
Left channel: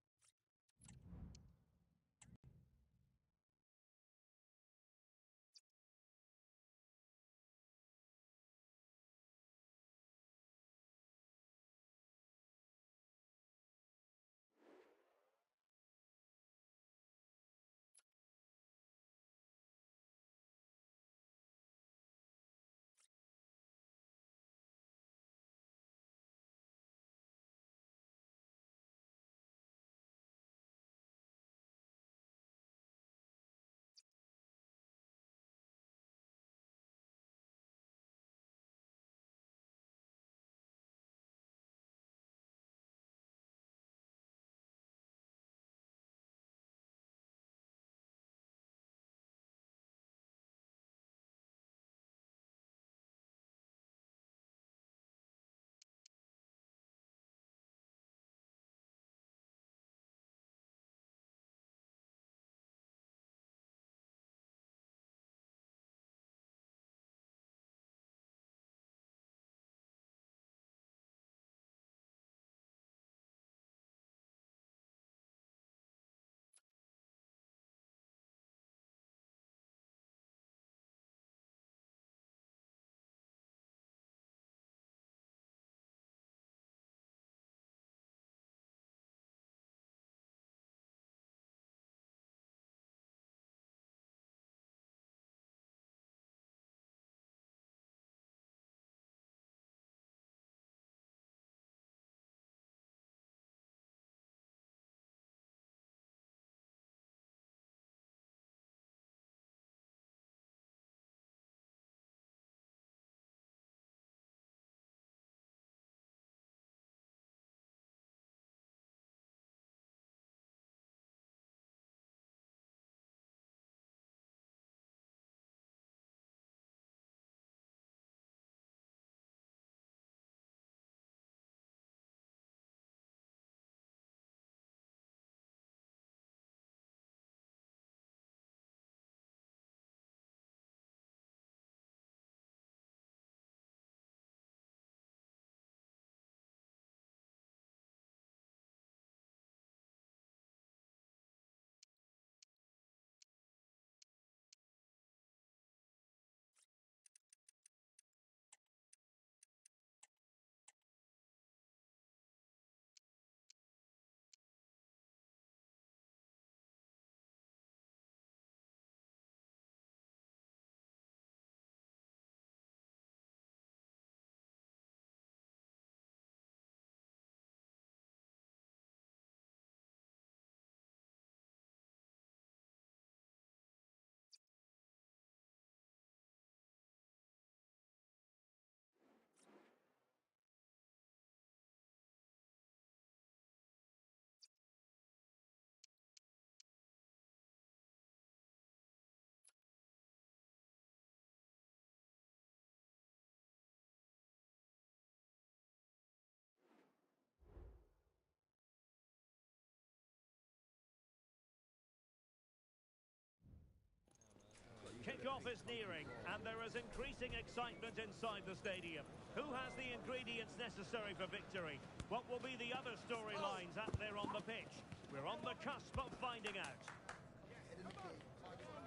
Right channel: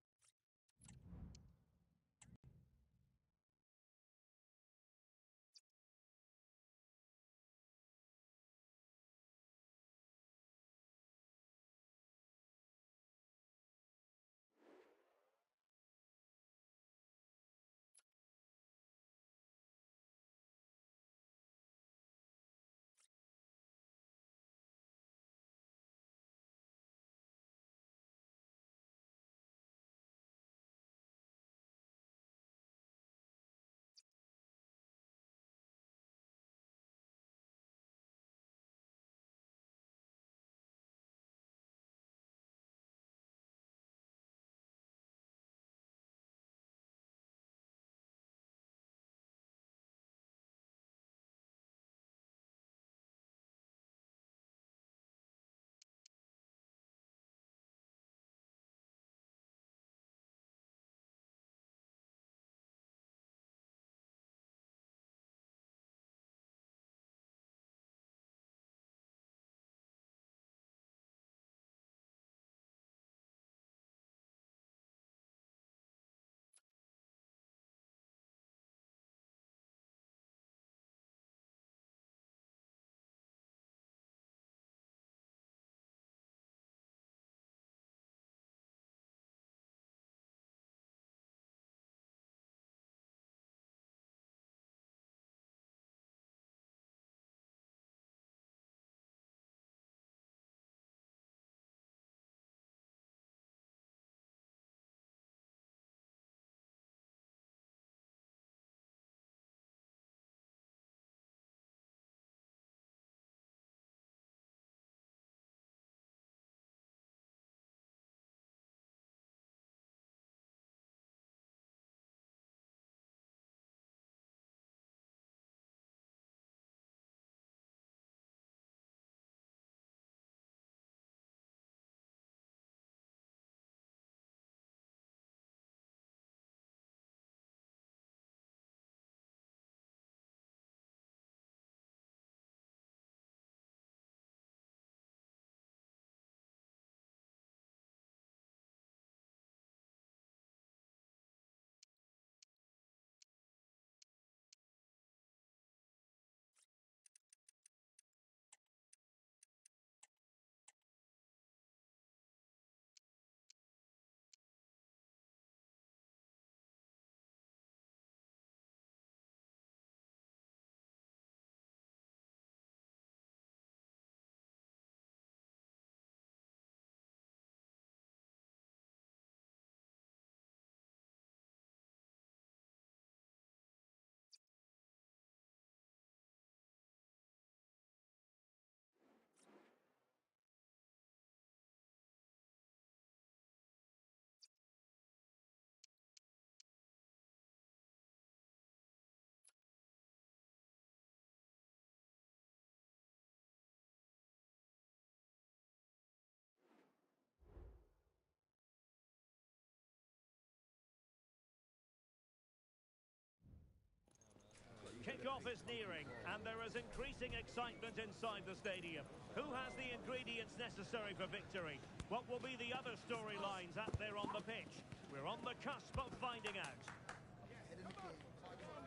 Kick-off is nearing, and there is increasing excitement inside the stadium. Who has the ingredients necessary for victory? What will be the other storylines out there on the pitch? We're on the cusp of finding out.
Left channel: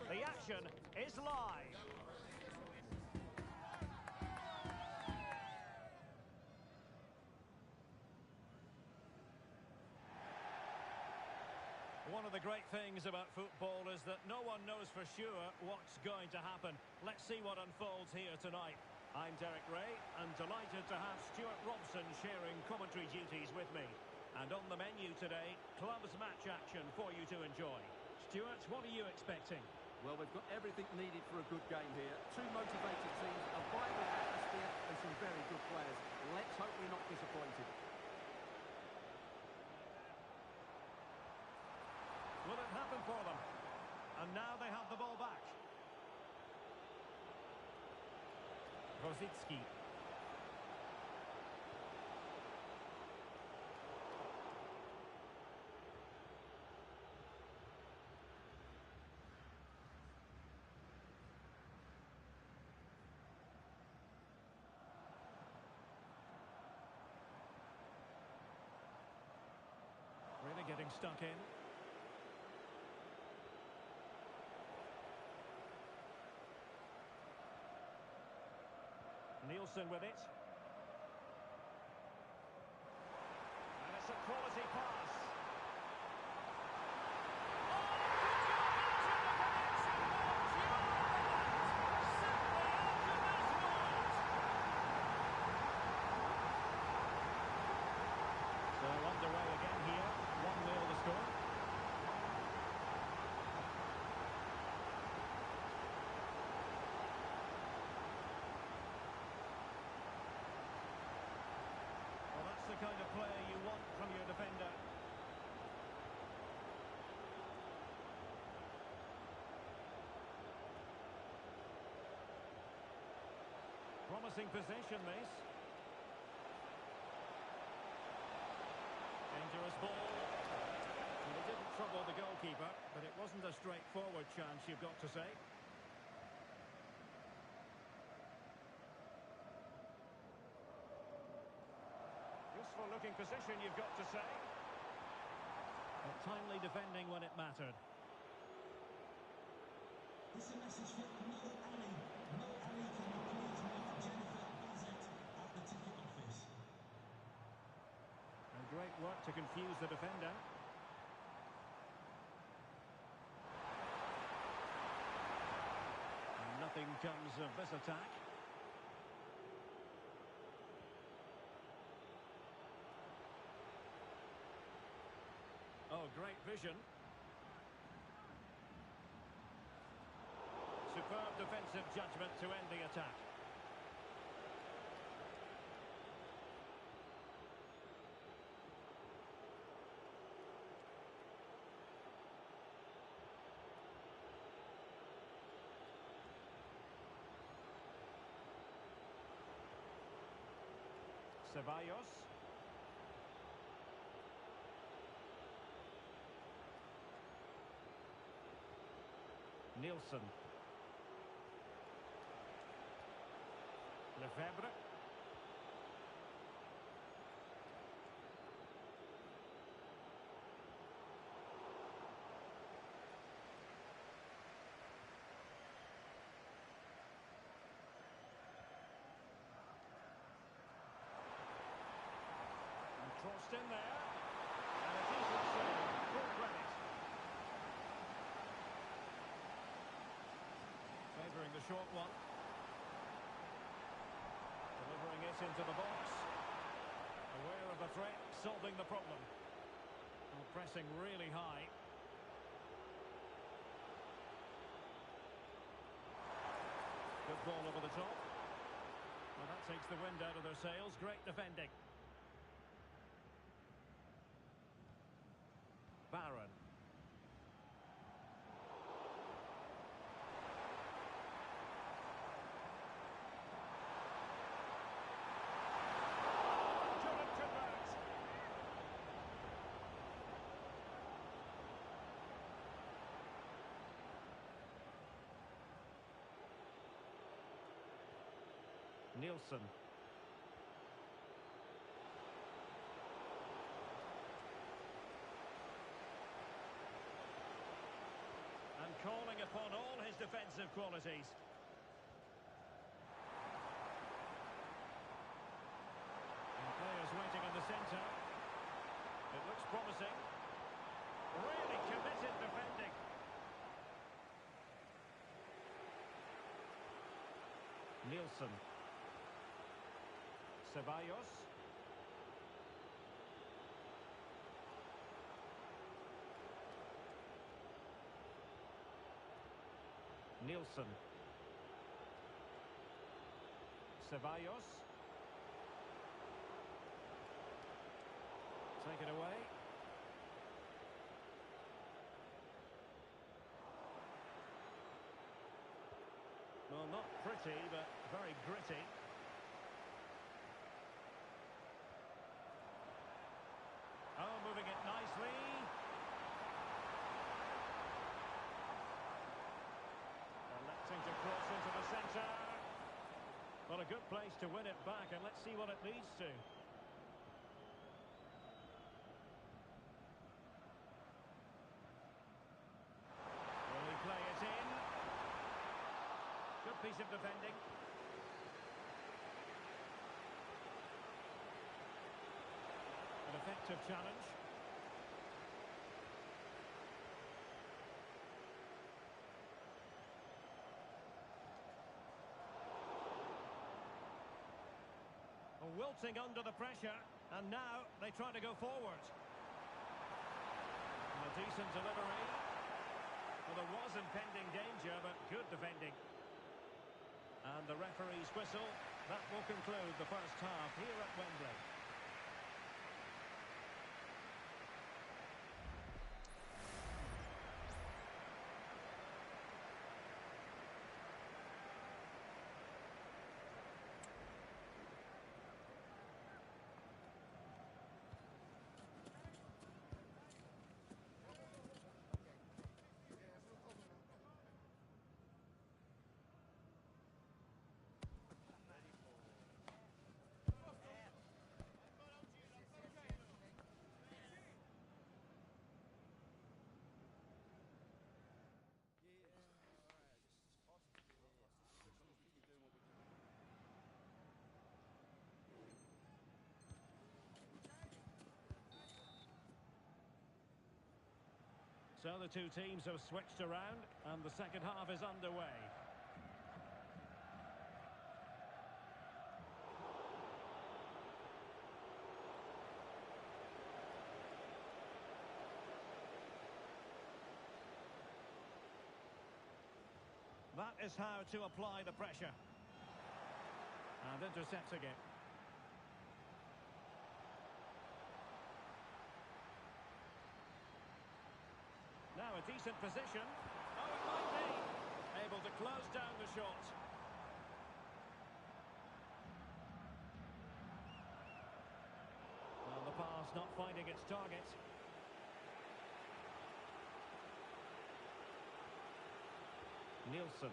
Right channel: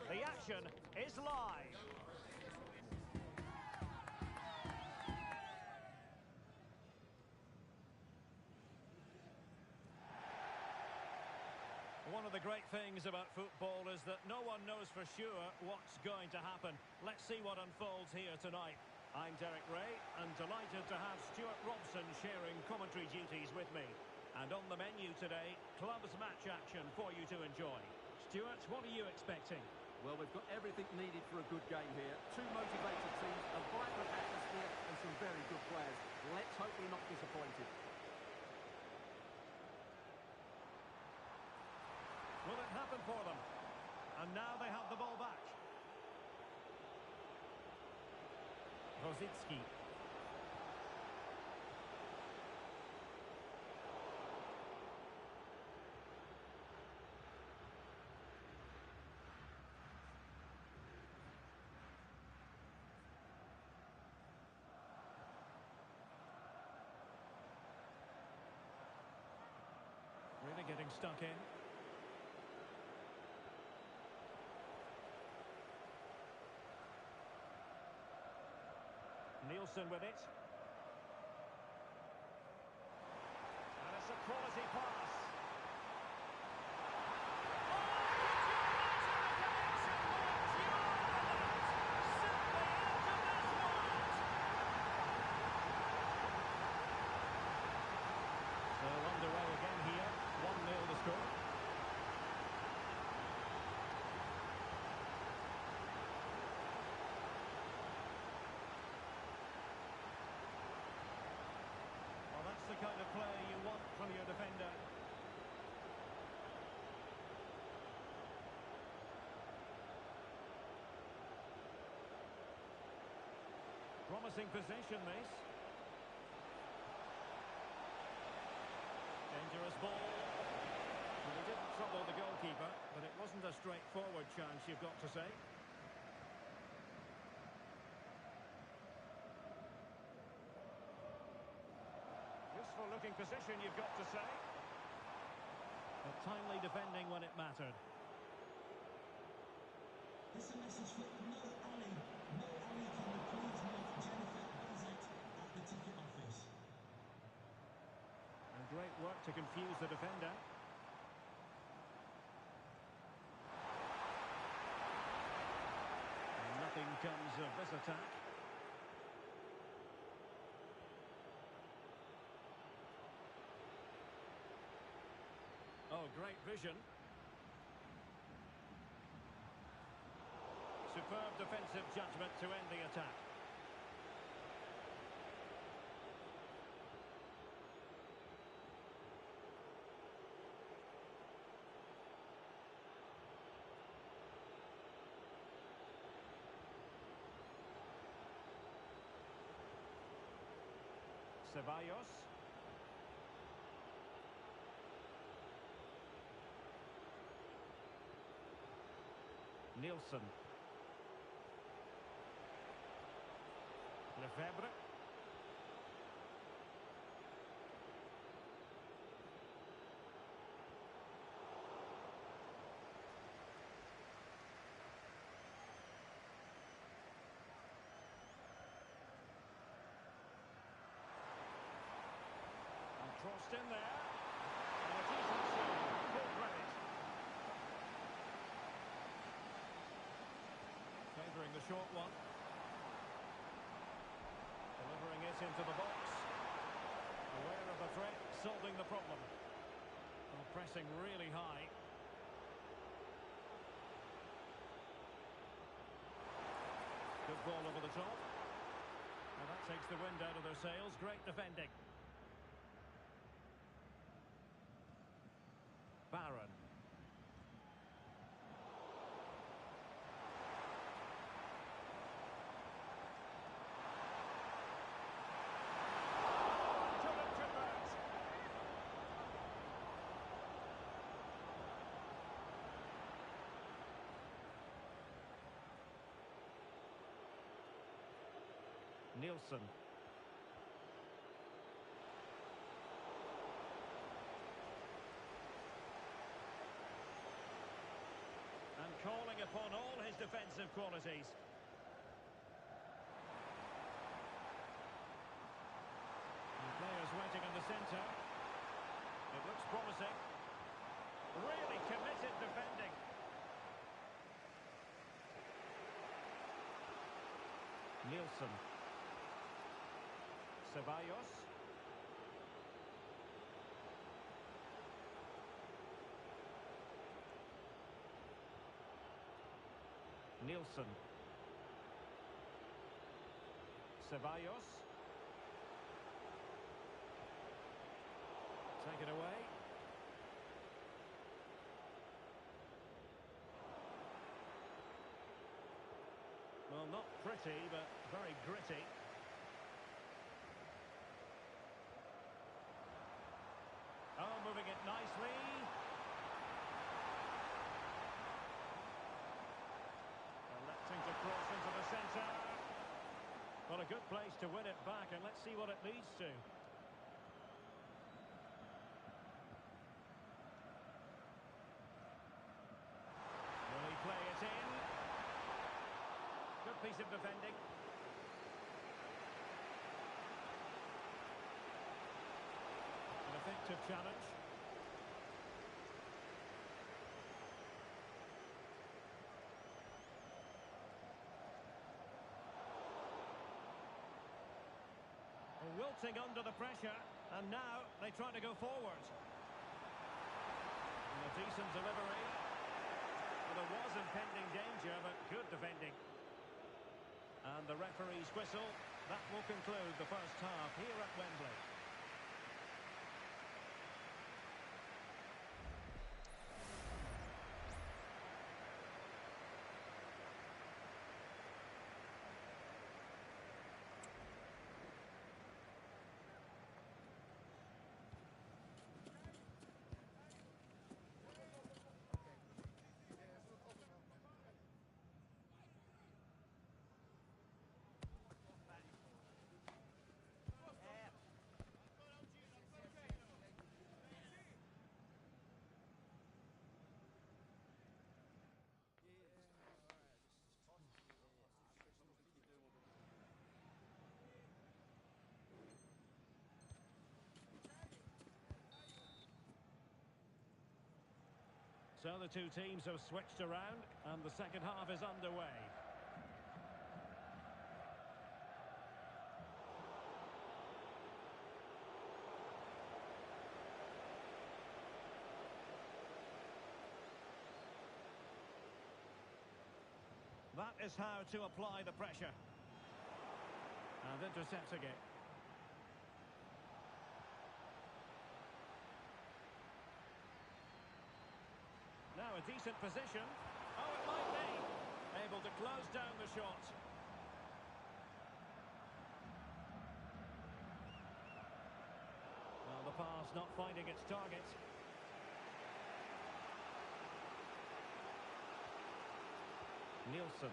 The action is live. One of the great things about football is that no one knows for sure what's going to happen. Let's see what unfolds here tonight. I'm Derek Ray, and delighted to have Stuart Robson sharing commentary duties with me. And on the menu today, clubs match action for you to enjoy. Stuart, what are you expecting? Well, we've got everything needed for a good game here. Two motivated teams, a vibrant atmosphere, and some very good players. Let's hope we're not disappointed. Will it happen for them? And now they have the ball back. Rosicki. Really getting stuck in. Nielsen with it. And it's a quality pass. Oh, could you imagine a connection more pure than that? Simply out of this world. So underway again here. 1-0 the score. Well, that's the kind of play you want from your defender. Promising possession, this. Dangerous ball. Well, he didn't trouble the goalkeeper, but it wasn't a straightforward chance, you've got to say. Useful looking position, you've got to say. But timely defending when it mattered. This is a message for Mo Ali. Mo Ali, can you please meet Jennifer Bazet at the ticket office? And great work to confuse the defender. And nothing comes of this attack. Oh, great vision. Superb defensive judgment to end the attack. Ceballos. Nielsen. Lefebvre. And crossed in there. And a decent save. Full credit. Favouring the short one. Delivering it into the box. Aware of the threat, solving the problem. Well, pressing really high. Good ball over the top. Well, that takes the wind out of their sails. Great defending. Barron. Couldn't convert. Nielsen. And calling upon all his defensive qualities. And players waiting in the centre. It looks promising. Really committed defending. Nielsen. Ceballos. Nielsen. Ceballos. Take it away. not pretty, but very gritty. Oh, moving it nicely. Electing to cross into the centre. Well, a good place to win it back, and let's see what it leads to. Will he play it in? Good piece of defending. An effective challenge. Wilting under the pressure, and now they try to go forward. And a decent delivery. Well, there was impending danger, but good defending. And the referee's whistle. That will conclude the first half here at Wembley. So the two teams have switched around, and the second half is underway. That is how to apply the pressure. And intercepting it. Now a decent position. Oh, it might be. Able to close down the shot. Well, the pass not finding its target. Nielsen.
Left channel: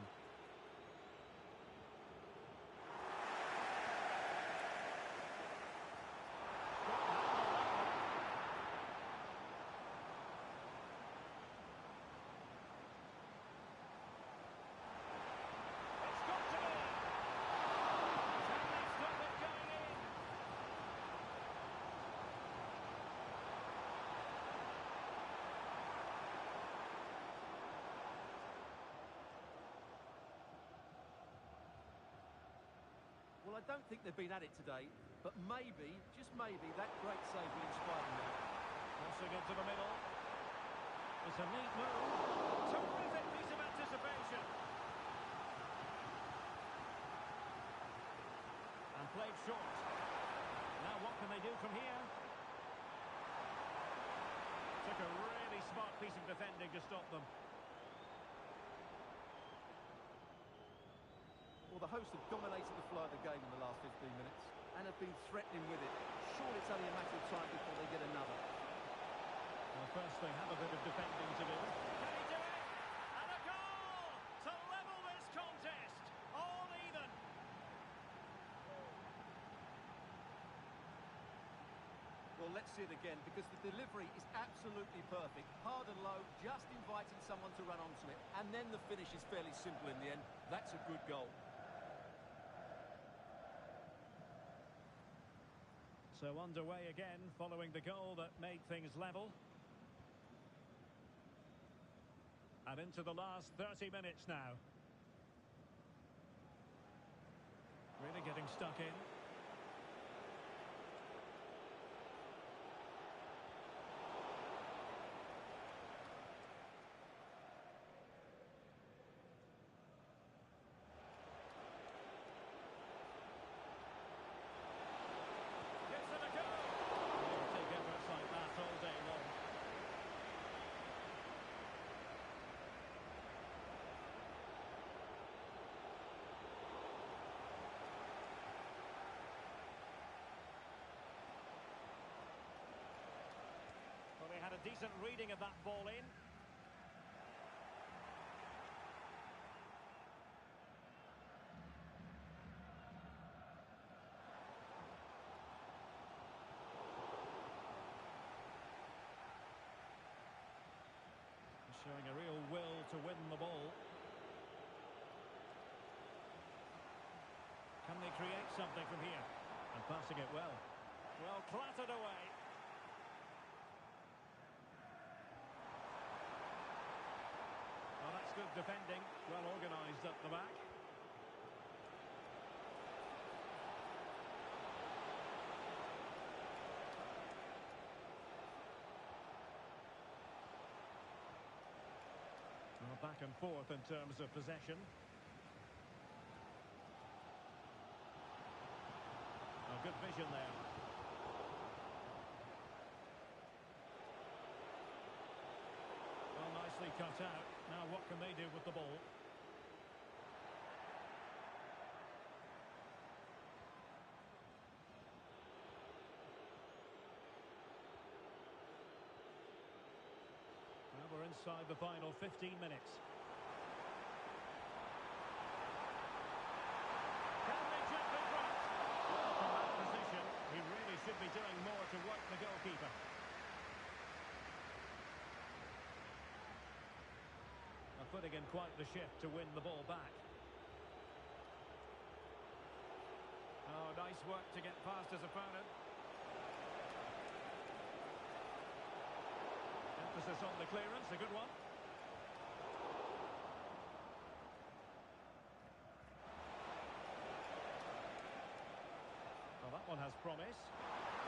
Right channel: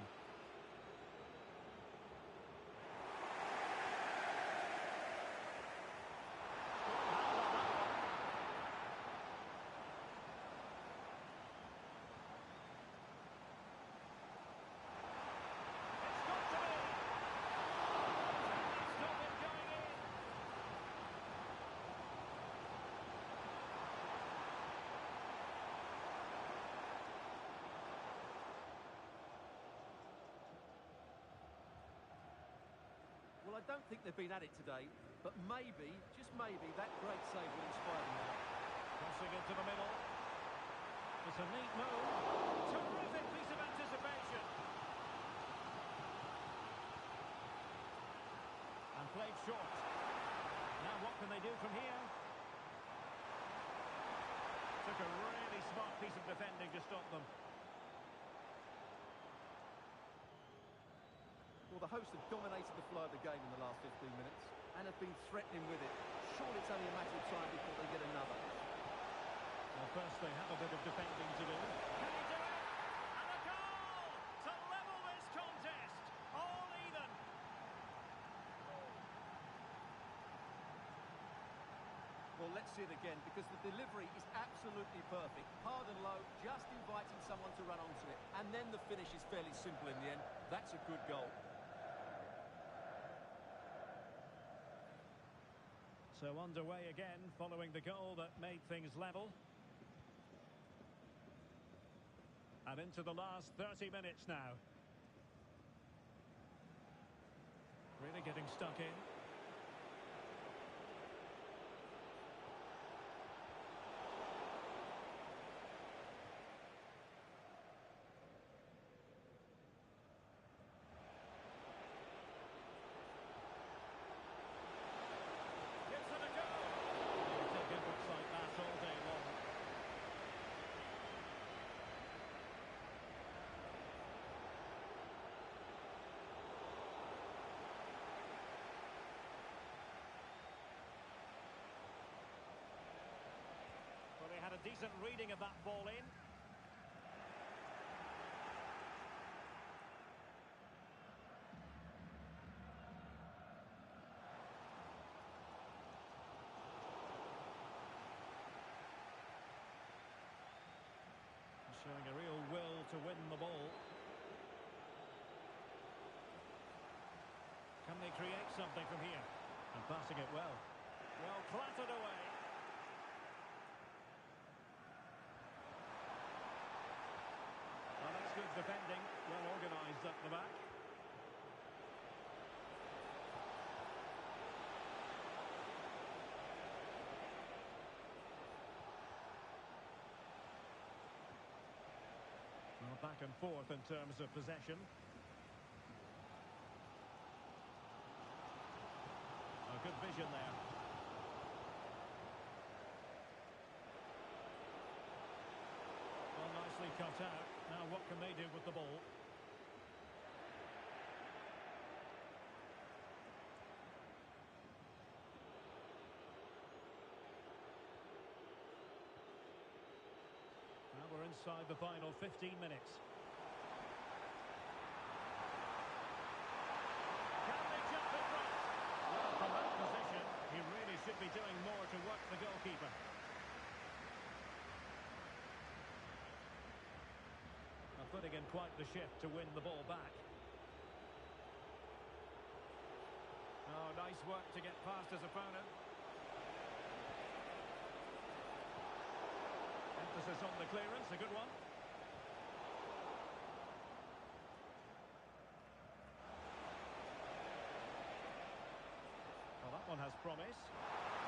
Well, I don't think they've been at it today, but maybe, just maybe, that great save will inspire them now. Crossing into the middle. It's a neat move. Terrific piece of anticipation. And played short. Now what can they do from here? Took a really smart piece of defending to stop them. Well, the hosts have dominated the flow of the game in the last 15 minutes and have been threatening with it. Surely it's only a matter of time before they get another. Well, first they have a bit of defending to do. Can he do it? And a goal to level this contest. All even. Well, let's see it again, because the delivery is absolutely perfect. Hard and low, just inviting someone to run onto it. And then the finish is fairly simple in the end. That's a good goal. So underway again, following the goal that made things level. And into the last 30 minutes now. Really getting stuck in. decent reading of that ball in. Showing a real will to win the ball. Can they create something from here? And passing it well. Well, clattered away. Well, that's good defending. Well organised at the back. Well, back and forth in terms of possession. Oh, good vision there. Well, nicely cut out. Now what can they do with the ball? Well, we're inside the final 15 minutes. Can they jump in front? Well, from that position, he really should be doing more to work the goalkeeper. Putting in quite the shift to win the ball back. Oh, nice work to get past his opponent. Emphasis on the clearance, a good one. Well, that one has promise.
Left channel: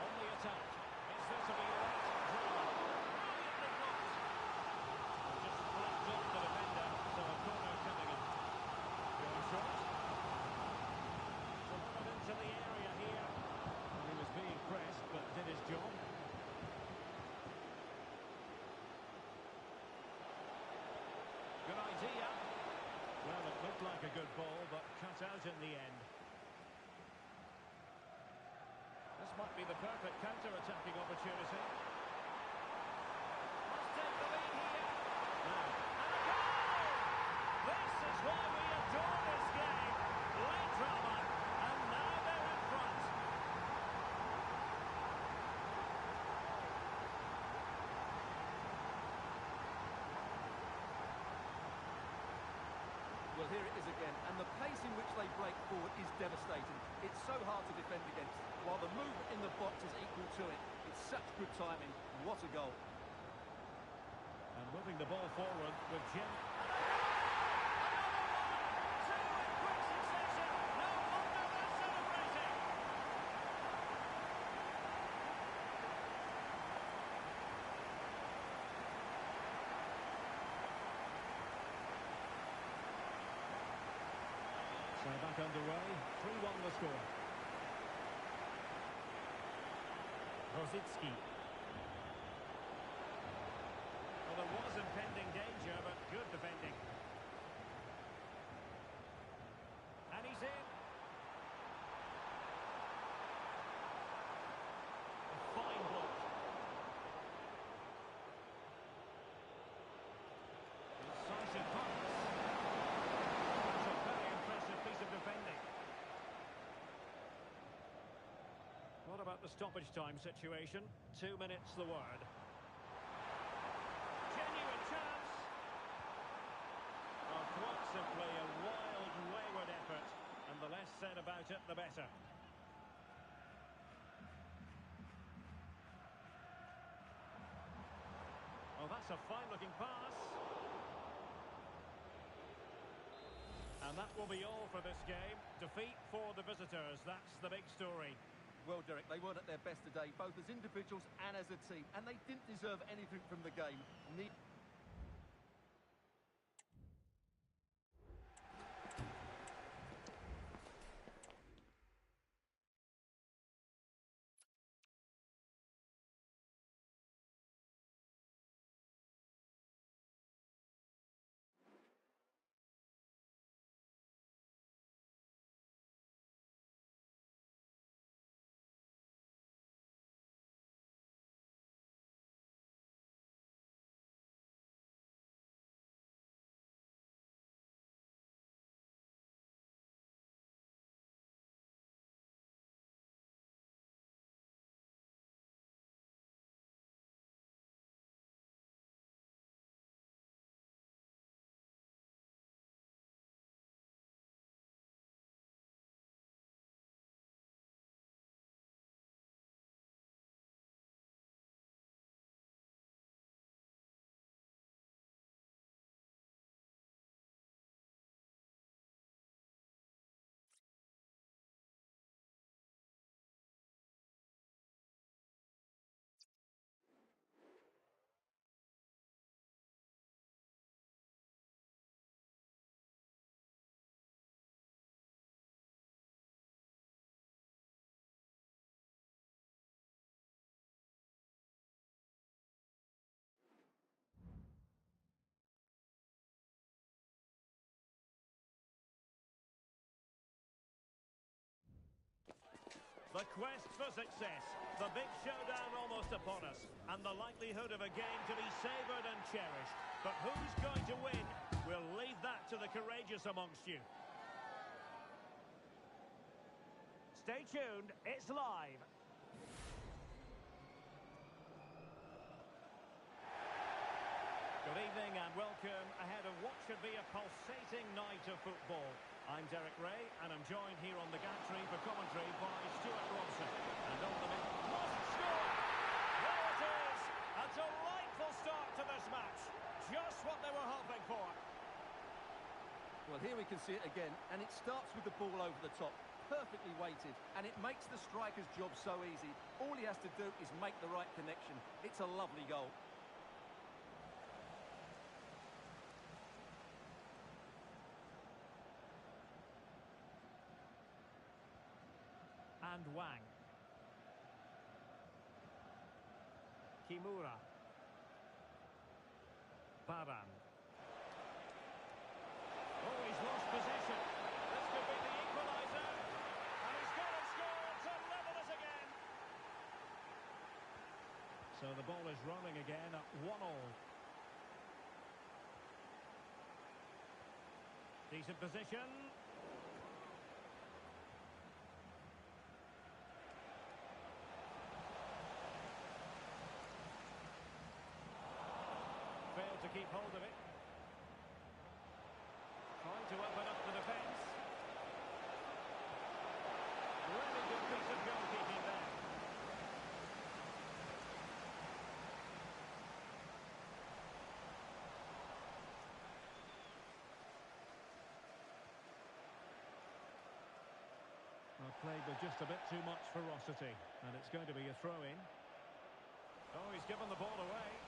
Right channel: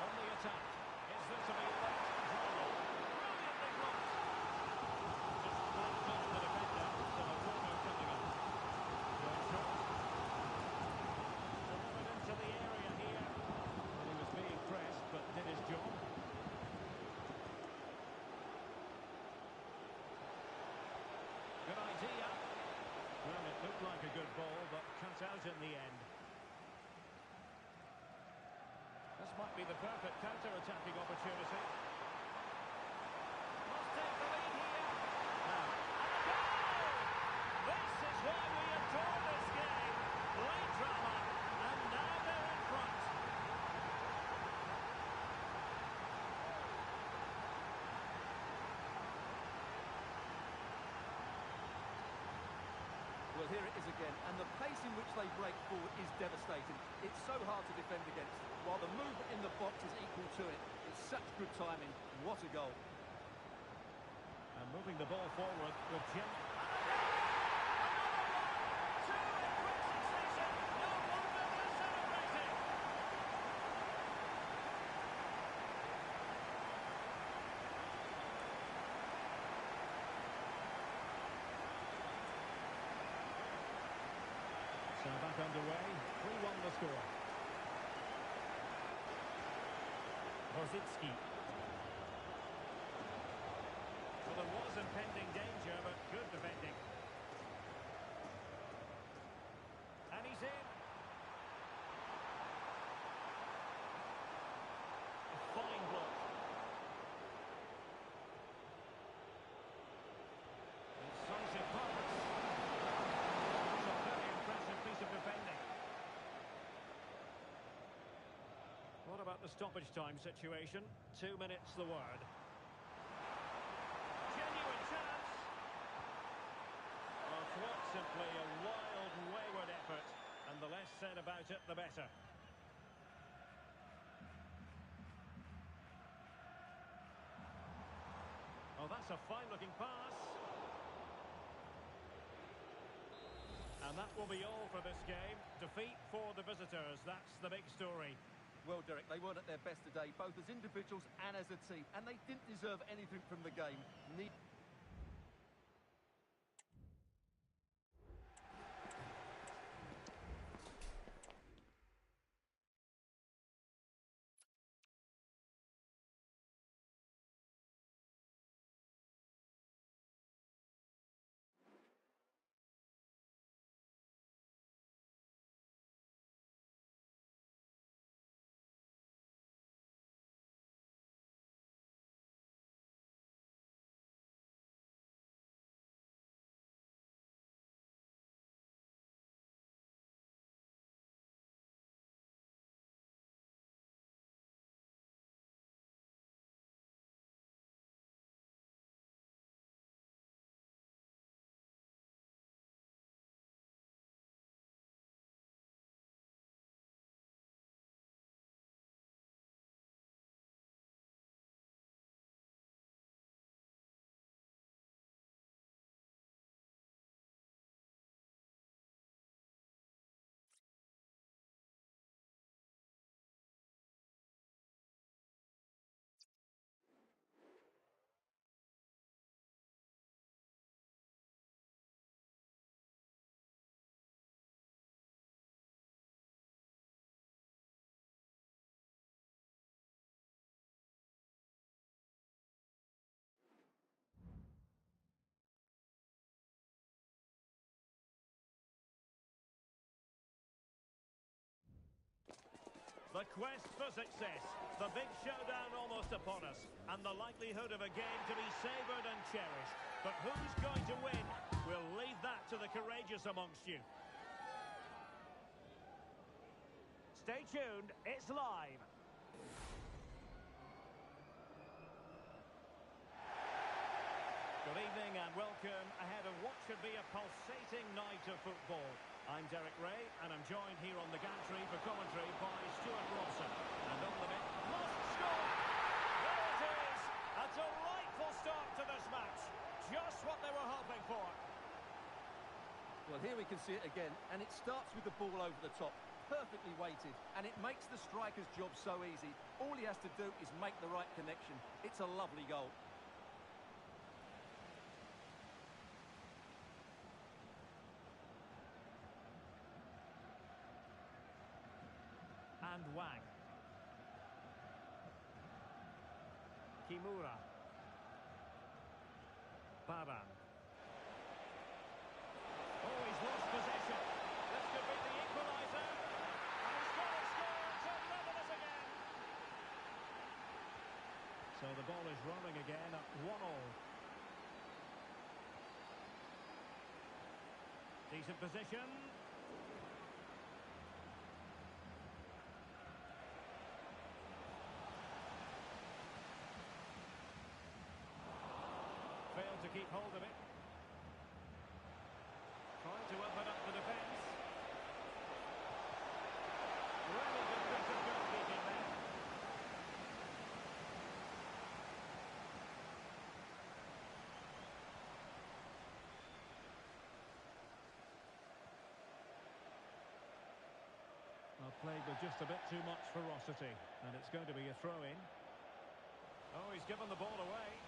On the attack. Is there to be late drama? Brilliantly blocked. Just flicked off the defender, so a corner coming up. Going short. Delivered into the area here. Well, he was being pressed, but did his job. Good idea. Well, it looked like a good ball, but cut out in the end. This might be the perfect counter-attacking opportunity. Must take the lead here. Now, and a goal! This is why we adore this game. Late drama, and now they're in front. Well, here it is again, and the pace in which they break forward is devastating. It's so hard to defend against, while the movement in the box is equal to it. It's such good timing. What a goal. And moving the ball forward with Jim. Another one! Two in quick succession. No wonder they're celebrating. So back underway, 3-1 the score. Rosicki. Well, there was impending danger, but good defending. And he's in. A fine block. Incisive pass. That's a very impressive piece of defending. What about the stoppage time situation? 2 minutes the word. Genuine chance. Oh, quite simply a wild, wayward effort. And the less said about it, the better. Oh, that's a fine-looking pass. And that will be all for this game. Defeat for the visitors. That's the big story. Well, Derek, they weren't at their best today, both as individuals and as a team, and they didn't deserve anything from the game. The quest for success, the big showdown almost upon us, and the likelihood of a game to be savoured and cherished. But who's going to win? We'll leave that to the courageous amongst you. Stay tuned, it's live. Good evening and welcome ahead of what should be a pulsating night of football. I'm Derek Ray, and I'm joined here on the gantry for commentary by Stuart Robson. And on the bench, must score! There it is! A delightful start to this match. Just what they were hoping for. Well, here we can see it again, and it starts with the ball over the top. Perfectly weighted, and it makes the striker's job so easy. All he has to do is make the right connection. It's a lovely goal. And Wang. Kimura. Baran. Oh, he's lost possession. This could be the equaliser. And he's got to score to level it again. So the ball is rolling again at 1-1. Decent position. Failed to keep hold of it. Trying to open up the defence. Really good piece of goalkeeping there. Well, played with just a bit too much ferocity, and it's going to be a throw-in. Oh, he's given the ball away.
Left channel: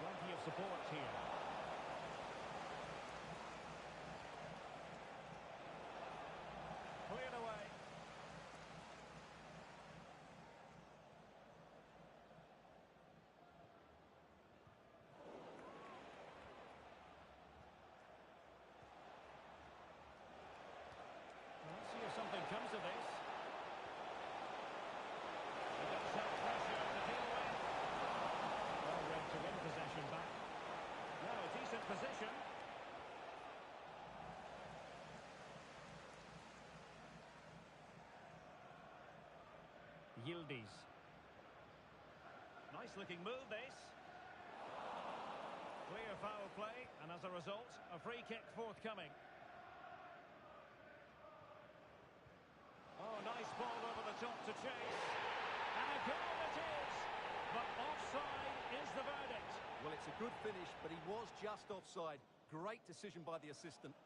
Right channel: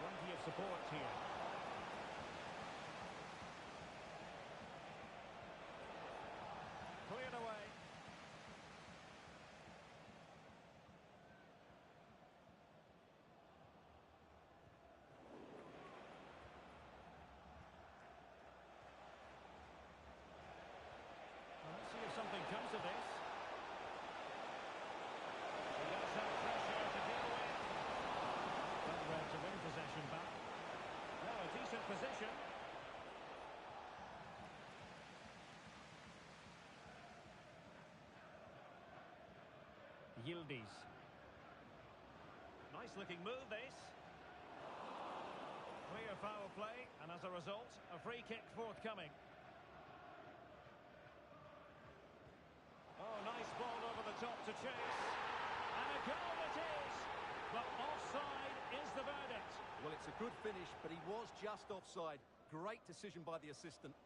Plenty of support here. Cleared away. Well, let's see if something comes of this. He does have pressure to deal with. Well read to win possession back. Now a decent position. Yildiz. Nice looking move this. Clear foul play, and as a result, a free kick forthcoming. Oh, nice ball over the top to chase. And a goal it is! But offside is the verdict. Well, it's a good finish, but he was just offside. Great decision by the assistant.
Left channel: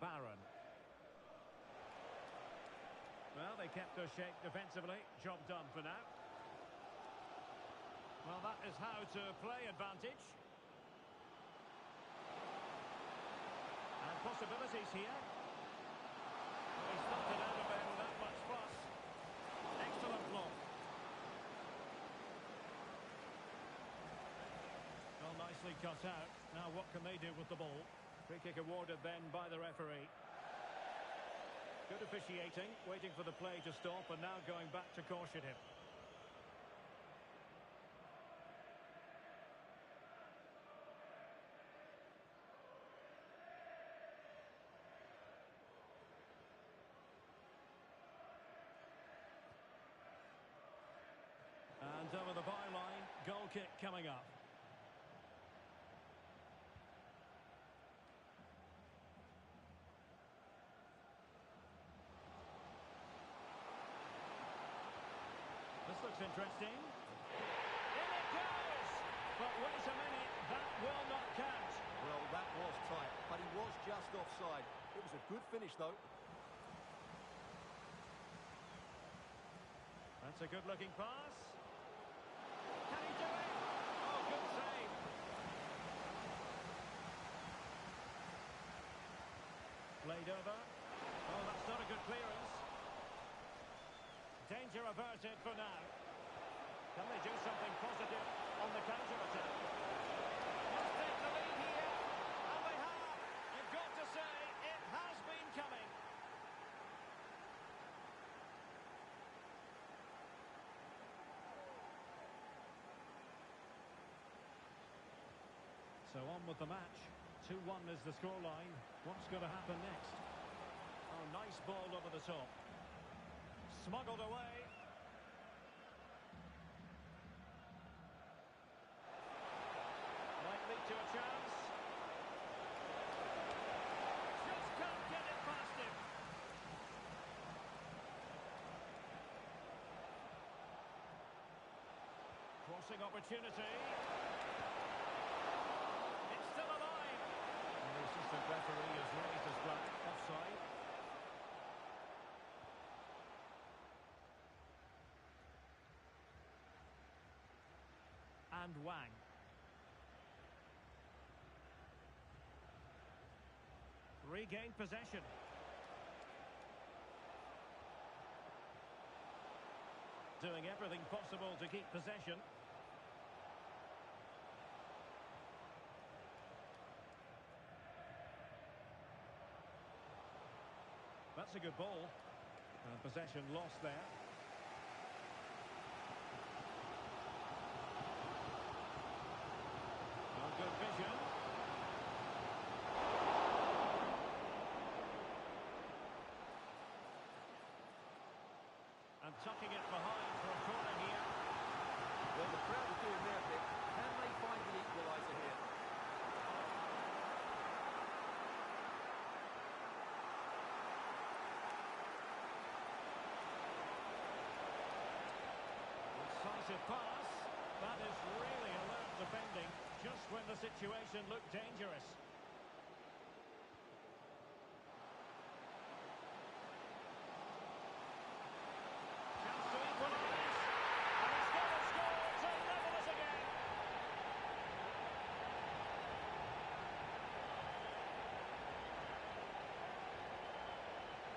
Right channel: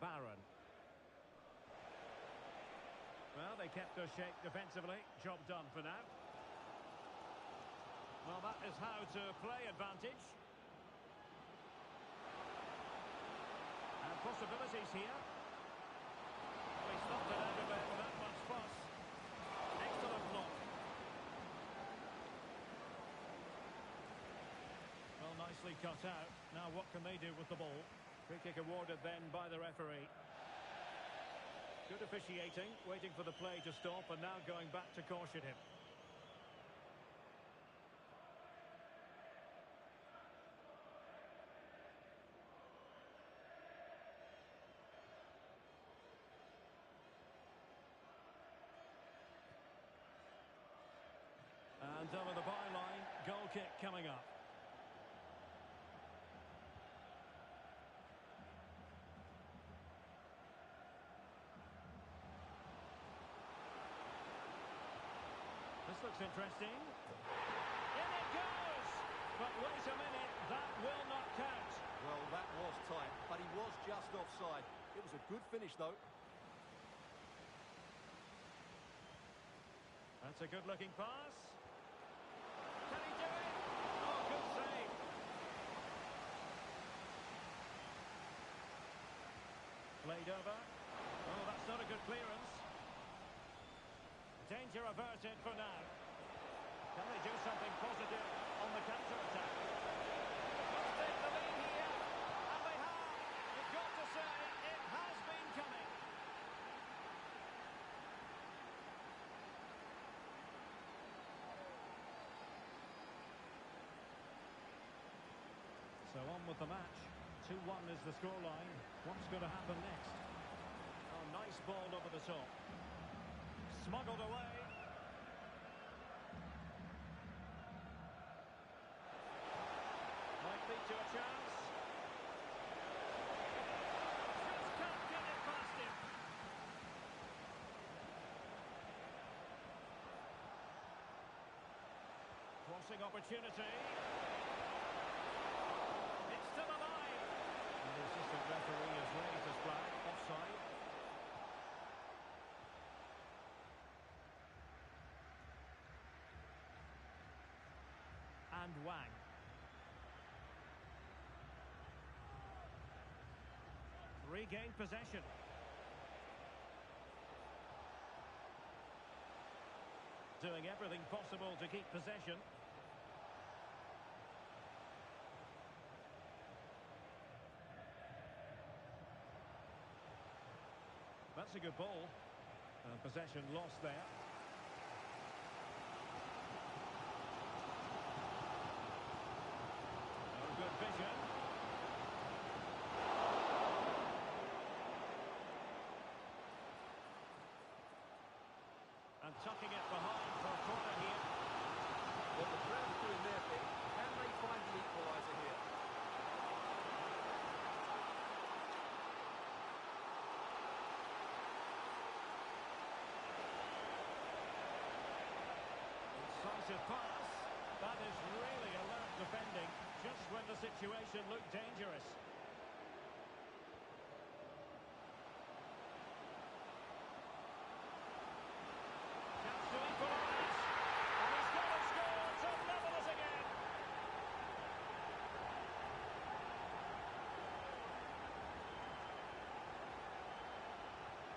Baran. Well, they kept their shape defensively. Job done for now. Well, that is how to play advantage. And possibilities here. Well, he stuffed it out of there without much fuss. Excellent block. Well, nicely cut out. Now what can they do with the ball? Free kick awarded then by the referee. Good officiating, waiting for the play to stop and now going back to caution him. And over the byline, goal kick coming up. This looks interesting. In it goes! But wait a minute, that will not count. Well, that was tight, but he was just offside. It was a good finish, though. That's a good-looking pass. Can he do it? Oh, good save. Played over. Oh, that's not a good clearance. Danger averted for now. Can they do something positive on the counter-attack? Must take the lead here. And they have. You've got to say, it has been coming. So on with the match. 2-1 is the scoreline. What's going to happen next? Oh, nice ball over the top. Smuggled away. Might lead to a chance. Just can't get it past him. Crossing opportunity. It's still alive. And the assistant referee has raised his flag. Offside. And Wang. Regained possession. Doing everything possible to keep possession. That's a good ball. And possession lost there. Oh, good vision. And tucking it behind for a corner here. Well, the crowd are doing their bit. Can they find the equaliser here? Incisive pass. That is really alert defending, just when the situation looked dangerous. Chance to equalise. And he's going to score to level it again.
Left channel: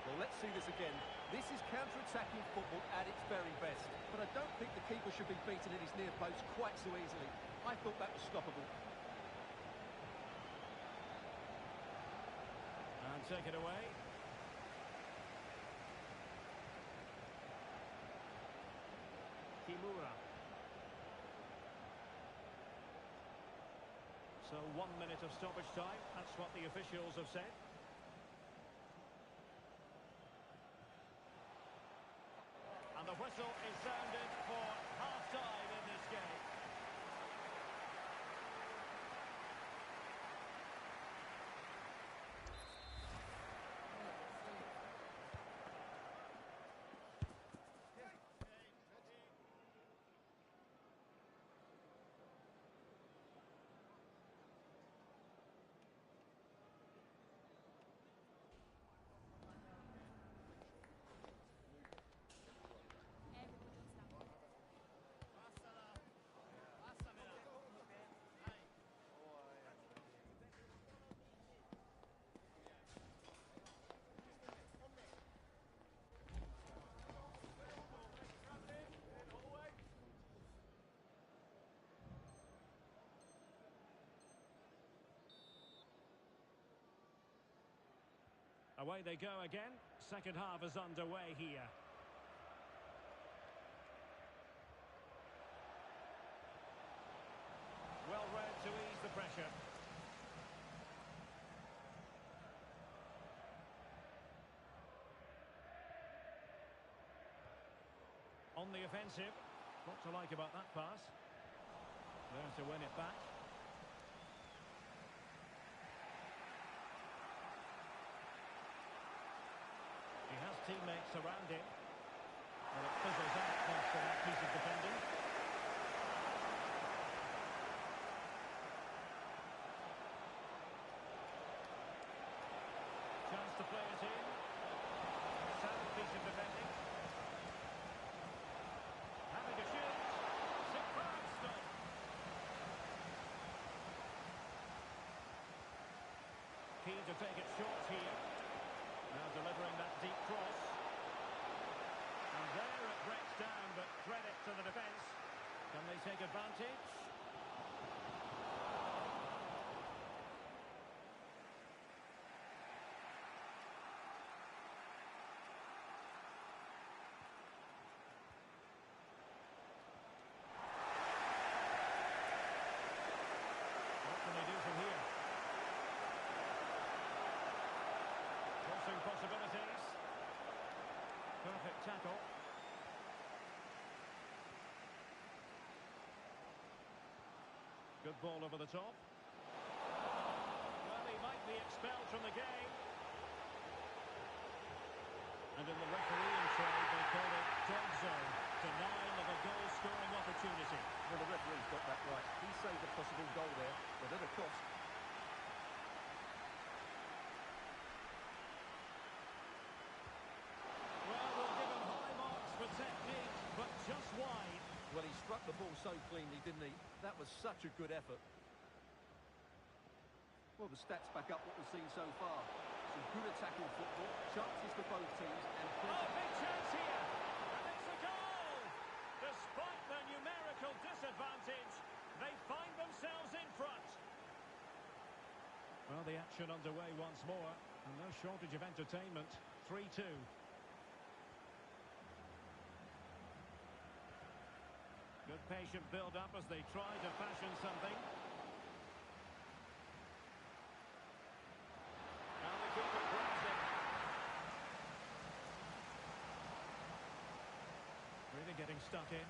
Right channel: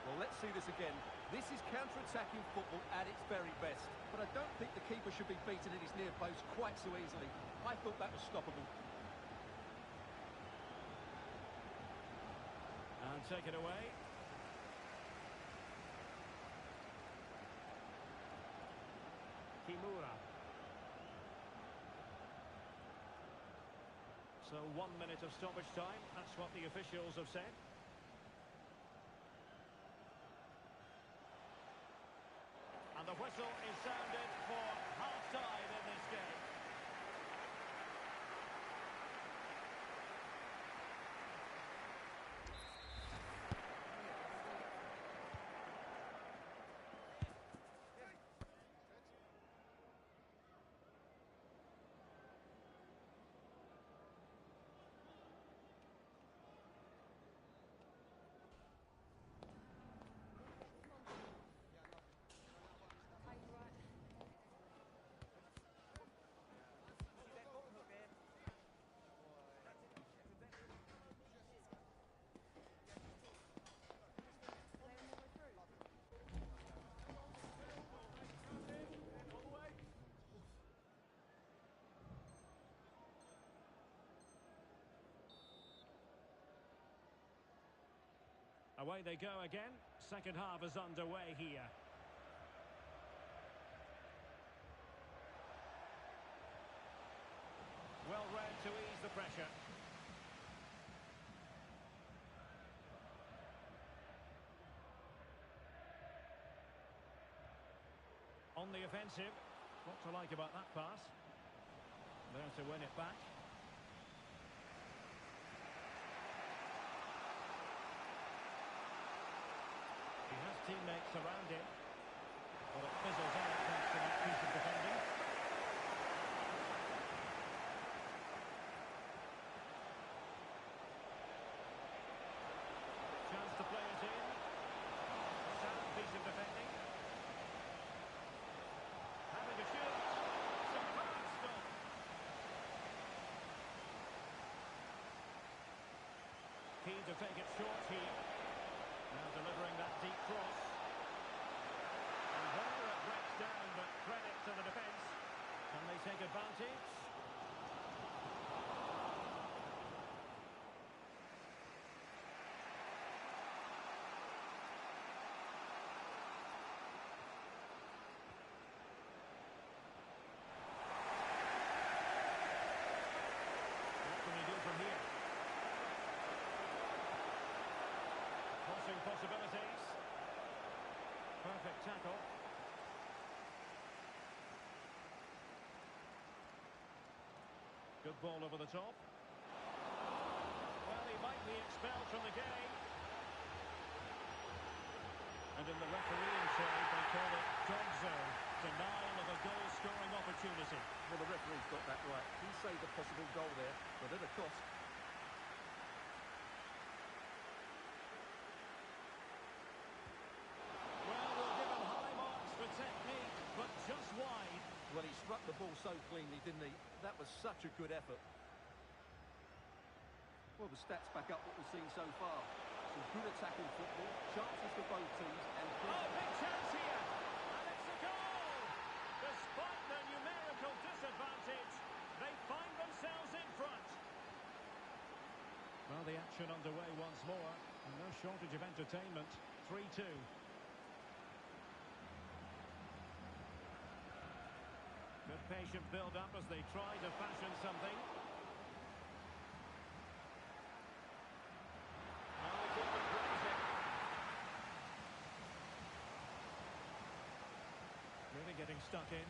Well, let's see this again. This is counter-attacking football at its very best. But I don't think the keeper should be beaten at his near post quite so easily. I thought that was stoppable. And take it away. Kimura. So 1 minute of stoppage time. That's what the officials have said. And the whistle is sounded for half-time in this game. Away they go again. Second half is underway here. Well read to ease the pressure. On the offensive. What to like about that pass. There to win it back. He has teammates around him, but it fizzles out thanks to that piece of defending. Chance to play it in. Sound piece of defending. Having a shoot. Superb stop. Keen to take it short here. Now delivering that they take advantage? What can they do from here? Crossing possibilities. Perfect tackle. Good ball over the top. Well, he might be expelled from the game. And in the refereeing trade, they call it dogzo, denial of a goal-scoring opportunity. Well, the referee's got that right. He saved a possible goal there, but at a cost. Well, we'll give him high marks for technique, but just wide. Well, he struck the ball so cleanly, didn't he? That was such a good effort. Well, the stats back up what we've seen so far. Some good attacking football, chances for both teams, and Oh, big chance here! And it's a goal! Despite their numerical disadvantage, they find themselves in front. Well, the action underway once more, and no shortage of entertainment. 3-2. Good patient build-up as they try to fashion something. And the keeper grabs it. Really getting stuck in.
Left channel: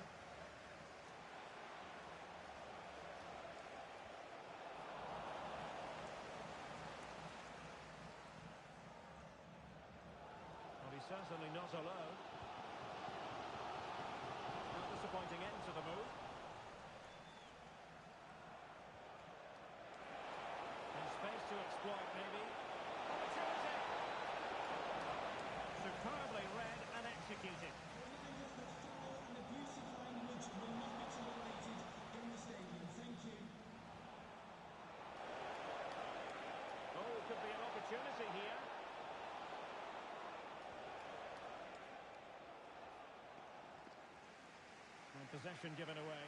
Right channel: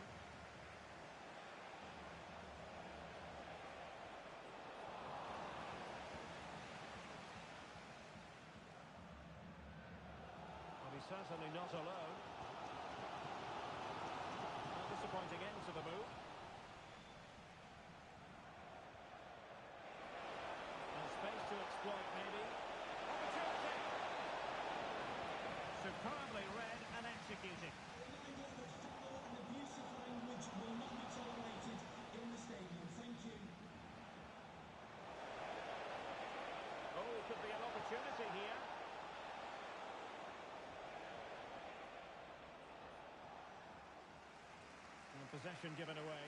Well, he's certainly not alone. A disappointing end to the move. And space to exploit, maybe. Opportunity! Superbly read and executed. A reminder that foul and abusive language will not be tolerated in the stadium. Thank you. Oh, could be an opportunity here. And possession given away.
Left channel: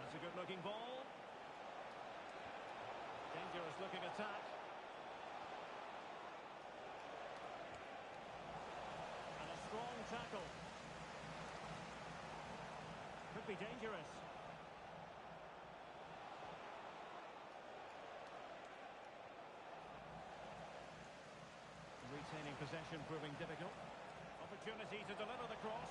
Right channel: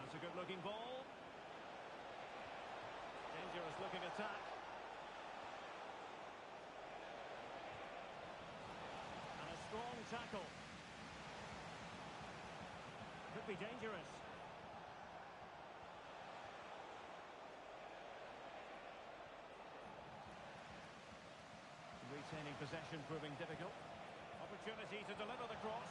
That's a good-looking ball. Dangerous-looking attack. And a strong tackle. Could be dangerous. Retaining possession proving difficult. Opportunity to deliver the cross.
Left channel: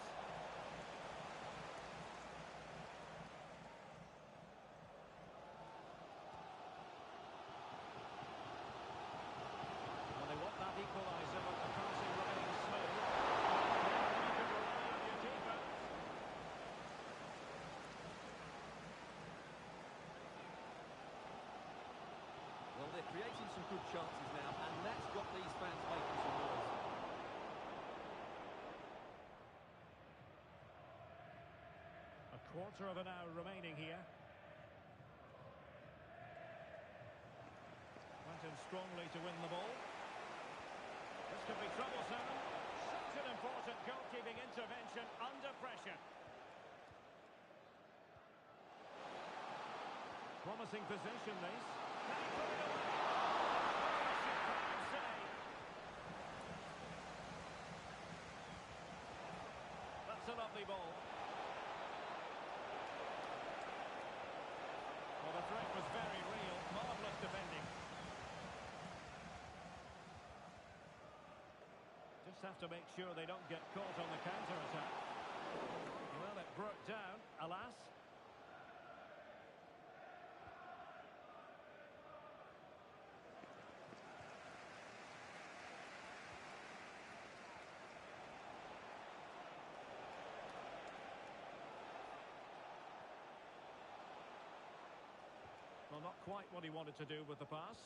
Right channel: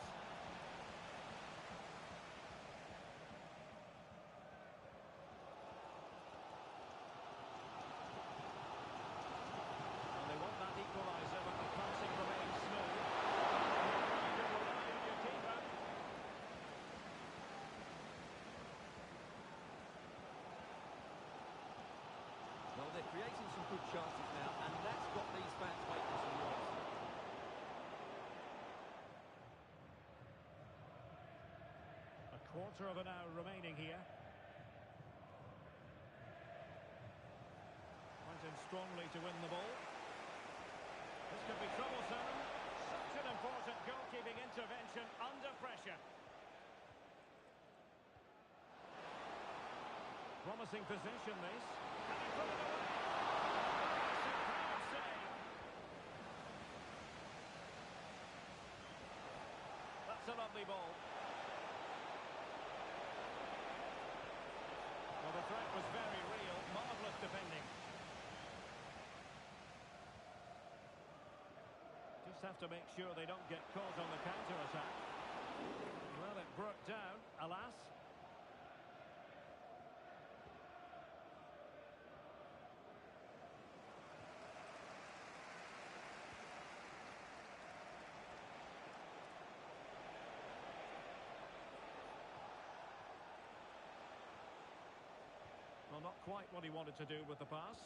Well, they want that equaliser, but the passing remains smooth. Here you can rely on your keeper. Well, they're creating some good chances now, and that's got these fans making some noise. A quarter of an hour remaining here. Went in strongly to win the ball. This could be troublesome. Such an important goalkeeping intervention under pressure. Promising position, this. Can he put it away? Oh, a superb save. That's a lovely ball. Well, the threat was very real. Marvellous defending. Just have to make sure they don't get caught on the counter-attack. Well, it broke down, alas. Well, not quite what he wanted to do with the pass.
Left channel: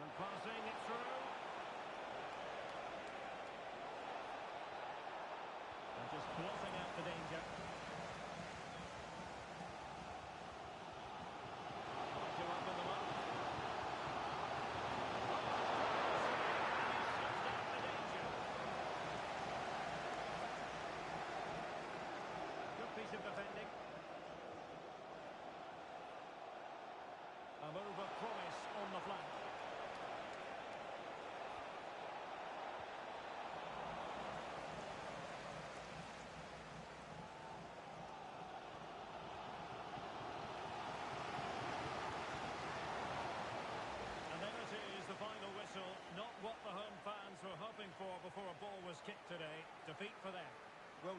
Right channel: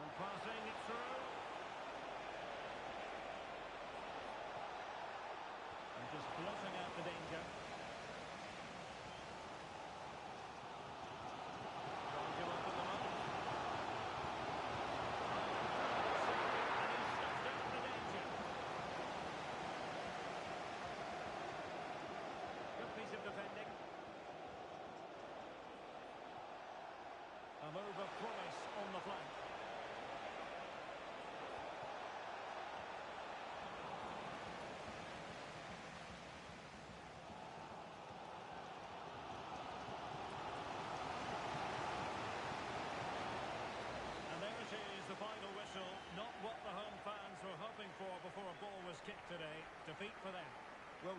And passing it through. And just blotting out the danger. piece of defending. A move of promise on the flank. And there it is, the final whistle. Not what the home fans were hoping for before a ball was kicked today. Defeat for them. Well,